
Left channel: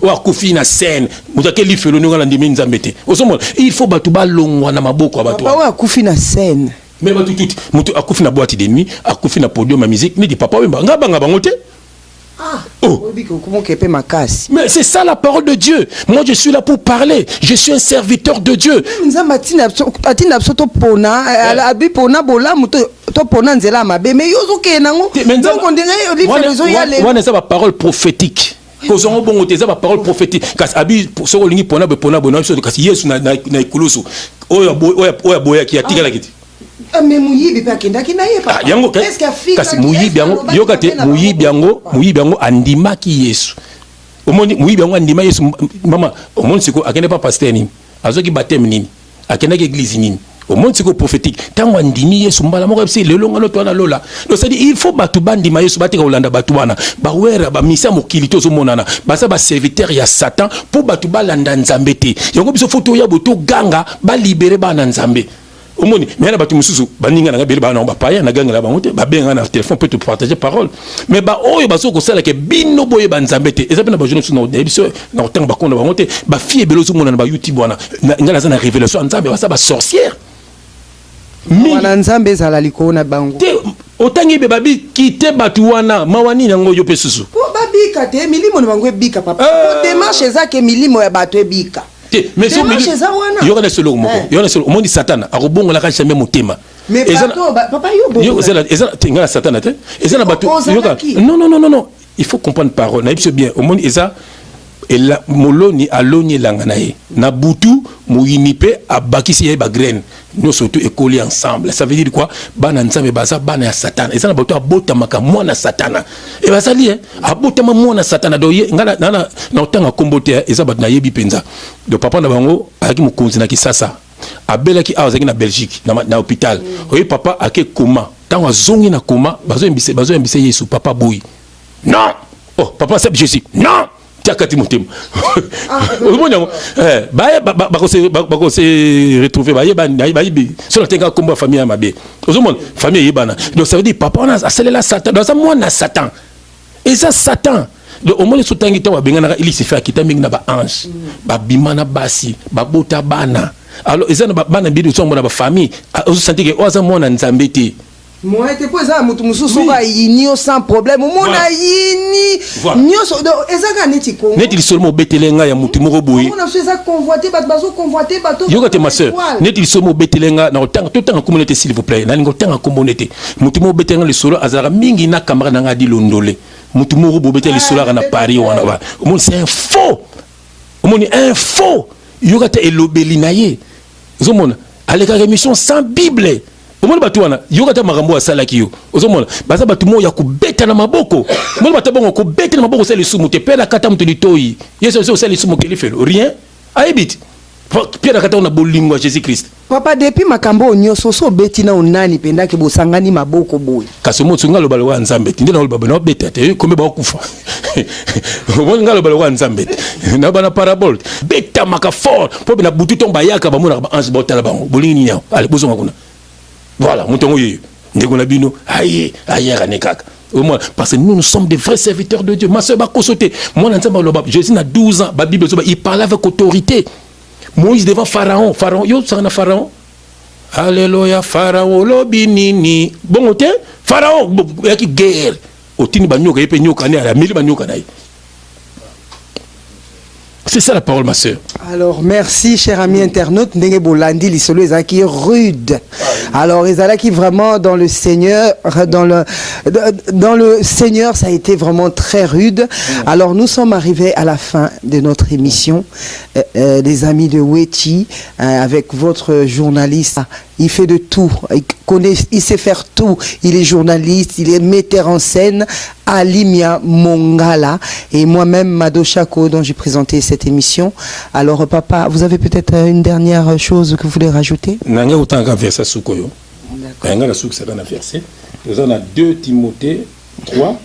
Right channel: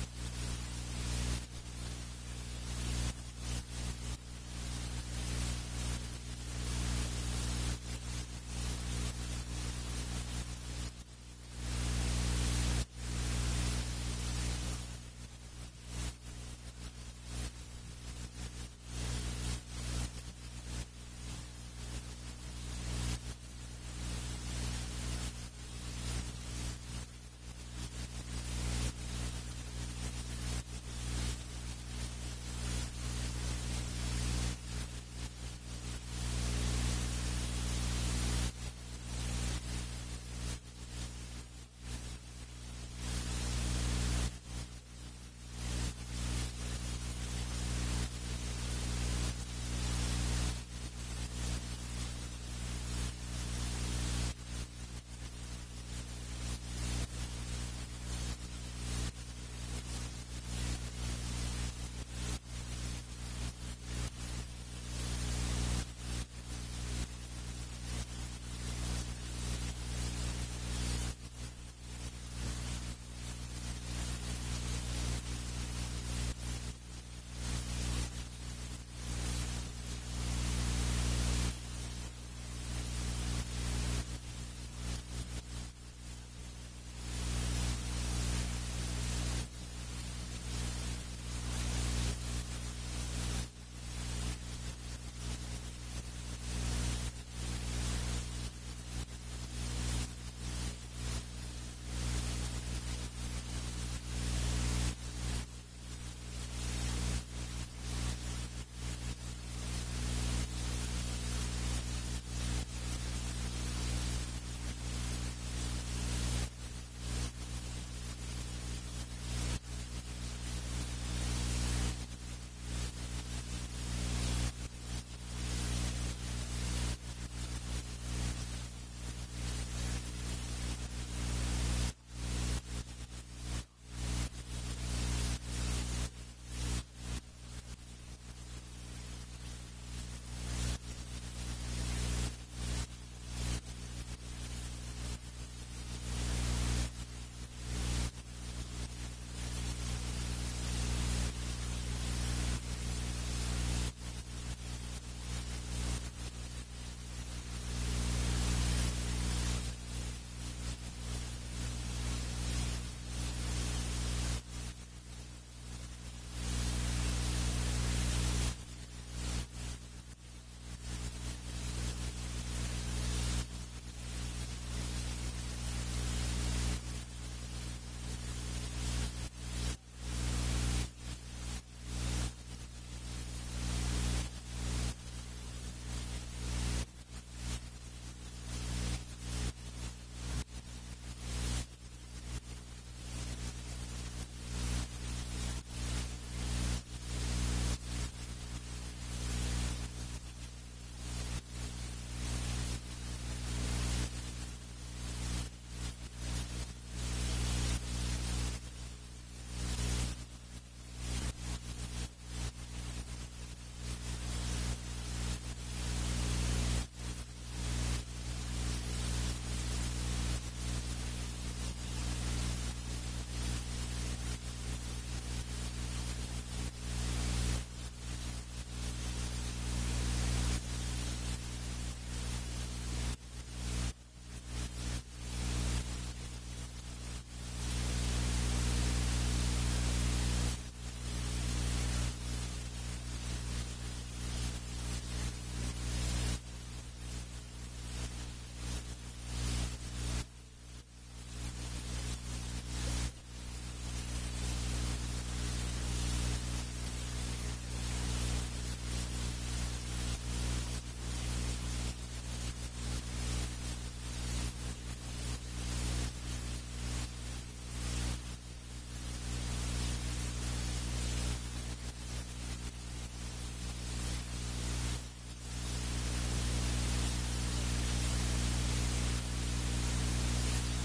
wa kufi na scène mutake li felo nyoka na ndimi nzambete osomona il faut batu balongwa na maboko ya batu wa kufi na scène mais batu tout mutu akufi na boîte de nuit akufi na podium ma musique ni di papa wemba ngaba bango te. Mais c'est ça la parole de Dieu. Moi je suis là pour parler. Je suis un serviteur de Dieu. On a parole prophétique. Posons bon des parole prophétique. Parce abi sur ligne pona bona sur kasi Yesu na ikulusu. Oya boya ki atika la kiti. Mais muyibi pa kenda kinaye pa kasi muyibi yango yokate muyibi yango andima ki Yesu omoni muyibi yango andima Yesu mama omoni siko akende pa pasteur nini azoki baptême nini akenda ki église nini omoni siko prophétique tango andimi Yesu mbala moko psi lelo ngalo to na lola donc c'est dire il faut batu bandima Yesu batika olanda batu wana ba wera ba misa mokili to zo monana basa ba serviteur ya Satan pour batu balanda nzambe te yango biso photo ya boto ganga ba libérer bana nzambe omoni mais na batu mususu baninga na bele bana ba paya na ganga la bangote ba benga na téléphone peut te partager parole mais ba oyo baso ko sala ke bino boye banzambete eza pena ba jeune sous na debiso na otanga ba konda bangote ba fie belo zo mona na ba YouTube wana ngala za na révélation nzambe ba sa ba sorcière wana nzambe za la likona bango te otangi be babi kite batu wana mawani nango yo pesusu po babika te milimo na bango ebika papa démarche za ke milimo ya batu ebika mais so il y aura des solo moko il y aura solo monde satana akobongola ka jamais motema mais papa yo ngala satana te ezana bato non il faut comprendre parole na bien au monde eza et moloni aloni langanae na butu moyinipe abakisi ye ba graine nous surtout écoler ensemble ça veut dire quoi bana nzambe baza bana ya satana ezana bato abota maka mwana satana et bazali abota mwana satana do ngala na otanga kombote eza bato na yebi penza do papa na bango aki mokonzi na kisasa abelaki azaki na Belgique na hôpital oyi papa ake koma tango azongi na koma bazo mbise Yesu papa boy non oh papa c'est Jésus non tiakati motema omona se retrouver bayebi solo tenga kombo famille ya mabe ozomona famille yebana donc ça veut dire papa on a celle Satan dans ça moi na Satan et ça Satan donc au moins sotangi to babengana il se fait akita mingi na ba ange ba bimana basi ba bota bana alors ezana bana bidu so mona ba famille ozo sentir que oza mona nzambe te moi te poza mutu mususu ba yinio sans problème mona yini nyoso ezaka neti ko neti seulement betelenga ya mutu moko boye on a fait ça convoiter bato convoiter bato yoka te ma sœur neti seulement betelenga na otanga totanga communauté s'il vous plaît na lingo tanga communauté mutu mo betelenga le solo azara mingi na kamera na ngadi londole mutu moko bo betele solo na Paris wana ba mon c'est un faux mon un faux yoka te elobeli na ye zomona aleka émission sans bible omona batu wana yokata makambo asala kiyo ozomona baza batu mo ya kubeta na maboko omona batu bongo kubeta na maboko sala sumu te pela kata mtu litoi yeso sala sumu kelifelo rien aibit pela kata na bolingo Jésus Christ papa depuis makambo nyoso so beti na onani penda ke bosangani maboko boy kaso mo tsunga lobalo wa nzambe ndina lobalo na beta te kombe ba kufa omona ngalo balo wa nzambe na bana parabole beta maka fort po na butu tomba yaka ba mona ba ange botala bango bolingi nyao allez bozonga kuna. Voilà, moutongo yé, ndegolabino, aïe, ranekaka. Parce que nous sommes des vrais serviteurs de Dieu. Ma soeur, moi, Jésus a 12 ans, la Bible, il parlait avec autorité. Moïse devant Pharaon. Pharaon, yo, ça en a Pharaon. Alléluia, Pharaon, lobinini. Bon, ok, Pharaon, il y a qui guerre. Au tini banyoka, il y a penyoka, il y a mille banyoka. C'est ça la parole, ma soeur. Alors, merci, cher ami internaute. Ndenge Bolandi, l'isolo ezaki rude. Alors, ezalaki vraiment dans le Seigneur, dans le Seigneur, ça a été vraiment très rude. Alors, nous sommes arrivés à la fin de notre émission. Les amis de Wechi, avec votre journaliste. Il fait de tout, il sait faire tout. Il est journaliste, il est metteur en scène, Alimia Mongala et moi-même Mado Chako dont j'ai présenté cette émission. Alors papa, vous avez peut-être une dernière chose que vous voulez rajouter? Nanga autant qu'un verset sukoyo. Nanga la souk ça dans verset. Nous avons 2 Timothée 3.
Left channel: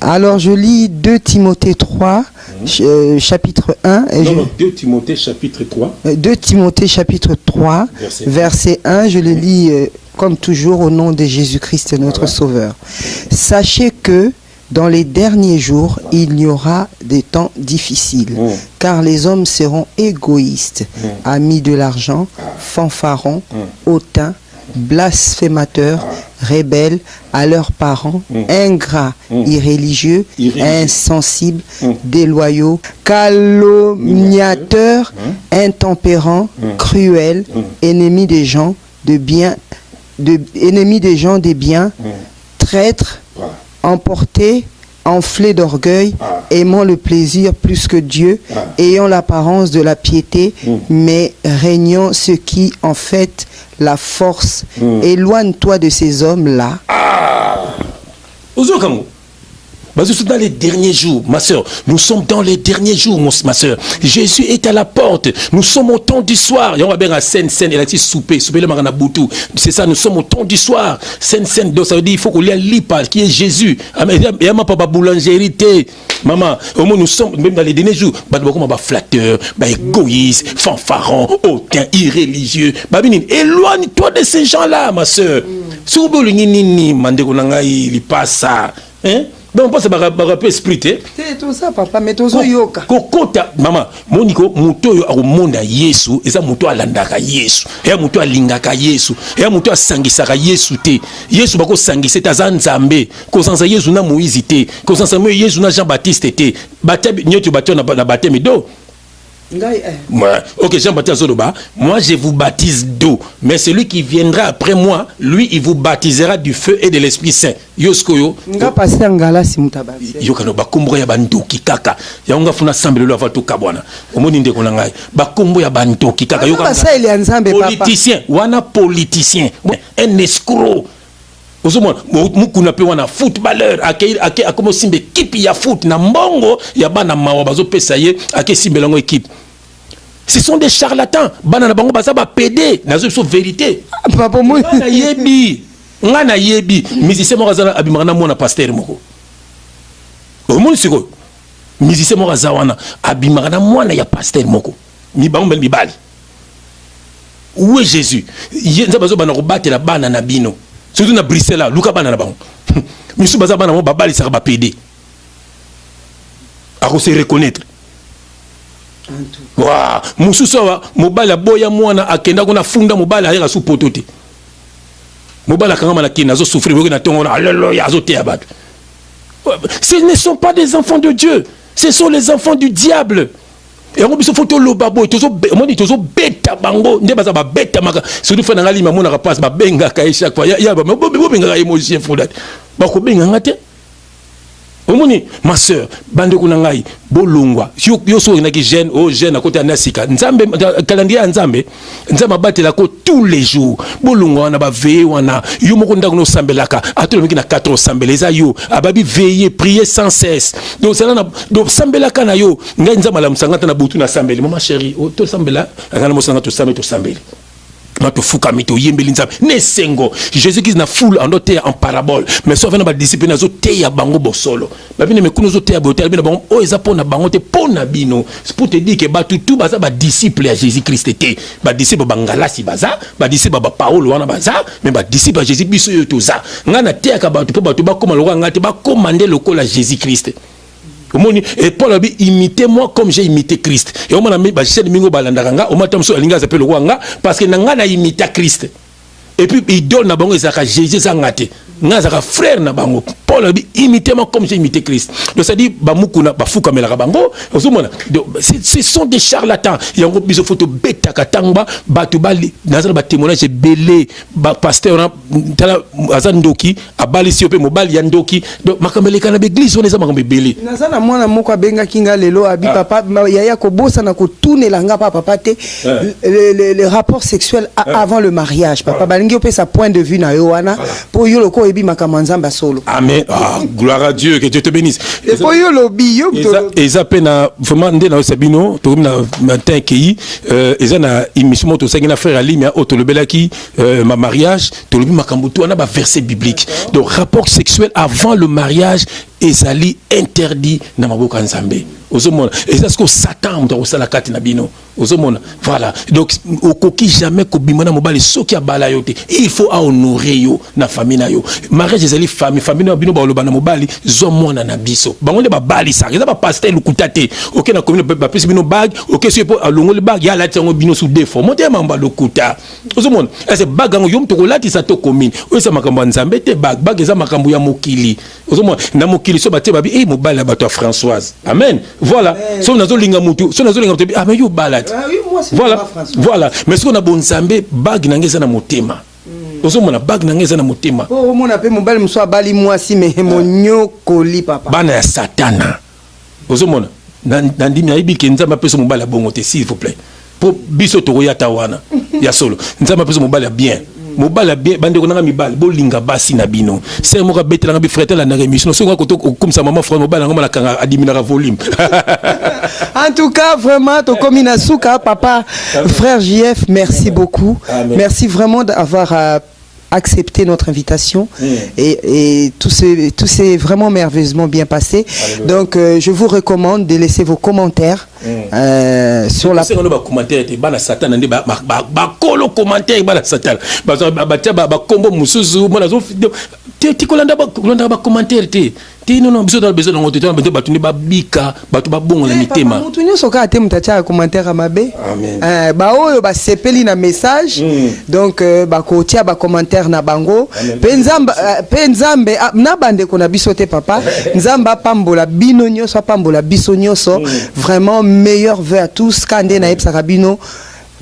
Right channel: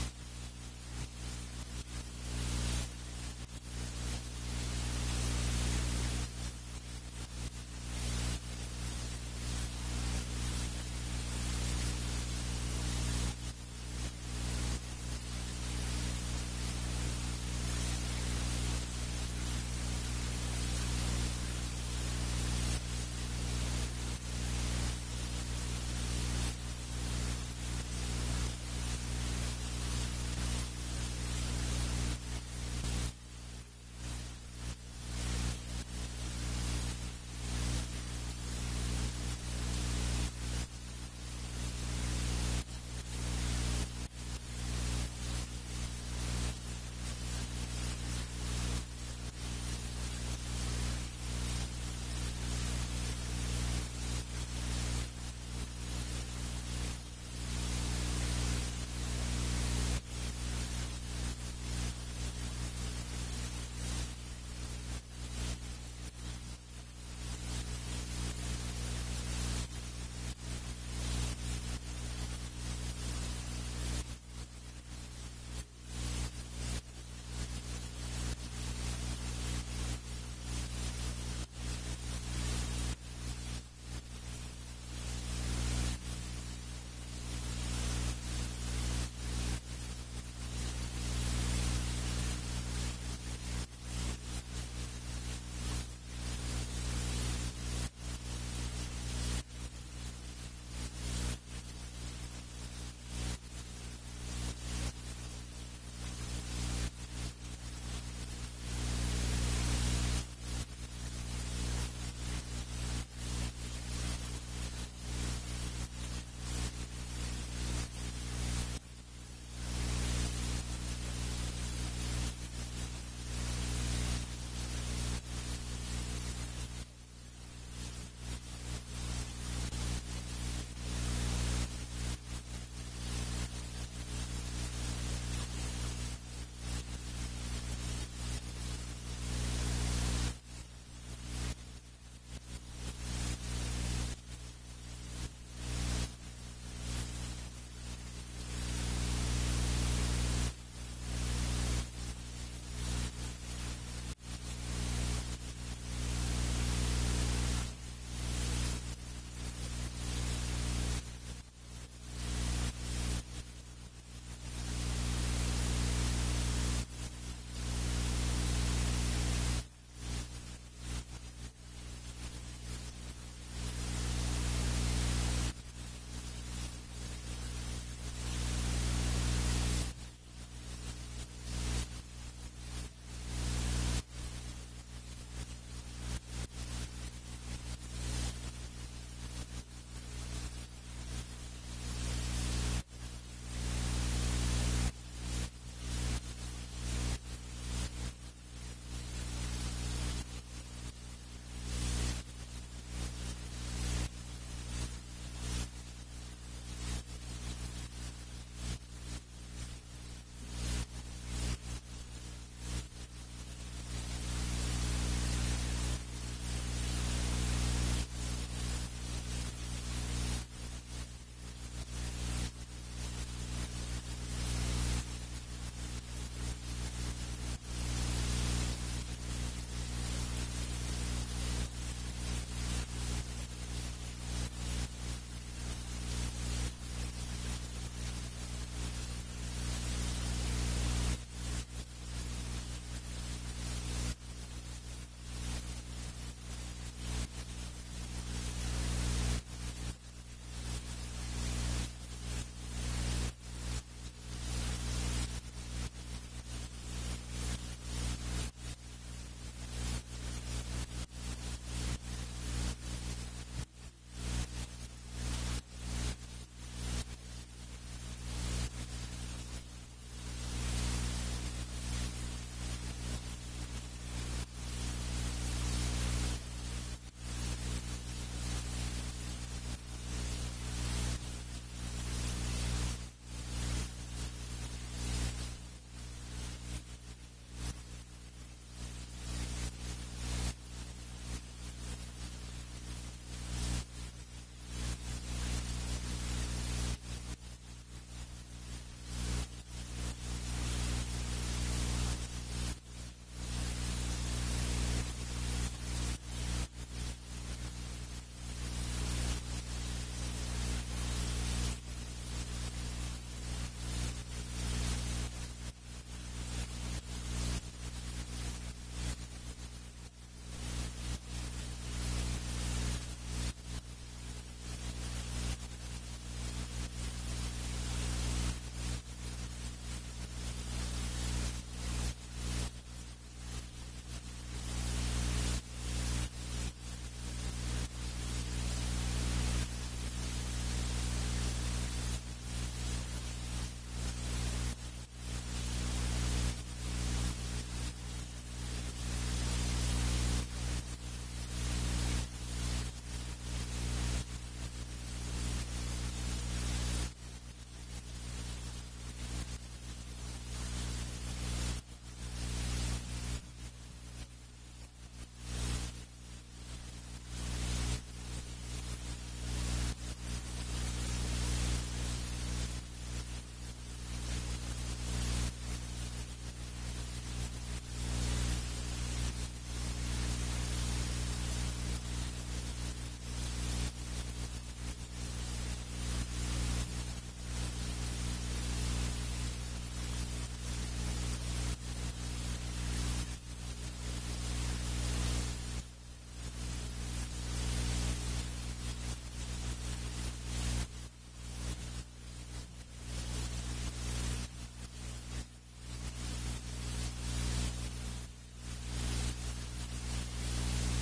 Alors je lis 2 Timothée 3. Chapitre 1 2 Timothée chapitre 3 2 Timothée chapitre 3 verset 1 je le lis comme toujours au nom de Jésus-Christ notre Sauveur. Sachez que dans les derniers jours il y aura des temps difficiles car les hommes seront égoïstes, amis de l'argent, fanfarons, hautains, blasphémateurs, rebelles à leurs parents, ingrats, irréligieux, insensibles, déloyaux, calomniateurs, intempérants, cruels, ennemis des gens de bien, ennemis des gens des biens, traîtres, emportés, enflés d'orgueil, aimant le plaisir plus que Dieu, ayant l'apparence de la piété, mais régnant ce qui en fait la force. Éloigne-toi de ces hommes-là. Dans les derniers jours, ma soeur, nous sommes dans les derniers jours, ma soeur. Jésus est à la porte. Nous sommes au temps du soir. On va bien à scène, il a dit souper le marana boutou. C'est ça, nous sommes au temps du soir. Scène, donc ça veut dire il faut qu'on ait un lipa qui est Jésus. Il y a ma papa boulangerie, maman. Au moins nous sommes même dans les derniers jours. Flatteur, égoïste, fanfaron, hautain, irréligieux. Éloigne-toi de ces gens-là, ma soeur. Si vous voulez, il passe ça. Hein? Donc, on pense que ça peut expliquer. C'est tout ça, papa, mais tout ça, yoka. Kokota, maman, moniko, muto yo au monde à Yesu, et ça muto à landaka Yesu, et muto à lingaka Yesu, et muto à sangisaka Yesu te. Yesu bako sangise ta zanzambe, ko sansa Yesu na Moïse te, ko sansa Yesu na Jean-Baptiste te. Baptême, nyoto bateau na baptême do. Ouais. Ok, Jean-Baptiste Zoloba, moi je vous baptise d'eau, mais celui qui viendra après moi, lui il vous baptisera du feu et de l'Esprit Saint. Yoskoyo. Nga passer ngala si mutabasi. Yokano bakombo ya bandoki kaka. Ya nga funa sambelo lo avatu kabwana. Omoni ndeko na ngai. Bakombo ya bandoki kaka yokano. Politicien, wana politicien, un escroc. Ozomona mukuna pe wana footballeur akomo simbe équipe ya foot na mbongo ya bana mawa bazo pesa ye ake simbelango équipe. Ce sont des charlatans. Bana na bango baza ba PD, nazo so vérité. Papa moi na yebi. Ngana yebi, musicien mo razana abimana mona pasteur moko. Omoni siko. Musicien mo razawana abimana mona ya pasteur moko. Mi bango bel bibali. Où est Jésus? Yenza bazo bana robate la bana na bino. Surtout na Bruxelles, Luka bana na bango. Misu baza bana mo babali sa ba PD. A se reconnaître. Wa mususu wa mobala boya mwana akenda kuna funda mobala ayeka su potote. Mobala kanga na kina zo souffrir na tongo na alléluia zo te abatu. Ce ne sont pas des enfants de Dieu, ce sont les enfants du diable. Et on biso photo lo babo tozo on dit tozo beta bango nde baza ba beta maka surtout fa na ngali mamona ka passe ba benga ka chaque fois ya ba benga emoji fodat ba ko benga ngate. Omoni ma sœur bande kuna ngai bolongwa yo so na ki jeune o jeune à côté na sika nzambe calendrier ya nzambe nzambe batela ko tous les jours bolongwa na ba veiller wana yo moko ndako no sambelaka atolo miki na 4 sambeleza yo ababi veiller prier sans cesse donc ça na donc sambelaka na yo ngai nzambe la musangata na butu na sambeli mama chérie o to sambela ngana musanga to sambeli Mato fuka mito yembeli nzambe ne sengo Jésus-Christ na foule en doté en parabole mais sauf na ba discipline na zo te ya bango bosolo ba bino mekuno zo te ya botel bino bango o eza pona bango te pona bino c'est pour te dire que ba tout baza ba disciple à Jésus-Christ te ba disciple bangalasi baza ba disciple ba Paul wana baza mais ba disciple à Jésus biso yo toza ngana te ya ka ba to ba koma lokwa ngate ba commander lokola Jésus-Christ. Et Paul a dit imitez-moi comme j'ai imité Christ. Et on a mis chaîne mingo balandanga, on m'a dit alinga s'appelle le roi parce que nanga na imité Christ. Et puis il donne na bango ezaka Jésus zangate. Ngazaka frère na bango. Paul a dit imitez-moi comme j'ai imité Christ. Donc ça dit bamukuna bafuka melaka bango. Ce sont des charlatans. Il y a un groupe de photos bêta katangba batu bali nazana ba témoignage belé ba pasteur tala azandoki abali siope mobali yandoki. Donc makameli kana l'église on est makambe belé. Nazana mwana moko abenga kinga lelo abi papa yaya ko bossa na ko tunela nga papa te le rapport sexuel avant le mariage papa balingi opé sa point de vue na yo wana pour yo loko ebi makamwanzamba solo. Amen. Ah, gloire à Dieu, que Dieu te bénisse. Et pour yo lobi yo et ça pena vraiment ndé na sabino to na matin ki eza na émission to sangina frère Ali mais auto le belaki ma mariage to lobi makambutu na ba verset biblique. Donc rapport sexuel avant le mariage ezali interdit na maboko nzambe. Ozomona et ça ce que Satan do sala kati na bino. Ozomona voilà. Donc okoki jamais ko bimana mobali soki abala yote. Il faut honorer yo na famille na yo. Mariage ezali famille na bino ba lobana mobali zo mona na biso. Bango nde ba bali sa. Eza ba pasteur lukutate. OK na commune ba pesi bino bag, OK si po alongo le bag ya la tsango bino sous défaut. Monte mamba lokuta. Ozomona ese bag ngo yom to kolati sa to commune. O esa makambo nzambe te bag eza makambo ya mokili. Ozomona na mokili so batie babi mobali ya bato Françoise. Amen. Voilà. So nazo linga mutu. So nazo linga mutu. Ah mais yo balade. Voilà. Mais ce qu'on a bon nzambe bag nangeza na motema. Ozomona bag nangeza na motema. Oh mona pe mobali mso bali mwasi me monyokoli papa. Bana ya satana. Ozomona ndimi aibi ke nzamba peso mobali ya bongo te s'il vous plaît. Po biso to ya tawana. Ya solo. Nzamba peso mobali ya bien. Mobala bien bande ko nanga mibali bolinga basi na bino c'est mo ka betela nga frère la na émission so ko comme ça maman frère mobala nga kanga adimina volume. En tout cas vraiment to comme inasuka papa frère JF merci beaucoup. Amen. Merci vraiment d'avoir accepté notre invitation et tout s'est vraiment merveilleusement bien passé. Alléluia. Donc je vous recommande de laisser vos commentaires sur la commentaire bana satan ndé ba kolo commentaire bana satan ba kombo musuzu mona zo ti kolanda ba commentaire te non biso dans besoin de temps bato ne babika bato babongo na mitema mutu nyonso ka te mutacha commentaire mabe ba oyo ba sepeli na message donc ba kotia ba commentaire na bango pe nzambe na bande ko na biso te papa nzamba pambola bino nyonso pambola biso nyonso vraiment meilleur vœu à tous kande na epsa bino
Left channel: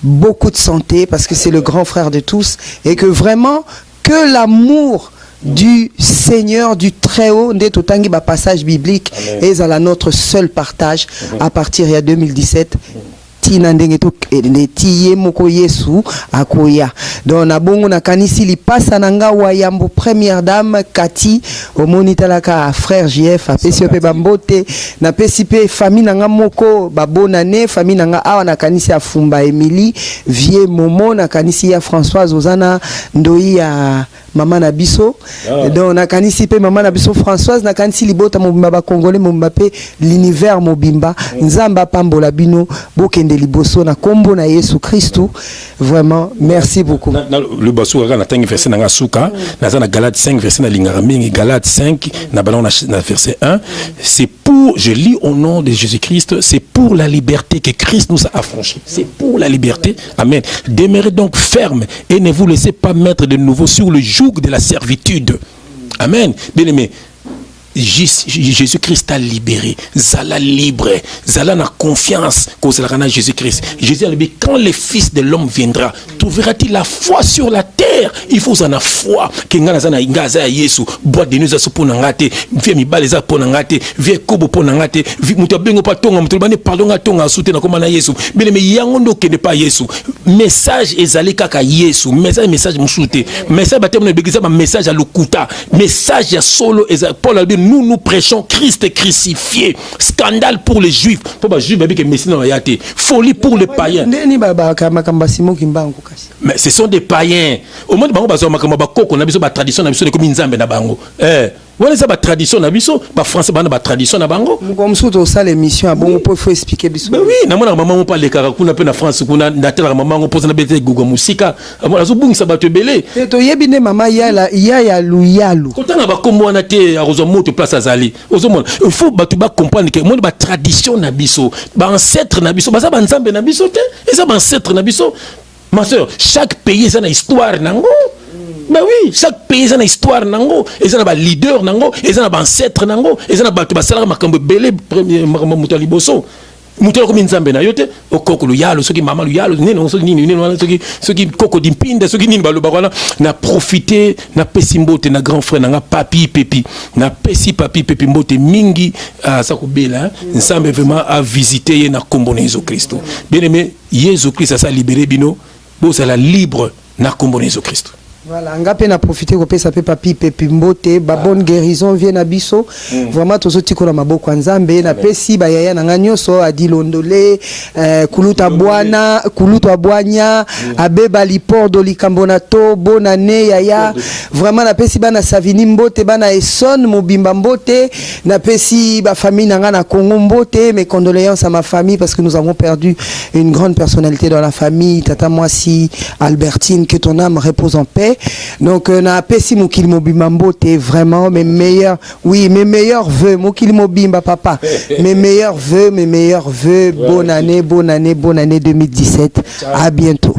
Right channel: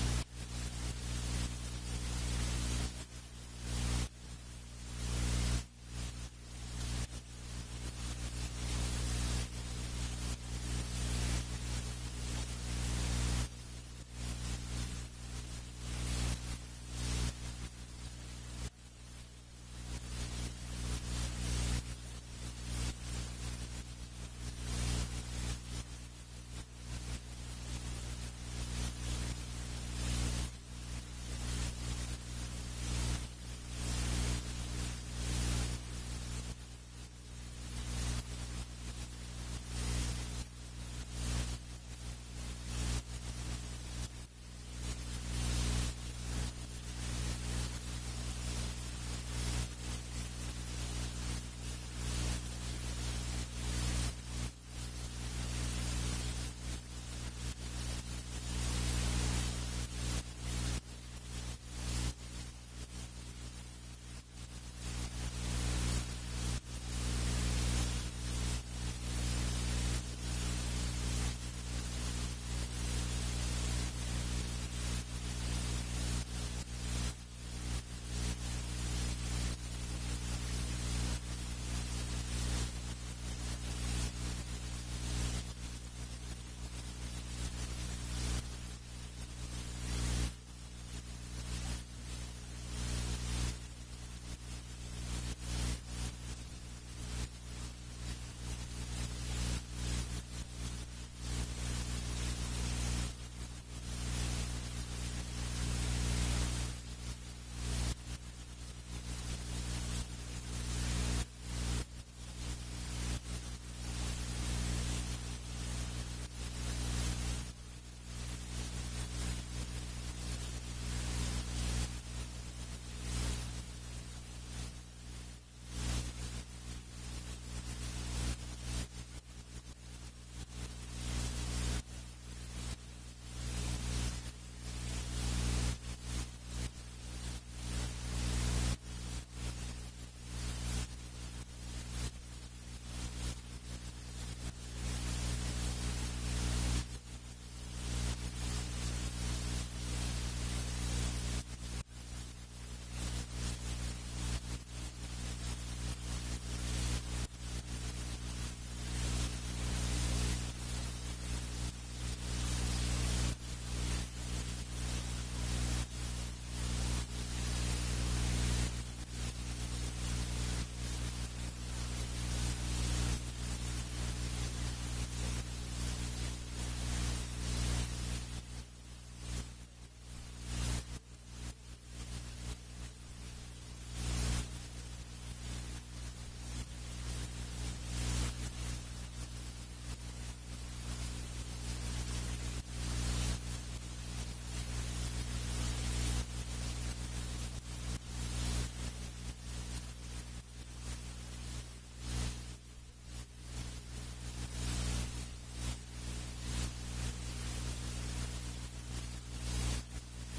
beaucoup de santé parce que c'est le grand frère de tous et que vraiment que l'amour du Seigneur du Très-Haut, nde totangi ba passage biblique et à notre seul partage à partir de 2017. Tina ndenge to tiye moko Yesu akoya. Donc na bongo na kanisi li passa nanga wayambo première dame Kati omoni talaka frère JF apesi pe bambote na pesi pe famille nanga moko ba bonane famille nanga awa na kanisi afumba Emily vie Momo na kanisi ya Françoise Ozana ndoi ya maman na biso donc na kanisi pe maman na biso Françoise na kanisi libota mobimba ba congolais mobimba pe l'univers mobimba nzamba pambola bino bokende liboso na kombo na Yesu Christu vraiment merci beaucoup le baso na tangi verset na suka na za na Galates 5 verset na lingara mingi Galates 5 na balon na verset 1 c'est pour je lis au nom de Jésus-Christ c'est pour la liberté que Christ nous a affranchis c'est pour la liberté amen demeurez donc ferme et ne vous laissez pas mettre de nouveau sur le joug de la servitude. Amen. Bien-aimé, Jésus-Christ a libéré. Zala libre. Zala na confiance qu'au Jésus-Christ. Jésus a dit, quand le Fils de l'homme viendra, trouvera-t-il la foi sur la terre? Il faut en avoir foi. Kenga na ingaza Yesu. Bois de nous a pour n'angate. Vie mi baleza pour n'angate. Vie kobo pour n'angate. Vie mutabengo pa tonga mutulbane pardon a tonga soutena comme na Yesu. Bien-aimé, yangondo ke ne pas Yesu. Message ezali kaka Yesu. Message musute. Message batem na begiza message à lokuta. Message ya solo ezali Paul a dit nous prêchons Christ crucifié. Scandale pour les juifs. Folie pour les païens. Mais ce sont des païens. Au moins, on a besoin de tradition, on a besoin de comme Nzambe na bango. Voilà ça, tradition na biso, français na tradition na bango. Comme ça, dans ça l'émission, bon, on peut expliquer biso. Mais oui, na mona maman on parle karakuna pe na France kuna na tela maman on pose na bete gogo musika. Amona zo bungi sabato belé. To yebine maman ya luyalu. Kotanga ba kombo na te arozo moto place azali. Ozomona, il faut batu ba comprendre que mon ba tradition na biso, ba ancêtre na biso, ba za ba Nzambe na biso te, et ça ba ancêtre na biso. Ma soeur, chaque pays a une histoire nango. Ben oui, chaque pays a une histoire nango. Ils ont un leader nango, ils ont un ancêtre nango, ils ont un salaire makambo belé premier mutali bosso. Mutali comme Nzambe na yote, o koko lu yalo, ceux qui maman lu yalo, neno ceux qui ceux qui koko dimpinde, ceux qui ni balo bakwana na profiter na pesimbote na grand frère na papi pepi, na pesi papi pepi mbote mingi ça ko bela, Nzambe vraiment a visité na kombo na Jésus Christ. Bien aimé, Jésus Christ a libéré bino. C'est la libre na kombo Jésus Christ. Voilà, ngape na profiter ko pesa pe papi pepi mbote ba bonne guérison vient na biso. Vraiment tozoti ko na maboko Nzambe na pesi ba yaya na nganyoso adilondole kuluta bwana kuluta bwanya abeba lipordo likambona to bonane yaya. Vraiment na pesi bana savini mbote bana Esson mobimba mbote na pesi ba famille na ngana Congo mbote. Mes condoléances à ma famille parce que nous avons perdu une grande personnalité dans la famille. Tata Moisi Albertine, que ton âme repose en paix. Donc na pesi mokili mobimba mbote vraiment mes meilleurs vœux mokili mobimba papa mes meilleurs vœux bonne année 2017. À bientôt.